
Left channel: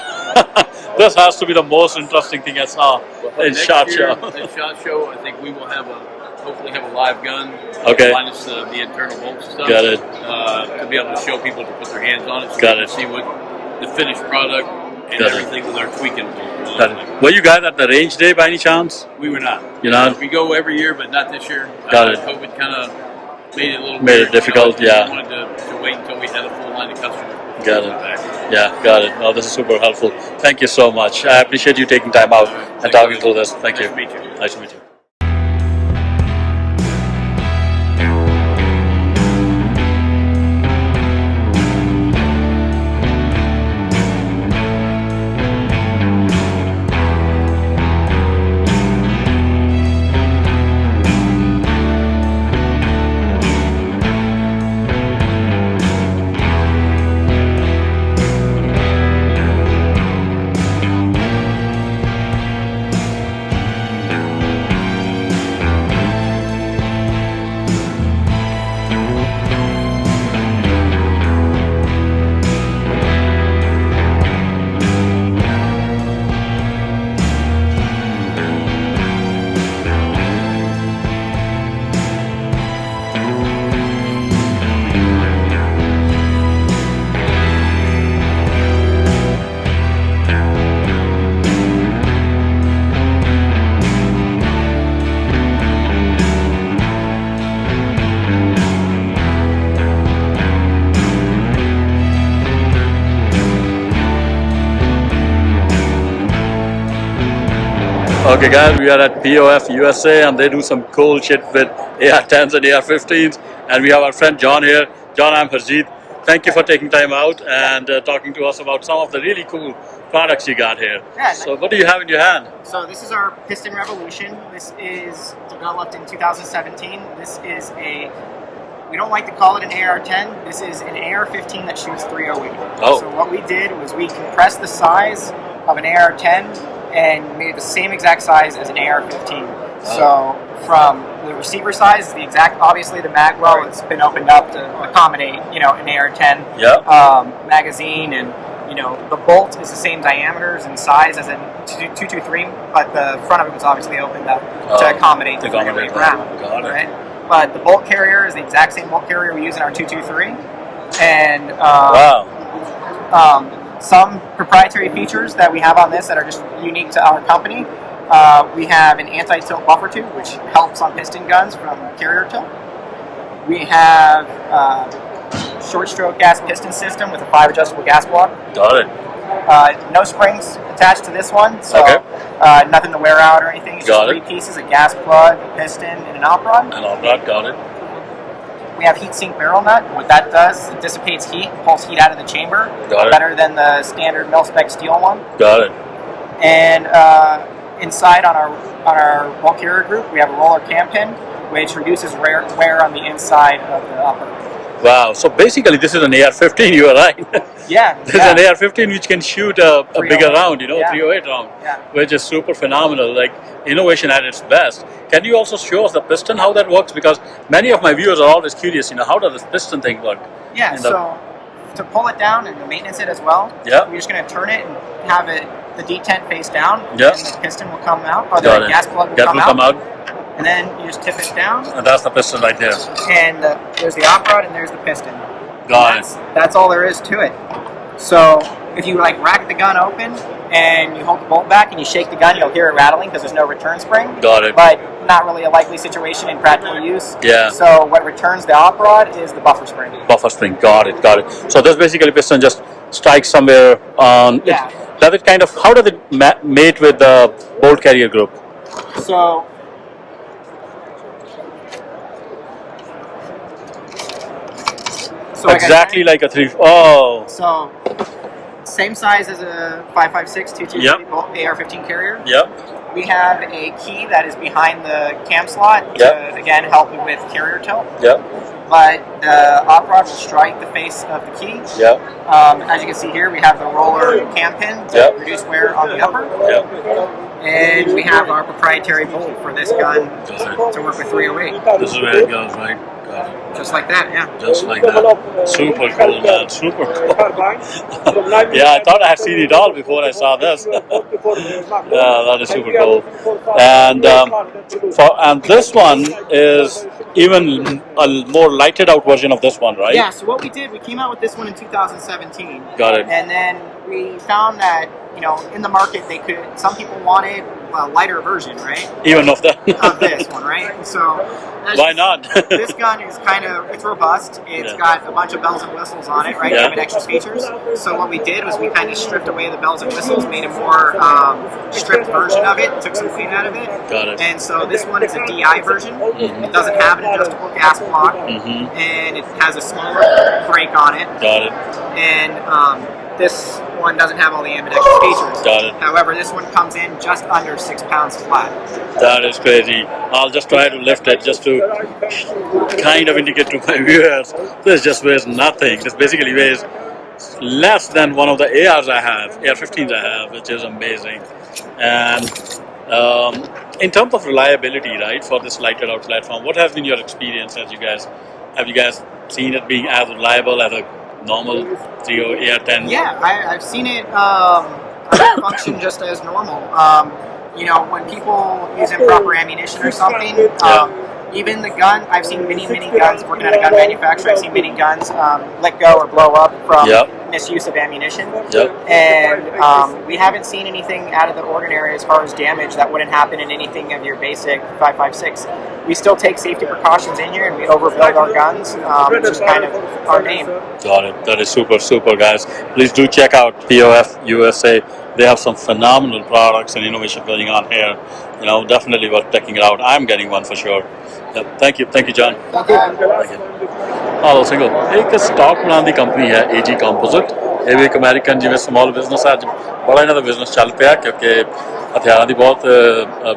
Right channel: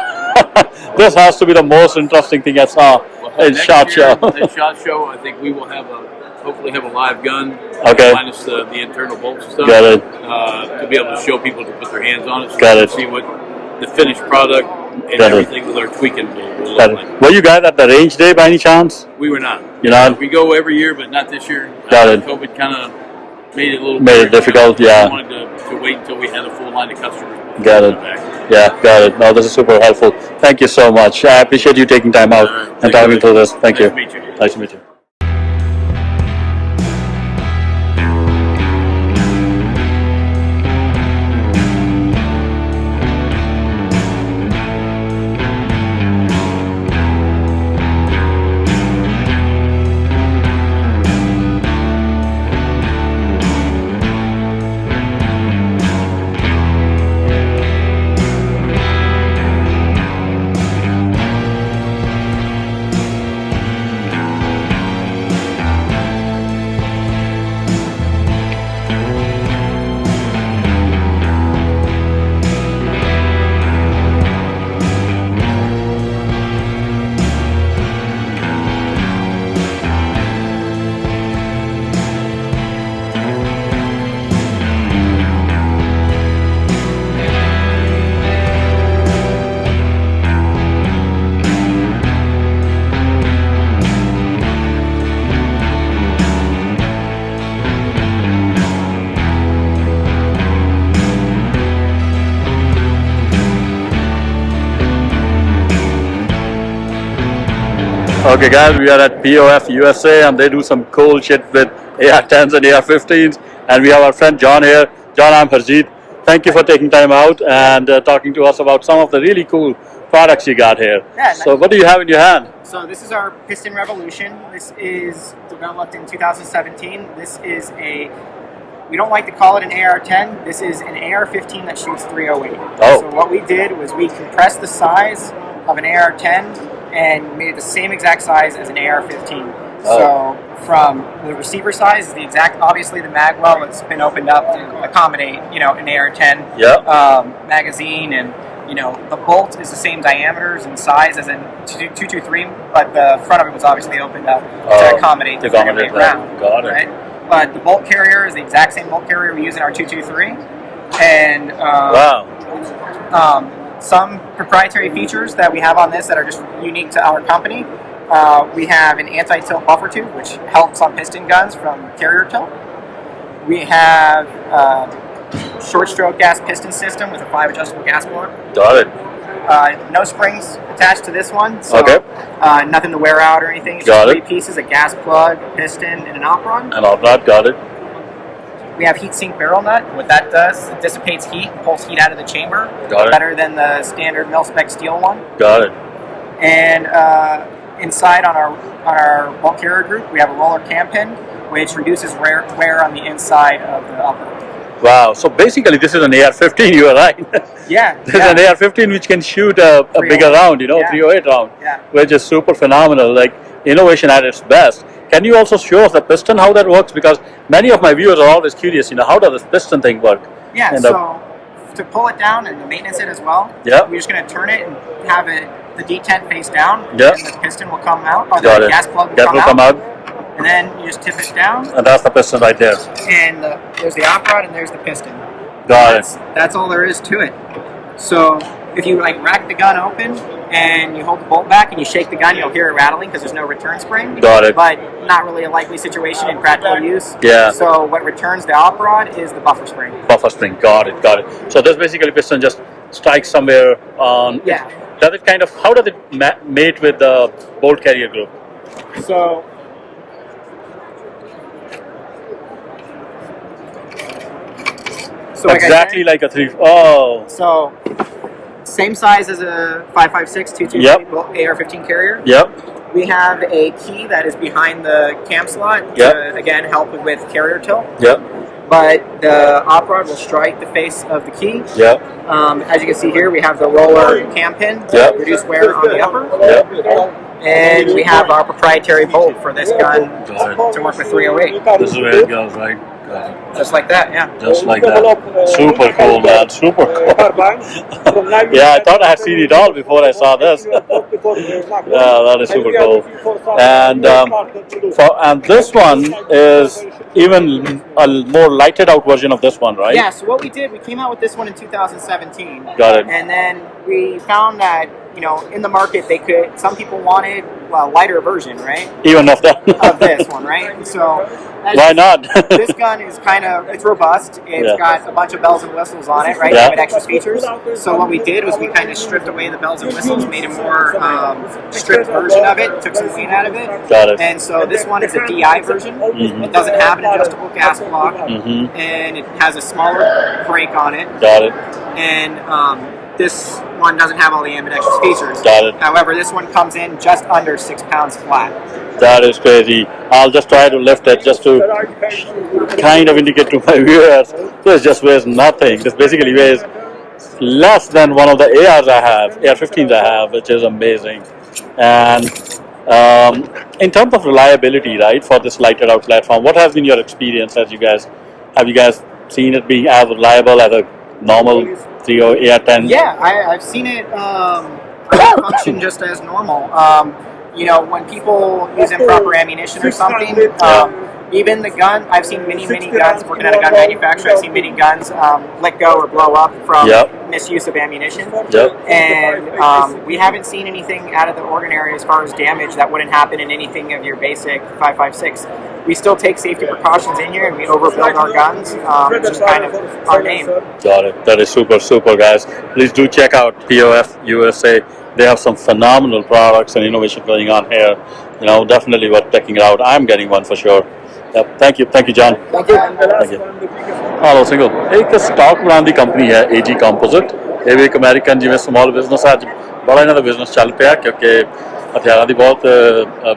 this has to be the most interesting thing I saw in ShotShow. At ShotShow, I think we will hopefully have a live gun, minus the internal bolts and stuff. Got it. To be able to show people to put their hands on it, so they can see what the finished product and everything that they're tweaking will look like. Were you guys at the range day by any chance? We were not. You're not? We go every year, but not this year. Got it. COVID kind of made it a little weird, difficult. We wanted to wait until we had a full line of customers. Got it. Yeah, got it. No, this is super helpful. Thank you so much. I appreciate you taking time out and diving through this. Thank you. Nice to meet you. Nice to meet you. Okay guys, we are at POF USA and they do some cool shit with AR-10s and AR-15s, and we have our friend John here. John, I'm Harjeet. Thank you for taking time out and talking to us about some of the really cool products you got here. Yeah, so what do you have in your hand? So this is our Piston Revolution. This is developed in 2017. This is we don't like to call it an AR-10. This is an AR-15 that shoots 308. Oh. So what we did was we compressed the size of an AR-10 and made it the same exact size as an AR-15. Oh. So from the receiver size, obviously the mag well, it's been opened up to accommodate, an AR-10 magazine, and the bolt is the same diameters and size as a 223, but the front of it was obviously opened up to accommodate the round. Got it. Right? But the bolt carrier is the exact same bolt carrier we use in our 223, and some proprietary features that we have on this that are just unique to our company. We have an anti-tilt buffer tube, which helps on piston guns from carrier tilt. We have short stroke gas piston system with a 5 adjustable gas block. Got it. No springs attached to this one, so nothing to wear out or anything. It's just 3 pieces: a gas plug, a piston, and an op rod. Got it. We have heat sink barrel nut, and what that does, it dissipates heat and pulls heat out of the chamber better than the standard mil-spec steel one. Got it. And inside on our bulk carrier group, we have a roller cam pin, which reduces wear on the inside of the upper. Wow, so basically this is an AR-15, you are right. Yeah. This is an AR-15 which can shoot a bigger round, 308 round, which is super phenomenal, like innovation at its best. Can you also show us the piston, how that works? Because many of my viewers are always curious, how does this piston thing work? Yeah, so to pull it down and to maintenance it as well, we're just going to turn it and have the detent face down, and the piston will come out, or the gas plug will come out. And then you just tip it down. And that's the piston right there. And there's the op rod and there's the piston. Got it. That's all there is to it. So if you rack the gun open and you hold the bolt back and you shake the gun, you'll hear it rattling because there's no return spring. Got it. But not really a likely situation in practical use. Yeah. So what returns the op rod is the buffer spring. Buffer spring. Got it. Got it. So this basically piston just strikes somewhere on. Yeah. Does it kind of? How does it mate with the bolt carrier group? So. So exactly like a 3. Oh. So same size as a 5.56 223 bolt AR-15 carrier. Yep. We have a key that is behind the cam slot to again help with carrier tilt. Yep. But the op rod will strike the face of the key. Yep. As you can see here, we have the roller cam pin to reduce wear on the upper. Yep. And we have our proprietary bolt for this gun to work with 308. This is where it goes, right? Got it. Just like that, yeah. Just like that. Super cool, man. Super cool. Yeah, I thought I had seen it all before I saw this. Yeah, that is super cool. And and this one is even a more lighted out version of this one, right? Yeah, so what we did, we came out with this one in 2017. Got it. And then we found that, you know, in the market, some people wanted a lighter version, right? Even of that. Of this one, right? And so why not? This gun is it's robust. It's got a bunch of bells and whistles on it, right? Yeah. With extra features. So what we did was we kind of stripped away the bells and whistles, made a more stripped version of it, took some weight out of it. Got it. And so this one is a DI version. It doesn't have an adjustable gas block, and it has a smaller brake on it. Got it. And this one doesn't have all the ambidextrous features. Got it. However, this one comes in just under 6 pounds flat. That is crazy. I'll just try to lift it just to kind of indicate to my viewers. This just weighs nothing. This basically weighs less than one of the ARs I have, AR-15s I have, which is amazing. And in terms of reliability, right, for this lighted out platform, what has been your experience have you guys seen it being as reliable as a normal 3 or AR-10? Yeah, I've seen it function just as normal. You know, when people use improper ammunition or something, even the gun, I've seen many guns, working at a gun manufacturer, I've seen many guns let go or blow up from misuse of ammunition. And we haven't seen anything out of the ordinary as far as damage that wouldn't happen in anything of your basic 5.56. We still take safety precautions in here and we overbuild our guns. It's just kind of our name. Got it. That is super, guys. Please do check out POF USA. They have some phenomenal products and innovation going on here. You know, definitely worth checking it out. I'm getting one for sure. Yep. Thank you, John. Thank you. Thank you. Hello, Single. एक stock बनाने ਦੀ company ਹੈ AG Composite. ਇਹ ਵੀ ਇੱਕ American ਜਿਵੇਂ small business ਅੱਜ ਬੜਾ ਇਹਨਾਂ ਦਾ business ਚੱਲ ਪਿਆ ਕਿਉਂਕਿ ਹਥਿਆਰਾਂ ਦੀ ਬਹੁਤ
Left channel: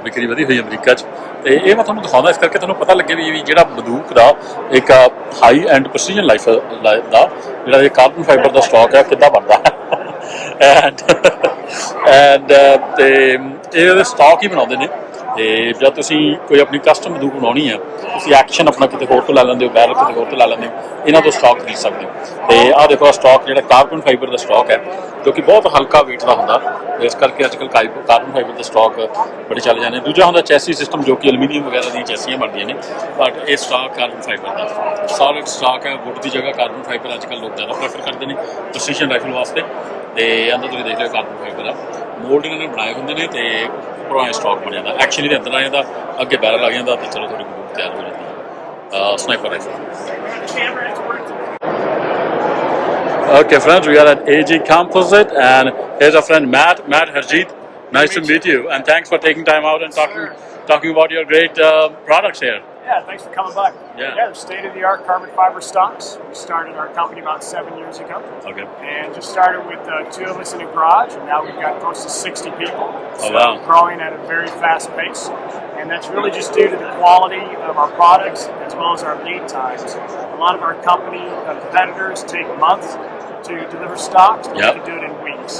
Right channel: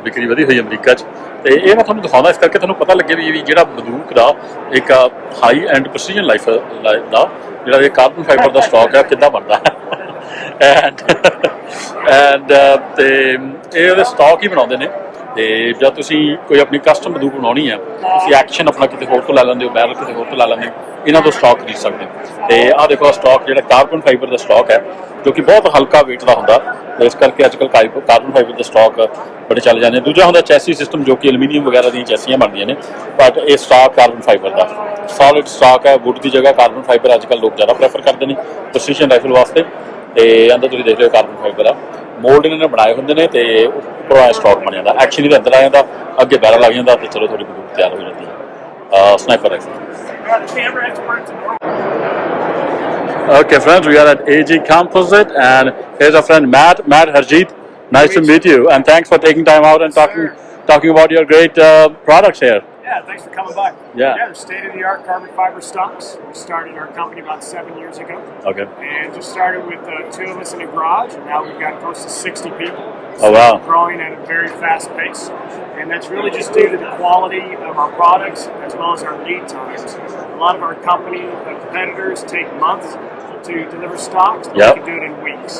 ਵਿਕਰੀ ਵਧੀ ਹੋਈ ਅਮਰੀਕਾ 'ਚ ਤੇ ਇਹ ਮੈਂ ਤੁਹਾਨੂੰ ਦਿਖਾਉਂਦਾ ਇਸ ਕਰਕੇ ਤੁਹਾਨੂੰ ਪਤਾ ਲੱਗੇ ਵੀ ਜਿਹੜਾ ਬੰਦੂਕ ਦਾ ਇੱਕ ਹਾਈ ਐਂਡ ਪ੍ਰੈਸੀਜਨ ਲਾਈਫ ਦਾ ਜਿਹੜਾ ਇਹ ਕਾਰਬਨ ਫਾਈਬਰ ਦਾ ਸਟਾਕ ਹੈ ਕਿੱਦਾਂ ਬਣਦਾ ਹੈ ਐਂਡ ਤੇ ਇਹ ਉਹਦੇ ਸਟਾਕ ਹੀ ਬਣਾਉਂਦੇ ਨੇ ਤੇ ਜਦ ਤੁਸੀਂ ਕੋਈ ਆਪਣੀ ਕਸਟਮ ਬੰਦੂਕ ਬਣਾਉਣੀ ਹੈ ਤੁਸੀਂ ਐਕਸ਼ਨ ਆਪਣਾ ਕਿਤੇ ਹੋਰ ਤੋਂ ਲੈ ਲੈਂਦੇ ਹੋ ਬੈਰਲ ਕਿਤੇ ਹੋਰ ਤੋਂ ਲੈ ਲੈਂਦੇ ਹੋ ਇਹਨਾਂ ਤੋਂ ਸਟਾਕ ਖਰੀਦ ਸਕਦੇ ਹੋ ਤੇ ਆਹ ਦੇਖੋ ਸਟਾਕ ਜਿਹੜਾ ਕਾਰਬਨ ਫਾਈਬਰ ਦਾ ਸਟਾਕ ਹੈ ਜੋ ਕਿ ਬਹੁਤ ਹਲਕਾ weight ਦਾ ਹੁੰਦਾ ਇਸ ਕਰਕੇ ਅੱਜ ਕੱਲ੍ਹ ਕਾਰਬਨ ਫਾਈਬਰ ਦੇ ਸਟਾਕ ਬੜੇ ਚੱਲ ਜਾਂਦੇ ਦੂਜਾ ਹੁੰਦਾ ਚੈਸੀ ਸਿਸਟਮ ਜੋ ਕਿ ਐਲੂਮੀਨੀਅਮ ਵਗੈਰਾ ਦੀਆਂ ਚੈਸੀਆਂ ਬਣਦੀਆਂ ਨੇ ਬਟ ਇਹ ਸਟਾਕ ਕਾਰਬਨ ਫਾਈਬਰ ਦਾ ਸੋਲਿਡ ਸਟਾਕ ਹੈ ਵੁੱਡ ਦੀ ਜਗ੍ਹਾ ਕਾਰਬਨ ਫਾਈਬਰ ਅੱਜ ਕੱਲ੍ਹ ਲੋਕ ਜ਼ਿਆਦਾ ਪ੍ਰੈਫਰ ਕਰਦੇ ਨੇ ਪ੍ਰੈਸੀਜਨ ਰਾਈਫਲ ਵਾਸਤੇ ਤੇ ਅੰਦਰ ਤੁਸੀਂ ਦੇਖ ਲਿਓ ਕਾਰਬਨ ਫਾਈਬਰ ਆ ਮੋਲਡ ਇਹਨਾਂ ਨੇ ਬਣਾਏ ਹੁੰਦੇ ਨੇ ਤੇ ਉੱਪਰੋਂ ਐ ਸਟਾਕ ਬਣ ਜਾਂਦਾ ਐਕਸ਼ਨ ਇਹਦੇ ਅੰਦਰ ਆ ਜਾਂਦਾ ਅੱਗੇ ਬੈਰਲ ਲੱਗ ਜਾਂਦਾ ਤੇ ਚਲੋ ਤੁਹਾਡੀ ਬੰਦੂਕ ਤਿਆਰ ਹੋ ਜਾਂਦੀ ਹੈ sniper rifle Okay, friends, we are at AG Composite, and here's our friend Matt Harjeet. Nice to meet you, and thanks for taking time out and talking about your great products here. Yeah, thanks for coming by. Yeah, state-of-the-art carbon fiber stocks. We started our company about 7 years ago. Okay. And just started with 2 of us in a garage, and now we've got close to 60 people. So wow. Growing at a very fast pace. And that's really just due to the quality of our products as well as our lead times. A lot of our competitors take months to deliver stocks, but we can do it in weeks.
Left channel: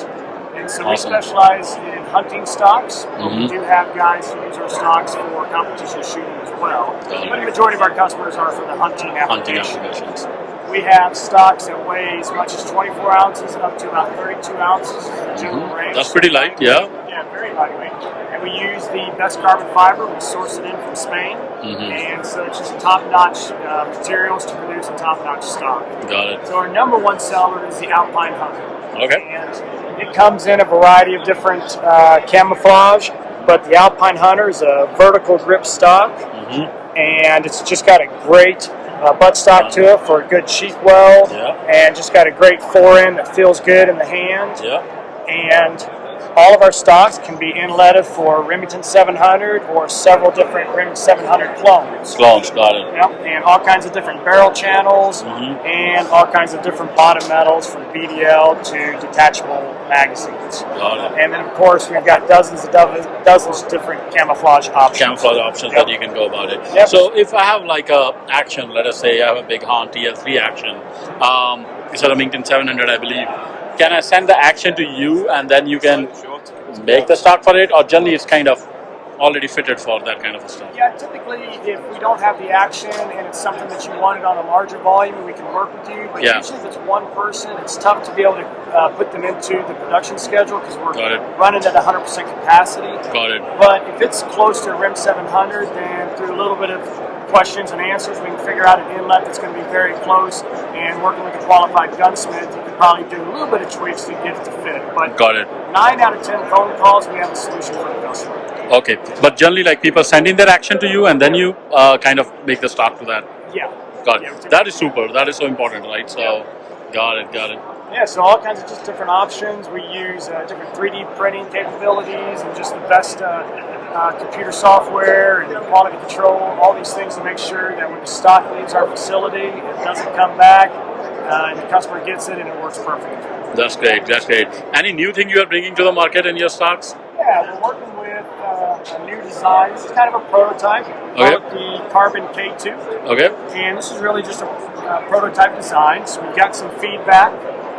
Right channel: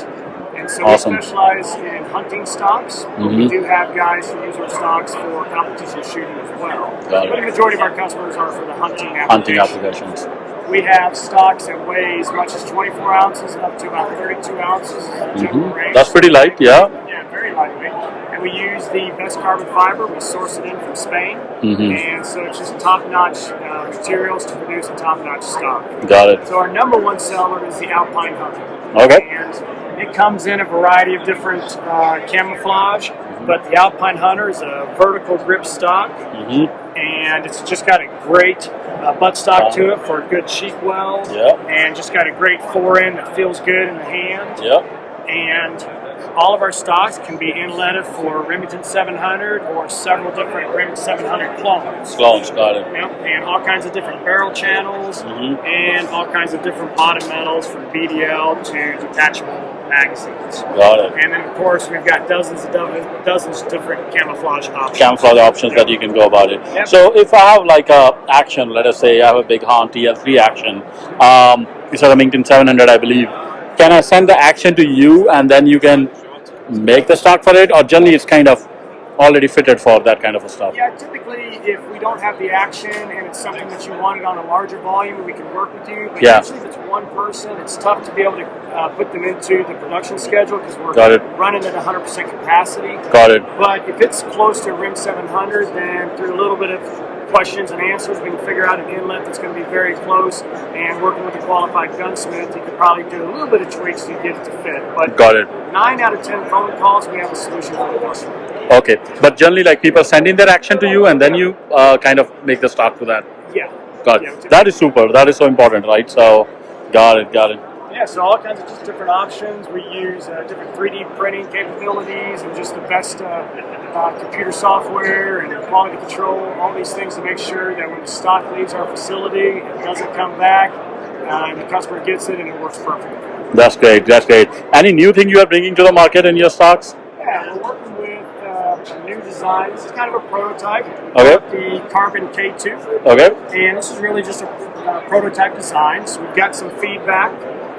And so we specialize in hunting stocks. We do have guys who use our stocks for competition shooting as well. But the majority of our customers are for the hunting applications. We have stocks that weigh as much as 24 ounces up to about 32 ounces. That's pretty light, yeah. Yeah, very lightweight. And we use the best carbon fiber. We source it in from Spain. And so it's just top-notch materials to produce a top-notch stock. Got it. So our number one seller is the Alpine Hunter. Okay. And it comes in a variety of different camouflage, but the Alpine Hunter is a vertical grip stock, and it's just got a great buttstock to it for a good cheek weld, and just got a great forend that feels good in the hand. And all of our stocks can be inletted for Remington 700 or several different Remington 700 clones. Clones, got it. Yep, and all kinds of different barrel channels and all kinds of different bottom metals from BDL to detachable magazines. Got it. And then, of course, we've got dozens of different camouflage options. Camouflage options that you can go about it. So if I have like a action, let us say I have a big Hahn TL3 action, it's a Remington 700, I believe. Can I send the action to you and then you can make the stock for it, or generally it's kind of already fitted for that kind of a stuff? Yeah, typically if we don't have the action and it's something that you wanted on a larger volume, we can work with you. But usually if it's one person, it's tough to be able to put them into the production schedule because we're running at 100% capacity. Got it. But if it's close to RIM 700, then through a little bit of questions and answers, we can figure out an inlet that's going to be very close, and working with a qualified gunsmith, you can probably do a little bit of tweaks to get it to fit. But got it. 9 out of 10 phone calls, we have a solution for the customer. Okay, but generally like people send in their action to you and then you kind of make the stock to that. Yeah. Got it. That is super. That is so important, right? So, got it. Yeah, so all kinds of just different options. We use different 3D printing capabilities and just the best computer software and quality control, all these things to make sure that when the stock leaves our facility, it doesn't come back, and the customer gets it and it works perfectly. That's great. Any new thing you are bringing to the market in your stocks? Yeah, we're working with a new design. This is kind of a prototype. Okay. The Carbon K2. Okay. And this is really just a prototype design. So we've got some feedback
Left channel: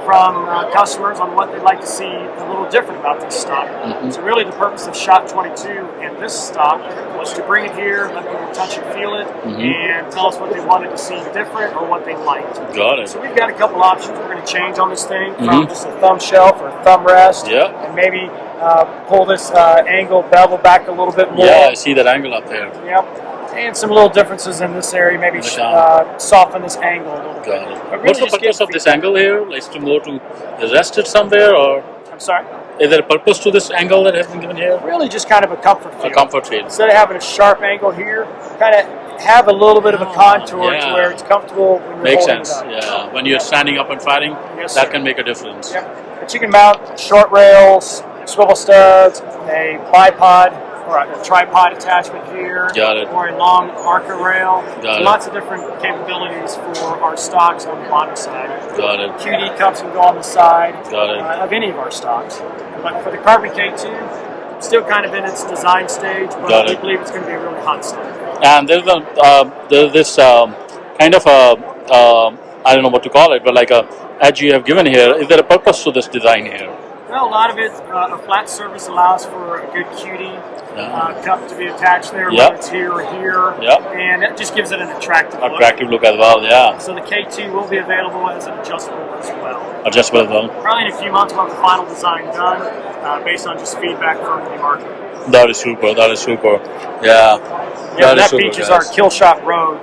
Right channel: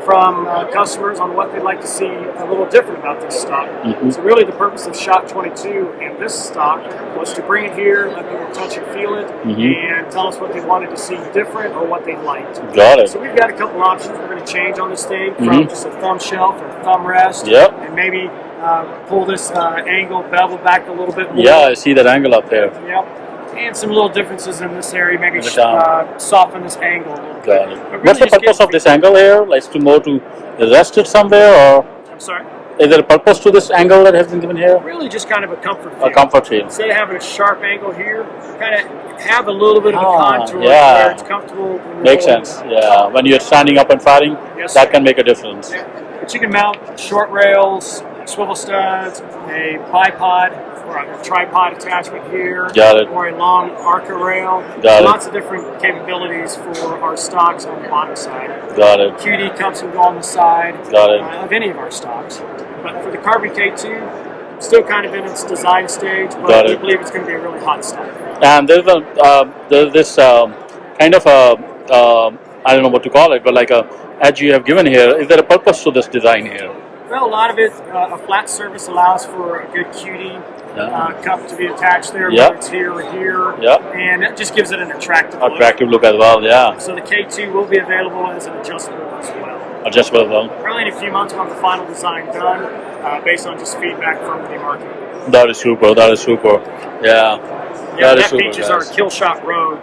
from customers on what they'd like to see a little different about this stock. So really the purpose of Shot 22 and this stock was to bring it here, let people touch and feel it, and tell us what they wanted to see different or what they liked. Got it. So we've got a couple options we're going to change on this thing from just a thumb shelf or thumb rest, and maybe pull this angle bevel back a little bit more. Yeah, I see that angle up there. Yep. And some little differences in this area, maybe soften this angle a little bit. Got it. Really What's the purpose of this angle here? Like to rest it somewhere, or? I'm sorry? Is there a purpose to this angle that has been given here? Really just kind of a comfort feel. A comfort feel. Instead of having a sharp angle here, kind of have a little bit of a contour where it's comfortable. Makes sense, yeah. When you're standing up and firing, that can make a difference. But you can mount short rails, swivel studs, a bipod, or a tripod attachment here, or a long Arca rail. Lots of different capabilities for our stocks on the bottom side. Got it. QD cups can go on the side of any of our stocks. But for the Carbon K2, still kind of in its design stage, but we believe it's going to be a really hot stock. And there's this kind of I don't know what to call it, but like a edge you have given here. Is there a purpose to this design here? Well, a lot of it, a flat surface allows for a good QD cup to be attached there, whether it's here or here, and it just gives it an attractive look as well, So the K2 will be available as an adjustable as well. Adjustable as well. Probably in a few months we'll have the final design done based on just feedback from the market. That is super. Yeah. That features our Kill Shot Rogue.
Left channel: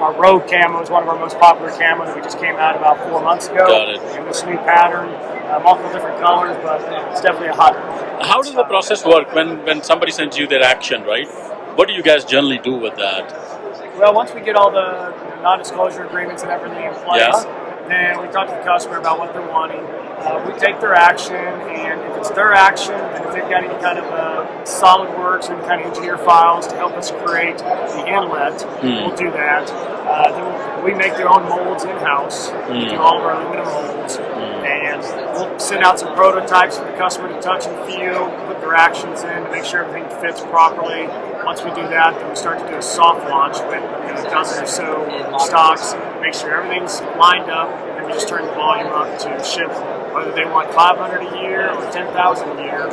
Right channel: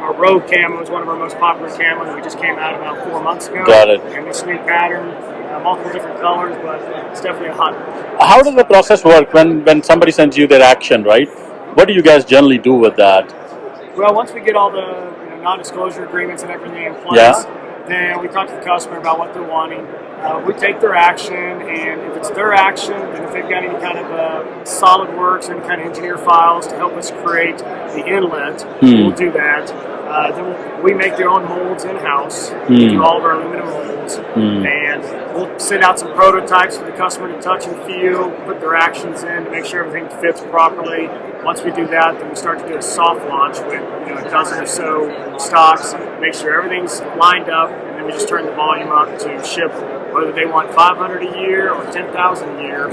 Our Rogue camo is one of our most popular camos. We just came out about 4 months ago. Got it. And this new pattern, multiple different colors, but it's definitely a hot one. How does the process work when somebody sends you their action, right? What do you guys generally do with that? Well, once we get all the non-disclosure agreements and everything in place, then we talk to the customer about what they're wanting. We take their action, and if it's their action, then if they've got any kind of SolidWorks and kind of engineer files to help us create the inlet, we'll do that. Then we make their own molds in-house. We do all of our aluminum molds, and we'll send out some prototypes for the customer to touch and feel, put their actions in to make sure everything fits properly. Once we do that, then we start to do a soft launch with a dozen or so stocks, make sure everything's lined up, and then we just turn the volume up to ship. Whether they want 500 a year or 10,000 a year,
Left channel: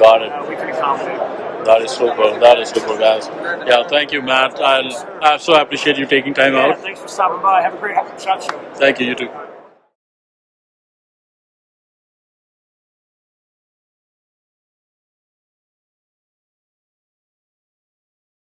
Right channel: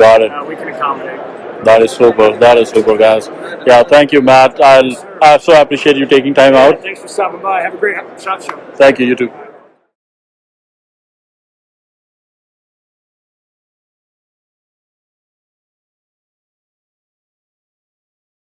we can accommodate. That is super, guys. Yeah, thank you, Matt. I so appreciate you taking time out. Thanks for stopping by. Have a great ShotShow. Thank you, you too.